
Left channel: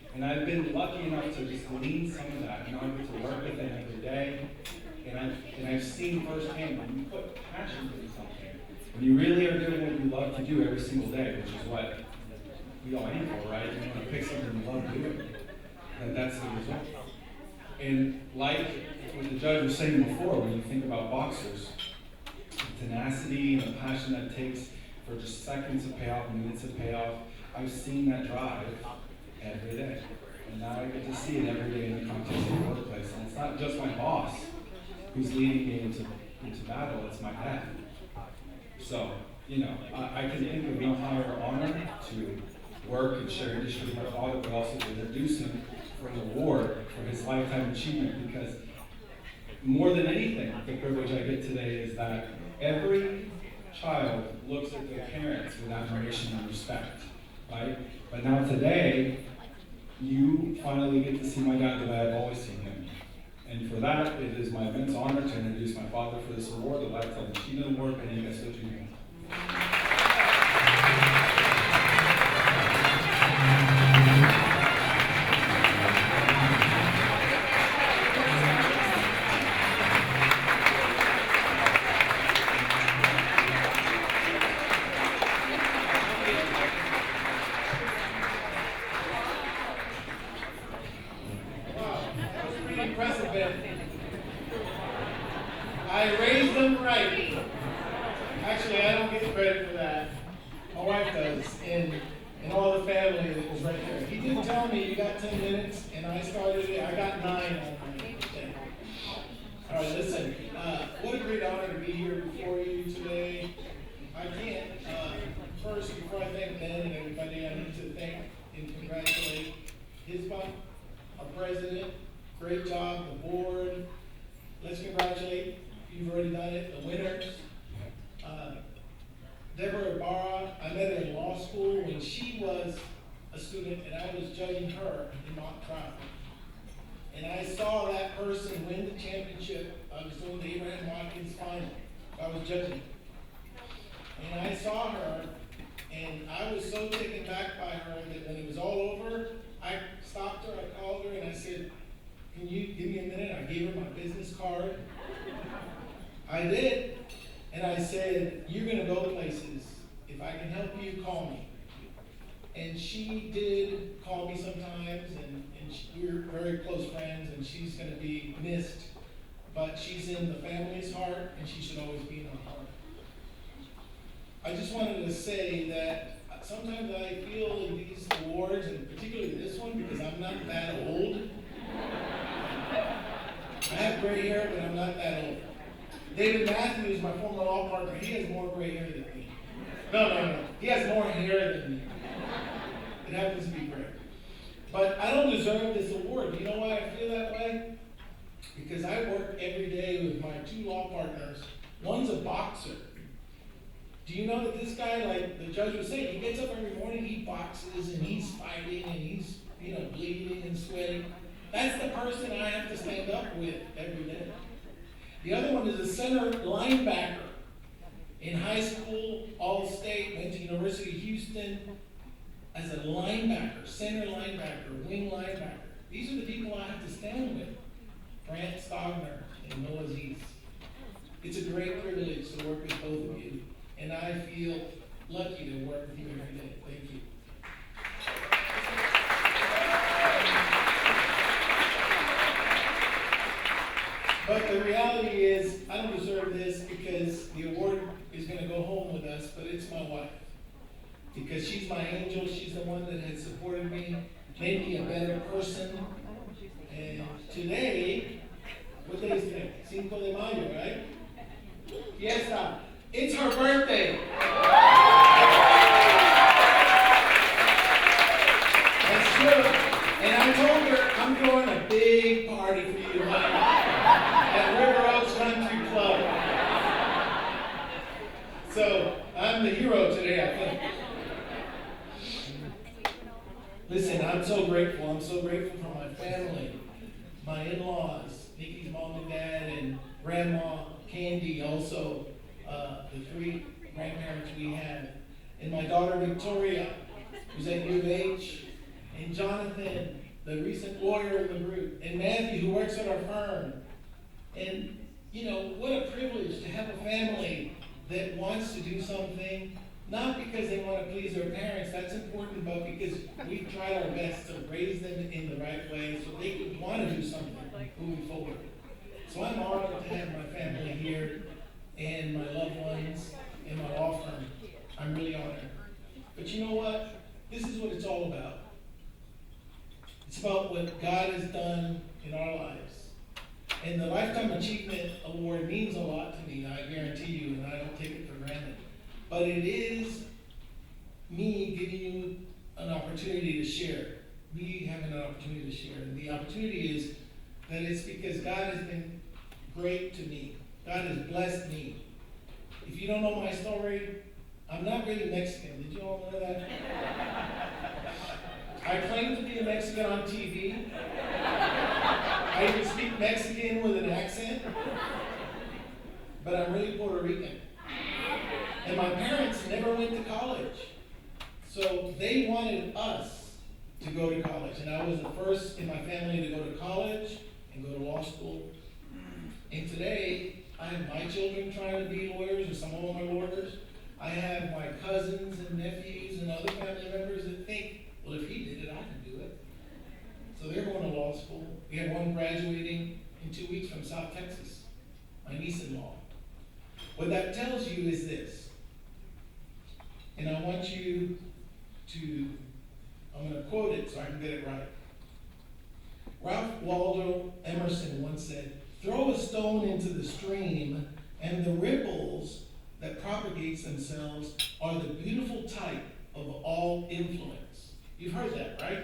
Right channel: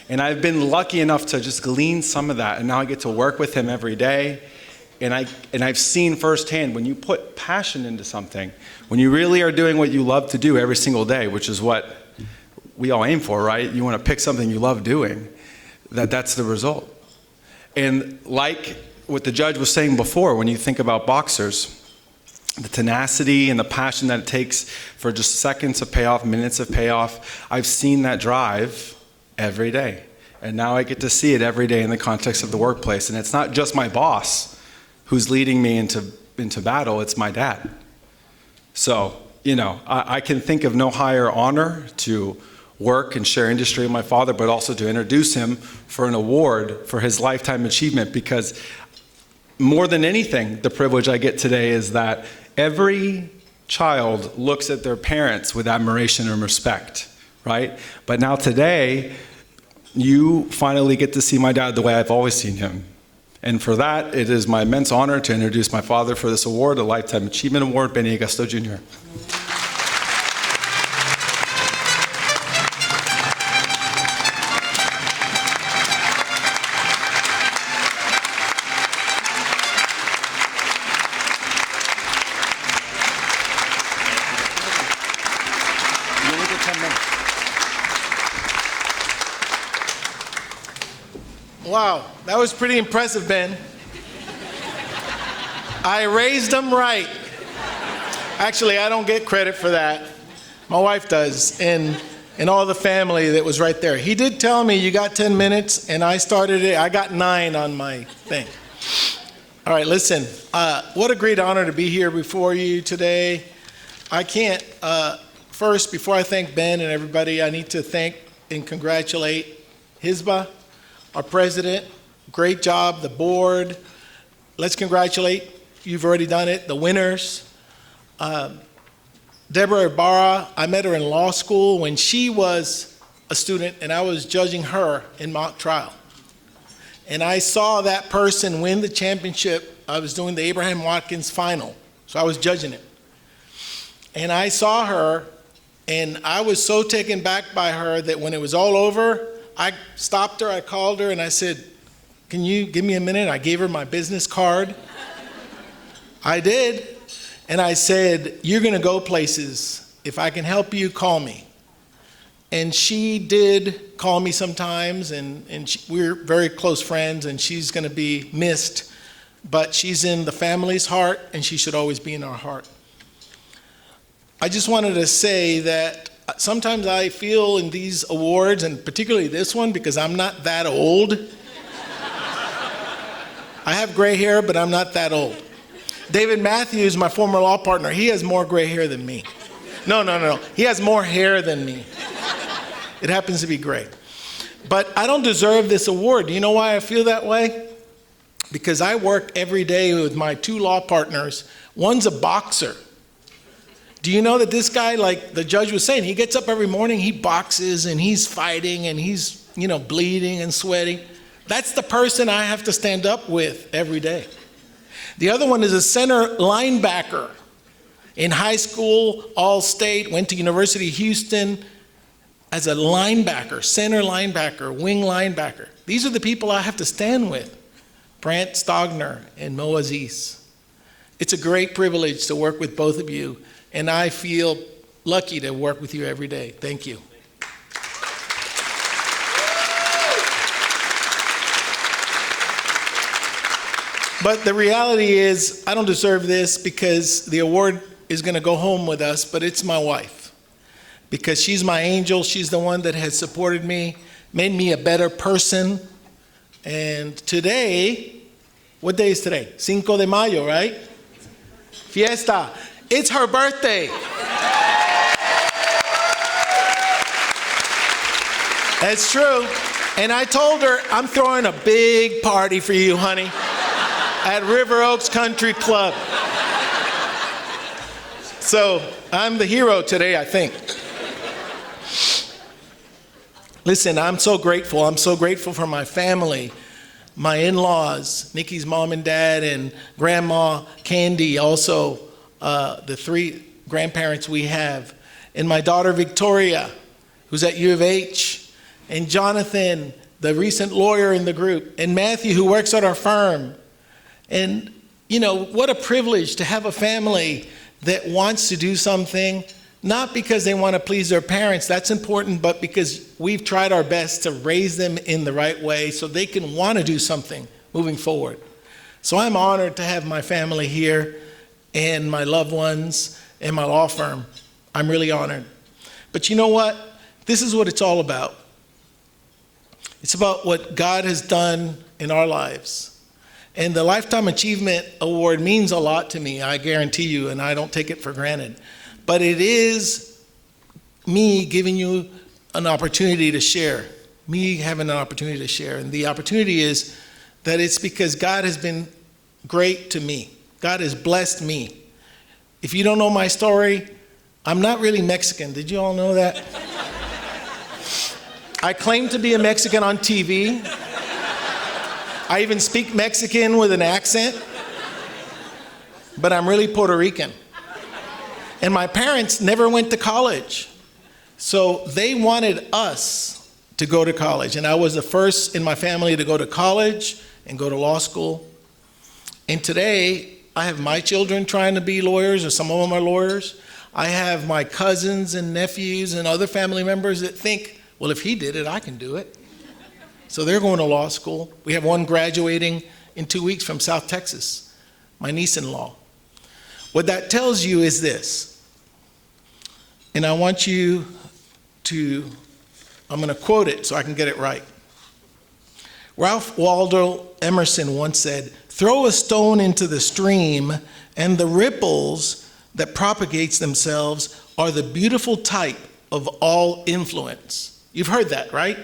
And I've been lucky enough to just glean some of that, and now I get to work with him every day. And I've seen firsthand, when you put passion into something, when you really are doing what you love to do every single day, which is what we all aim for, right? You want to pick something you love doing, that's the result. And like what the judge was saying before, when you think about boxers, the tenacity and the passion that it takes for just seconds of payoff, minutes of payoff, I've seen that drive every day. And now I get to see it every day in the context of the workplace. And it's not just my boss who's leading me into battle, it's my dad. So, I can think of no higher honor to work and share industry with my father, but also to introduce him for an award for his lifetime achievement, because more than anything, the privilege I get today is that every child looks at their parents with admiration and respect, right? But now today, you finally get to see my dad the way I've always seen him. And for that, it is my immense honor to introduce my father for this award, a Lifetime Achievement Award, Benny Augusto Jr. Wow, that was pretty impressive, Ben. I raised them right. Actually, I don't get credit for that. My wife does, and all the family that was right there. He did tell me you got 10 minutes, and I started it. I got 9 on my thing. All right, listen. What a great honor to be here before you today. I can't, first, before I thank Ben and everybody, I need to thank and congratulate Hisba, our president. Great job, the board. Let's congratulate, you've already done it, the winners. Deborah Ibarra, I met her in law school when she was a student and I was judging her in mock trial. And I saw that person win the championship. I was doing the Abraham Watkins final, so I was judging it. And I saw her, and I was so taken back by her that when it was all over, I stopped her, I called her, and I said, can you give me a minute? I gave her my business card. I did. And I said, you're going to go places. If I can help you, call me. And she did call me sometimes, and we're very close friends, and she's going to be missed. But she's in the family's heart, and she should always be in our heart. I just wanted to say that sometimes I feel in these awards, and particularly this one, because I'm not that old. I have gray hair, but I'm not that old. David Matthews, my former law partner, he has more gray hair than me. No. He has more hair than me. It happens to be gray. But I don't deserve this award. Do you know why I feel that way? Because I work every day with my 2 law partners. One's a boxer. Do you know that this guy, like the judge was saying, he gets up every morning, he boxes, and he's fighting, and he's, bleeding and sweating. That's the person I have to stand up with every day. The other one is a center linebacker. In high school, all-state, went to University of Houston as a linebacker, center linebacker, wing linebacker. These are the people I have to stand with, Brant Stogner and Mo Aziz. It's a great privilege to work with both of you, and I feel lucky to work with you every day. Thank you. But the reality is, I don't deserve this because the award is going to go home with us, but it's my wife. Because she's my angel, she's the one that has supported me, made me a better person. And today, what day is today? Cinco de Mayo, right? Fiesta. It's her birthday. That's true. And I told her, I'm throwing a big party for you, honey, at River Oaks Country Club. So I'm the hero today, I think. Listen, I'm so grateful. I'm so grateful for my family, my in-laws, Nikki's mom and dad, and Grandma Candy, also the 3 grandparents we have, and my daughter Victoria, who's at U of H, and Jonathan, the recent lawyer in the group, and Matthew, who works at our firm. And, you know, what a privilege to have a family that wants to do something, not because they want to please their parents, that's important, but because we've tried our best to raise them in the right way so they can want to do something moving forward. So I'm honored to have my family here and my loved ones and my law firm. I'm really honored. But you know what? This is what it's all about. It's about what God has done in our lives. And the Lifetime Achievement Award means a lot to me, I guarantee you, and I don't take it for granted. But it is me giving you an opportunity to share, me having an opportunity to share. And the opportunity is that it's because God has been great to me. God has blessed me. If you don't know my story, I'm not really Mexican. Did you all know that? I claim to be a Mexican on TV. I even speak Mexican with an accent, but I'm really Puerto Rican. And my parents never went to college. So they wanted us to go to college. And I was the first in my family to go to college and go to law school. And today, I have my children trying to be lawyers, or some of them are lawyers. I have my cousins and nephews and other family members that think, well, if he did it, I can do it. So they're going to law school. We have one graduating in 2 weeks from South Texas, my niece-in-law. What that tells you is this, and I want you to, I'm going to quote it so I can get it right. Ralph Waldo Emerson once said, "Throw a stone into the stream, and the ripples that propagates themselves are the beautiful type of all influence." You've heard that, right?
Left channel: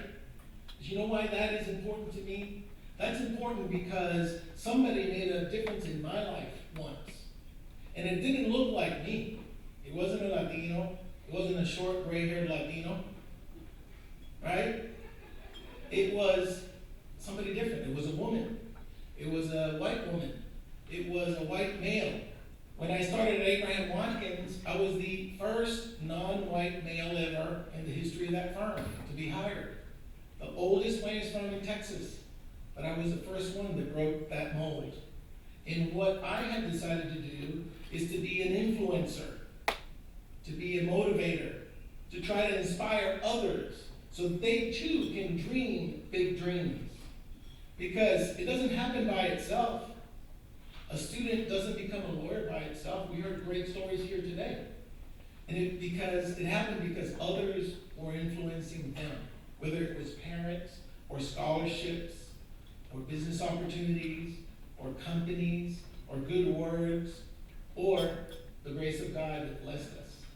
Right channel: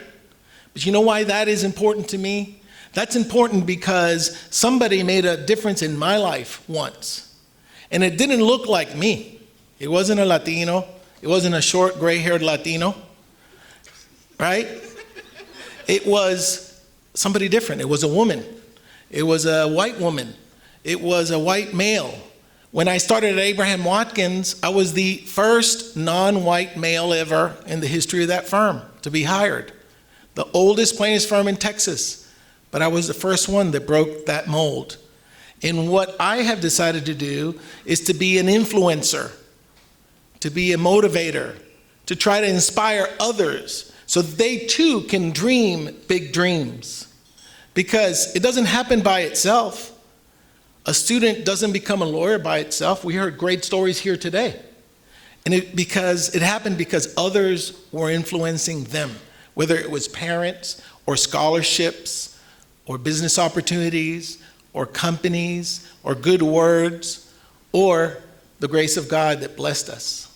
But you know why that is important to me? That's important because somebody made a difference in my life once. And it didn't look like me. It wasn't a Latino. It wasn't a short, gray-haired Latino, right? It was somebody different. It was a woman. It was a white woman. It was a white male. When I started at Abraham Watkins, I was the first non-white male ever in the history of that firm to be hired. The oldest plaintiffs firm in Texas, but I was the first one that broke that mold. And what I have decided to do is to be an influencer, to be a motivator, to try to inspire others so they too can dream big dreams. Because it doesn't happen by itself. A student doesn't become a lawyer by itself. We heard great stories here today. And it happened because others were influencing them, whether it was parents or scholarships or business opportunities or companies or good words or the grace of God that blessed us.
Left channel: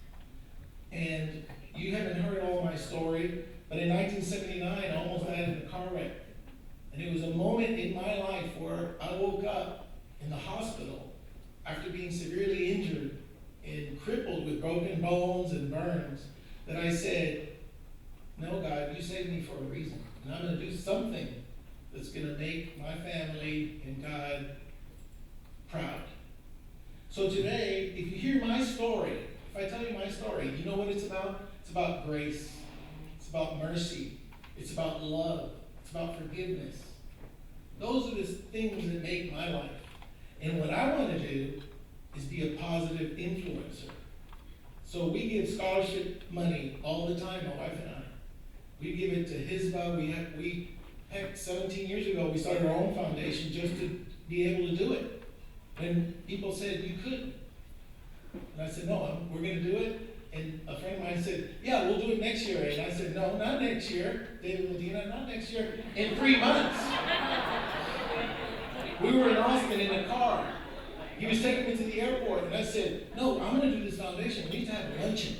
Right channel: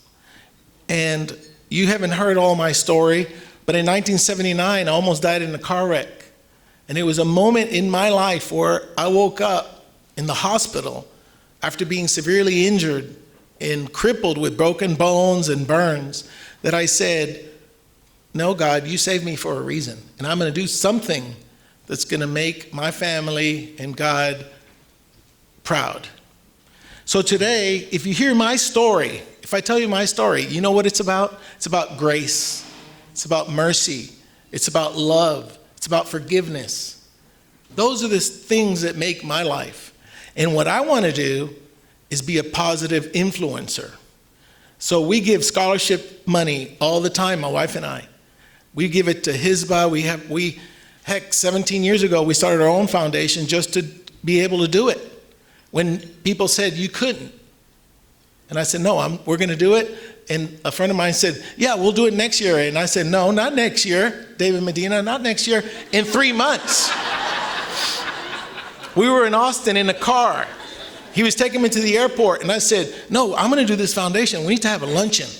And you haven't heard all my story, but in 1979, I almost died in a car wreck. And it was a moment in my life where I woke up in the hospital after being severely injured and crippled with broken bones and burns, that I said, no, God, you saved me for a reason. And I'm going to do something that's going to make my family and God proud. So today, if you hear my story, if I tell you my story, you know what it's about? It's about grace. It's about mercy. It's about love. It's about forgiveness. Those are the things that make my life. And what I want to do is be a positive influencer. So we give scholarship money all the time, my wife and I. We give it to HISBA. Heck, 17 years ago, we started our own foundation just to be able to do it. When people said you couldn't. And I said, no, we're going to do it. And a friend of mine said, yeah, we'll do it next year. And I said, no, not next year, David Medina, not next year, in 3 months. We were in Austin in a car. He was taking me to the airport, and I said, no, I'm going to do this foundation. We need to have a luncheon.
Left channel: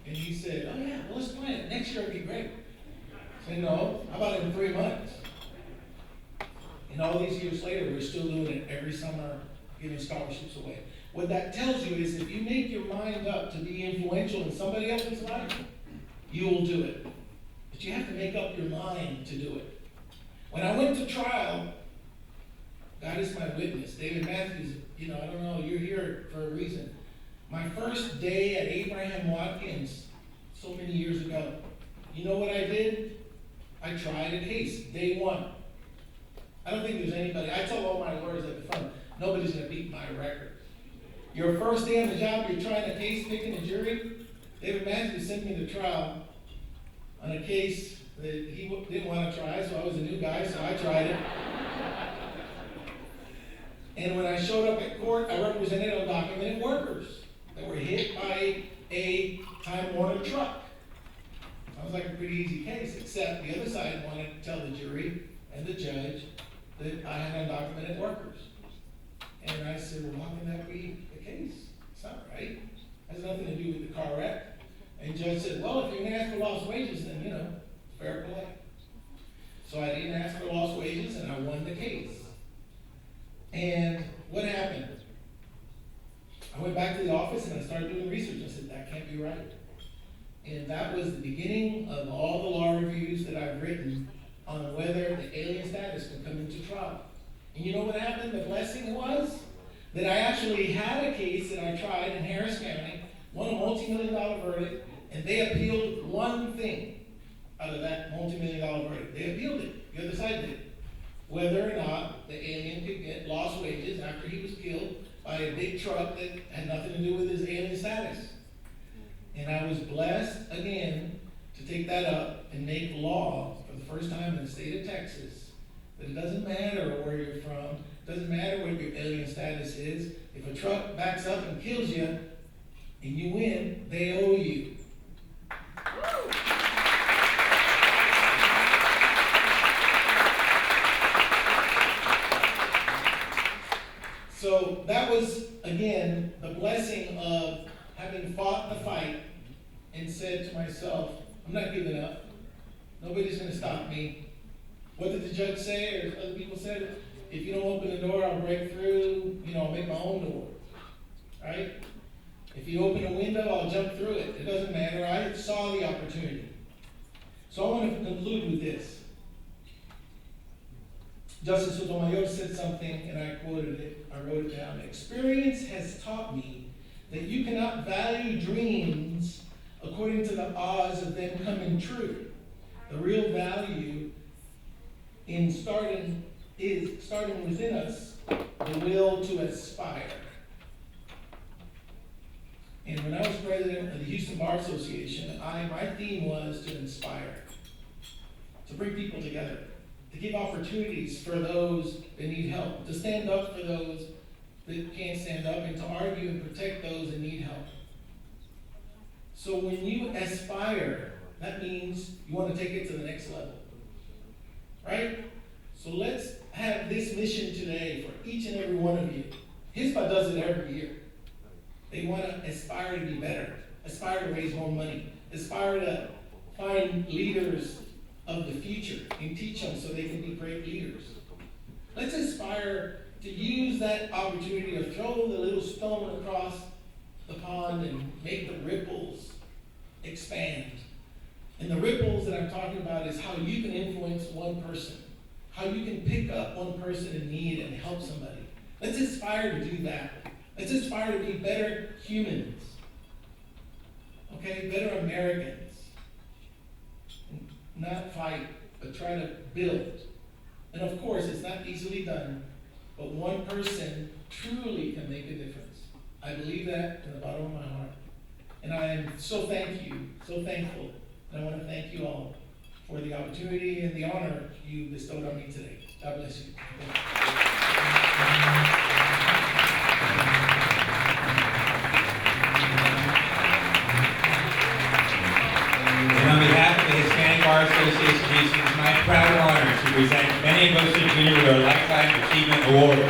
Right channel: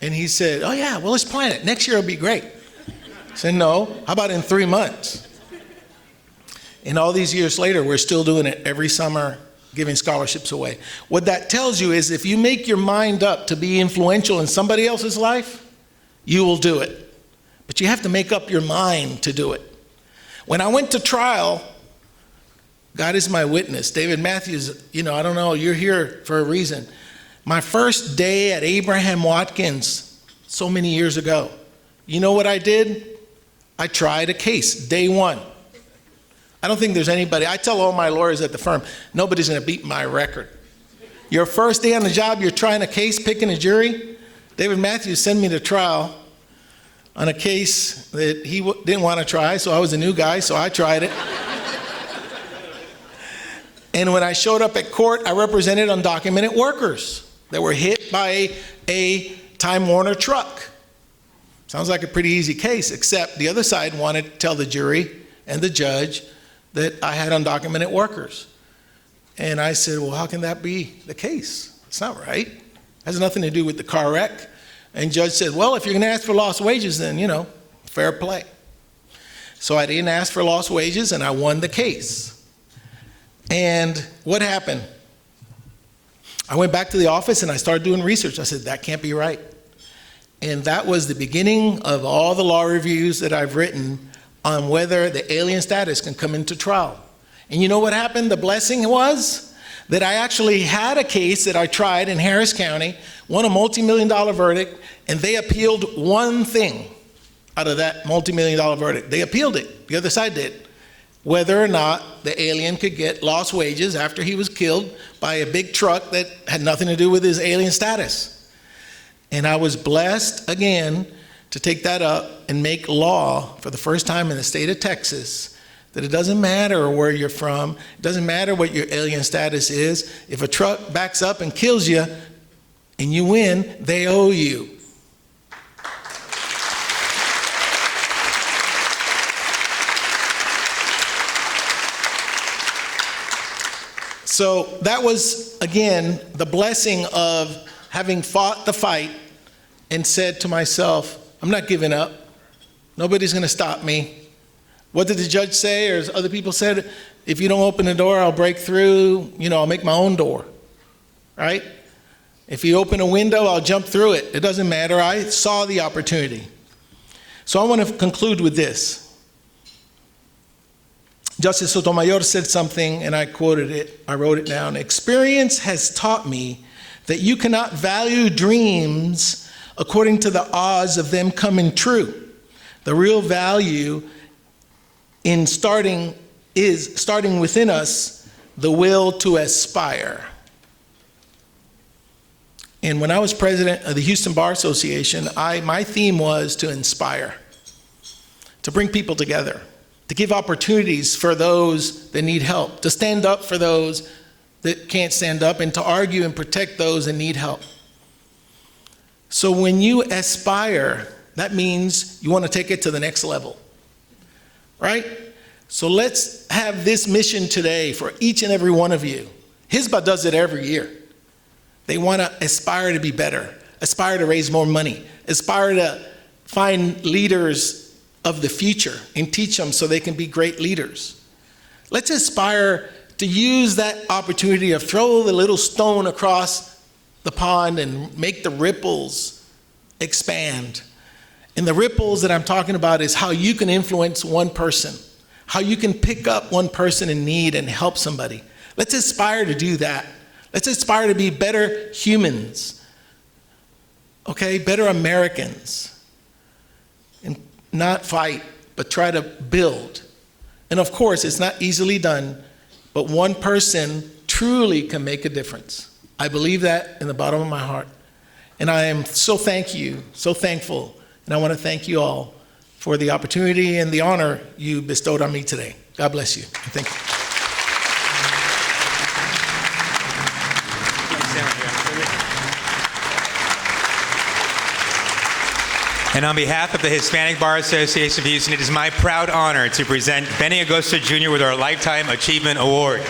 And he said, oh, yeah, well, let's plan it. Next year will be great. I said, no, how about in 3 months? And all these years later, we're still doing it every summer, giving scholarships away. What that tells you is if you make your mind up to be influential in somebody else's life, you will do it. but you have to make up your mind to do it. When I went to trial, God is my witness. David Matthews, I don't know, you're here for a reason. My first day at Abraham Watkins, so many years ago, you know what I did? I tried a case, day one. I don't think there's anybody, I tell all my lawyers at the firm, nobody's gonna beat my record. Your first day on the job, you're trying a case, picking a jury. David Matthews sent me to trial on a case that he didn't want to try, so I was a new guy, so I tried it. And when I showed up at court, I represented undocumented workers that were hit by a Time Warner truck. Sounds like a pretty easy case, except the other side wanted to tell the jury and the judge that I had undocumented workers. And I said, well, how can that be the case? It's not right. It has nothing to do with the car wreck. And judge said, well, if you're gonna ask for lost wages, then, fair play. So I didn't ask for lost wages and I won the case. And what happened? I went back to the office and I started doing research. I said, that can't be right. And that was the beginning of all the law reviews that I've written on whether the alien status can come into trial. And you know what happened? The blessing was that I actually had a case that I tried in Harris County, won a multi-million-dollar verdict, and they appealed one thing out of that multi-million-dollar verdict. They appealed it, the other side did, whether or not the alien could get lost wages after he was killed by a big truck that had nothing to do with his alien status. And I was blessed again to take that up and make law for the first time in the state of Texas that it doesn't matter where you're from, it doesn't matter what your alien status is. If a truck backs up and kills you and you win, they owe you. So that was, again, the blessing of having fought the fight and said to myself, I'm not giving up. Nobody's gonna stop me. What did the judge say, or as other people said? If you don't open the door, I'll break through, I'll make my own door, right? If you open a window, I'll jump through it. It doesn't matter, I saw the opportunity. So I want to conclude with this. Justice Sotomayor said something, and I quoted it, I wrote it down. Experience has taught me that you cannot value dreams according to the odds of them coming true. The real value in starting within us the will to aspire. And when I was president of the Houston Bar Association, my theme was to inspire, to bring people together, to give opportunities for those that need help, to stand up for those that can't stand up, and to argue and protect those that need help. So when you aspire, that means you want to take it to the next level. Right? So let's have this mission today for each and every one of you. HISBA does it every year. They want to aspire to be better, aspire to raise more money, aspire to find leaders of the future and teach them so they can be great leaders. Let's aspire to use that opportunity of throw the little stone across the pond and make the ripples expand. And the ripples that I'm talking about is how you can influence one person, how you can pick up one person in need and help somebody. Let's aspire to do that. Let's aspire to be better humans, okay, better Americans, and not fight, but try to build. And of course, it's not easily done, but one person truly can make a difference. I believe that in the bottom of my heart. And I am so thankful. And I want to thank you all for the opportunity and the honor you bestowed on me today. God bless you. Thank you. And on behalf of the Hispanic Bar Association of Houston, it is my proud honor to present Benny Agosto Jr. with our Lifetime Achievement Award.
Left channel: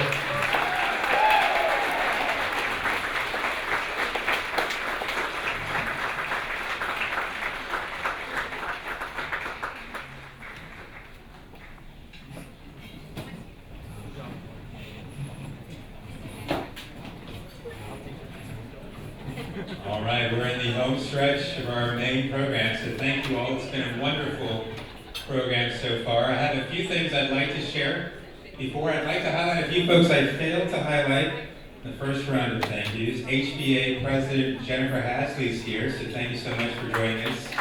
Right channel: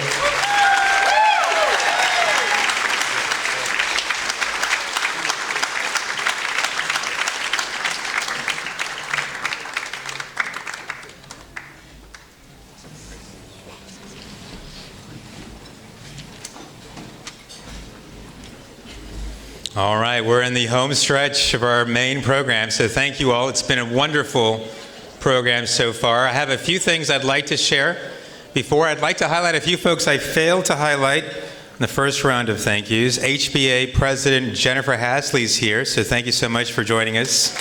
All right, we're in the home stretch of our main program, so thank you all. It's been a wonderful program so far. I have a few things I'd like to share. Before, I'd like to highlight a few folks I failed to highlight in the first round of thank yous. HBA President Jennifer Hasley's here, so thank you so much for joining us.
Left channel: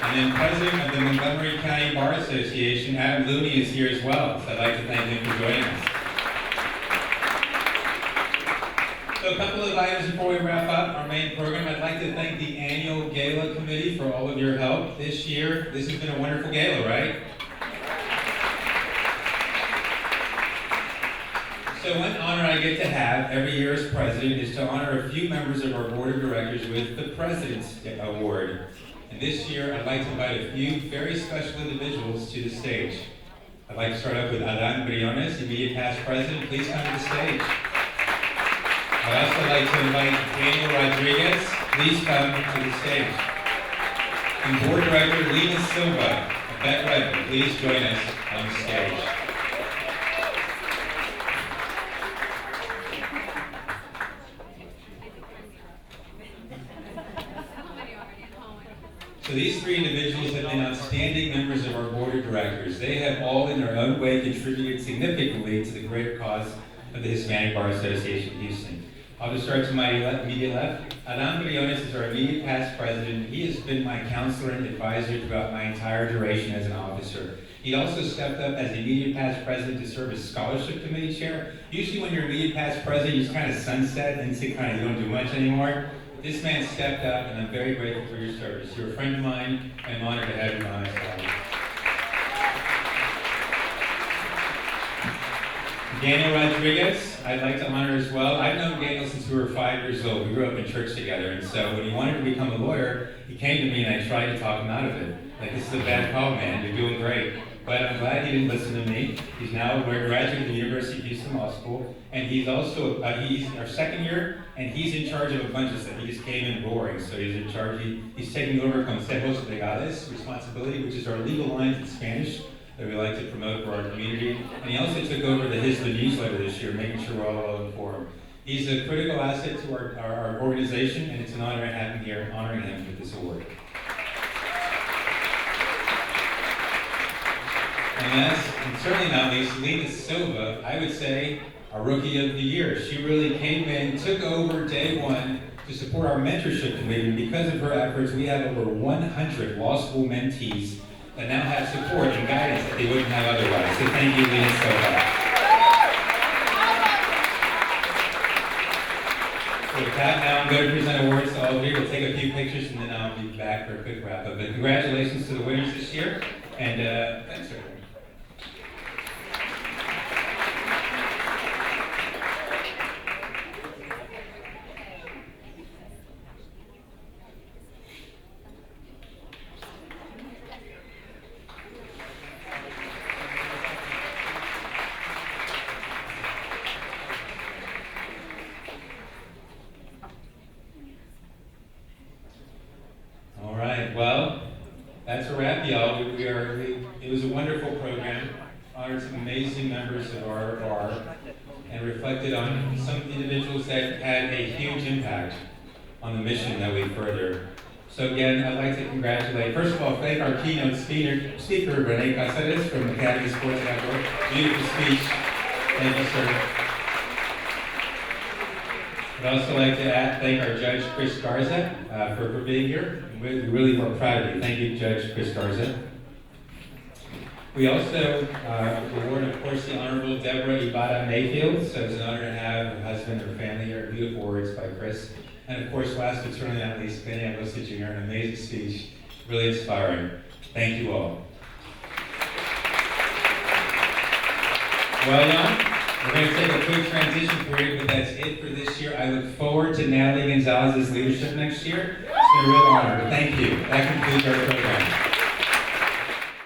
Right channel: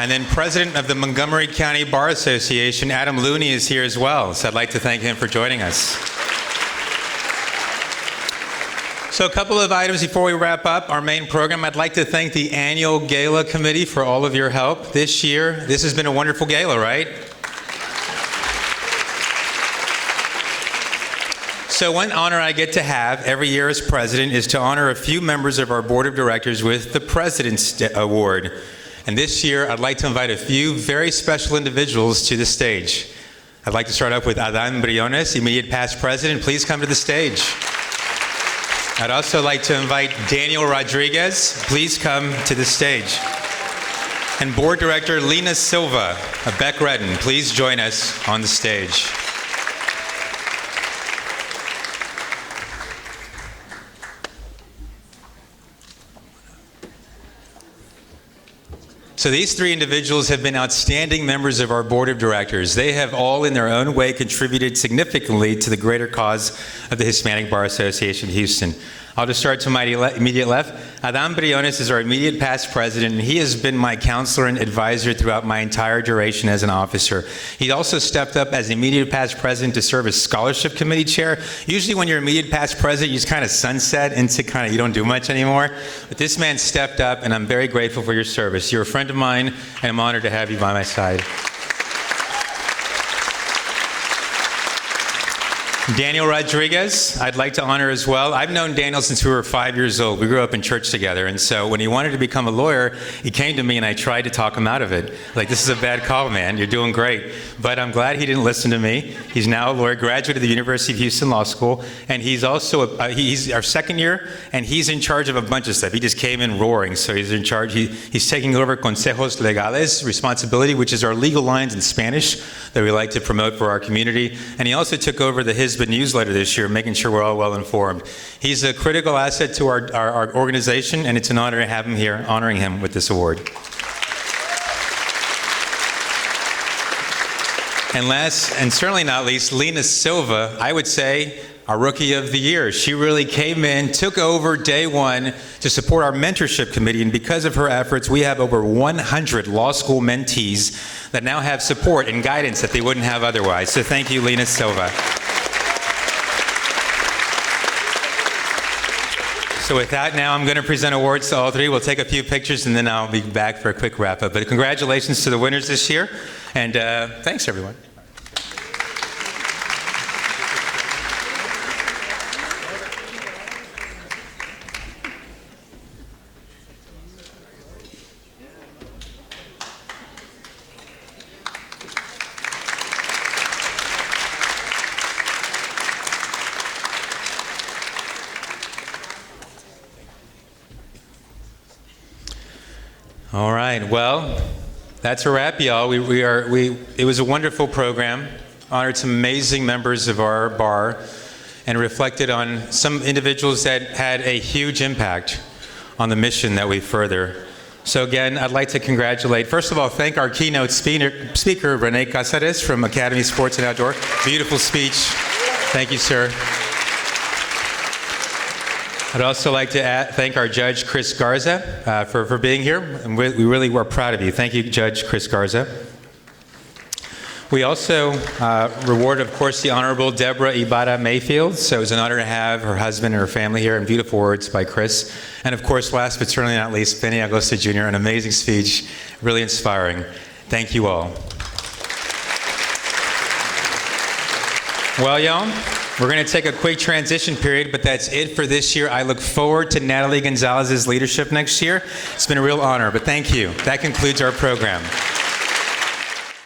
And then President of the Montgomery County Bar Association, Adam Looney, is here as well, so I'd like to thank him for joining us. So a couple of items before we wrap up our main program. I'd like to thank the annual Gala committee for all of your help this year. This has been a wonderful gala, right? So one honor I get to have every year as president is to honor a few members of our board of directors with the President's Award. And this year, I'd like to invite a few very special individuals to the stage. I'd like to start off with Adan Briones, immediate past president. Please come to the stage. I'd also like to invite Daniel Rodriguez. Please come to the stage. And Board Director Lena Silva of Beck Redden, please join us on the stage. So these three individuals have been outstanding members of our board of directors. They have all in their own way contributed significantly to the greater cause of the Hispanic Bar Association of Houston. I'll just start to my immediate left. Adan Briones is our immediate past president, and he has been my counselor and advisor throughout my entire duration as an officer. He also stepped up as immediate past president to serve as scholarship committee chair. Usually when you're immediate past president, you just kind of sunset into you don't do much anymore. But this man stepped up, and I'm very grateful for your service. You're a friend of mine, and I'm honored to have you by my side. Daniel Rodriguez, I'd like to honor as well. I've known Daniel since we were 5 years old. We grew up in church together, and so when he wanted to become a lawyer, he came to me and I tried to talk him out of it. Like, this is a bad call, man. You're doing great. But I'm glad he didn't listen to me. He's now a lawyer, graduate of the University of Houston Law School, and he's also, he's our second year, and he's in charge of a bunch of stuff. He just came in roaring, so he's in charge. He's taking over Consejos Legales responsibility, which is our legal lines in Spanish that we like to promote for our community. And he also took over the HISBA newsletter this year, making sure we're all well informed. He's a critical asset to our organization, and it's an honor to have him here, honoring him with this award. And last, and certainly not least, Lena Silva, I would say, our Rookie of the Year. She really came in, took over day one to support our mentorship committee, and because of her efforts, we have over 100 law school mentees that now have support and guidance that they wouldn't have otherwise. So thank you, Lena Silva. So with that, now I'm going to present awards to all three. We'll take a few pictures, and then I'll be back for a quick wrap-up. But congratulations to the winners this year, and thanks, everyone. All right, well, that's a wrap, y'all. It was a wonderful program, honored some amazing members of our bar, and reflected on some individuals that had a huge impact on the mission that we further. So again, I'd like to congratulate, first of all, thank our keynote speaker, Rene Casares from Academy Sports and Outdoor. Beautiful speech. Thank you, sir. I'd also like to thank our judge, Chris Garza, for being here. And we really were proud of you. Thank you, Judge Chris Garza. We also reward, of course, the Honorable Deborah Ibarra Mayfield. So it was an honor to have her husband and her family here, and beautiful words by Chris. And of course, last but certainly not least, Benny Agosto Jr., an amazing speech, really inspiring. Thank you all. Well, y'all, we're going to take a quick transition period, but that's it for this year. I look forward to Natalie Gonzalez's leadership next year. It's been a real honor, but thank you. That concludes our program.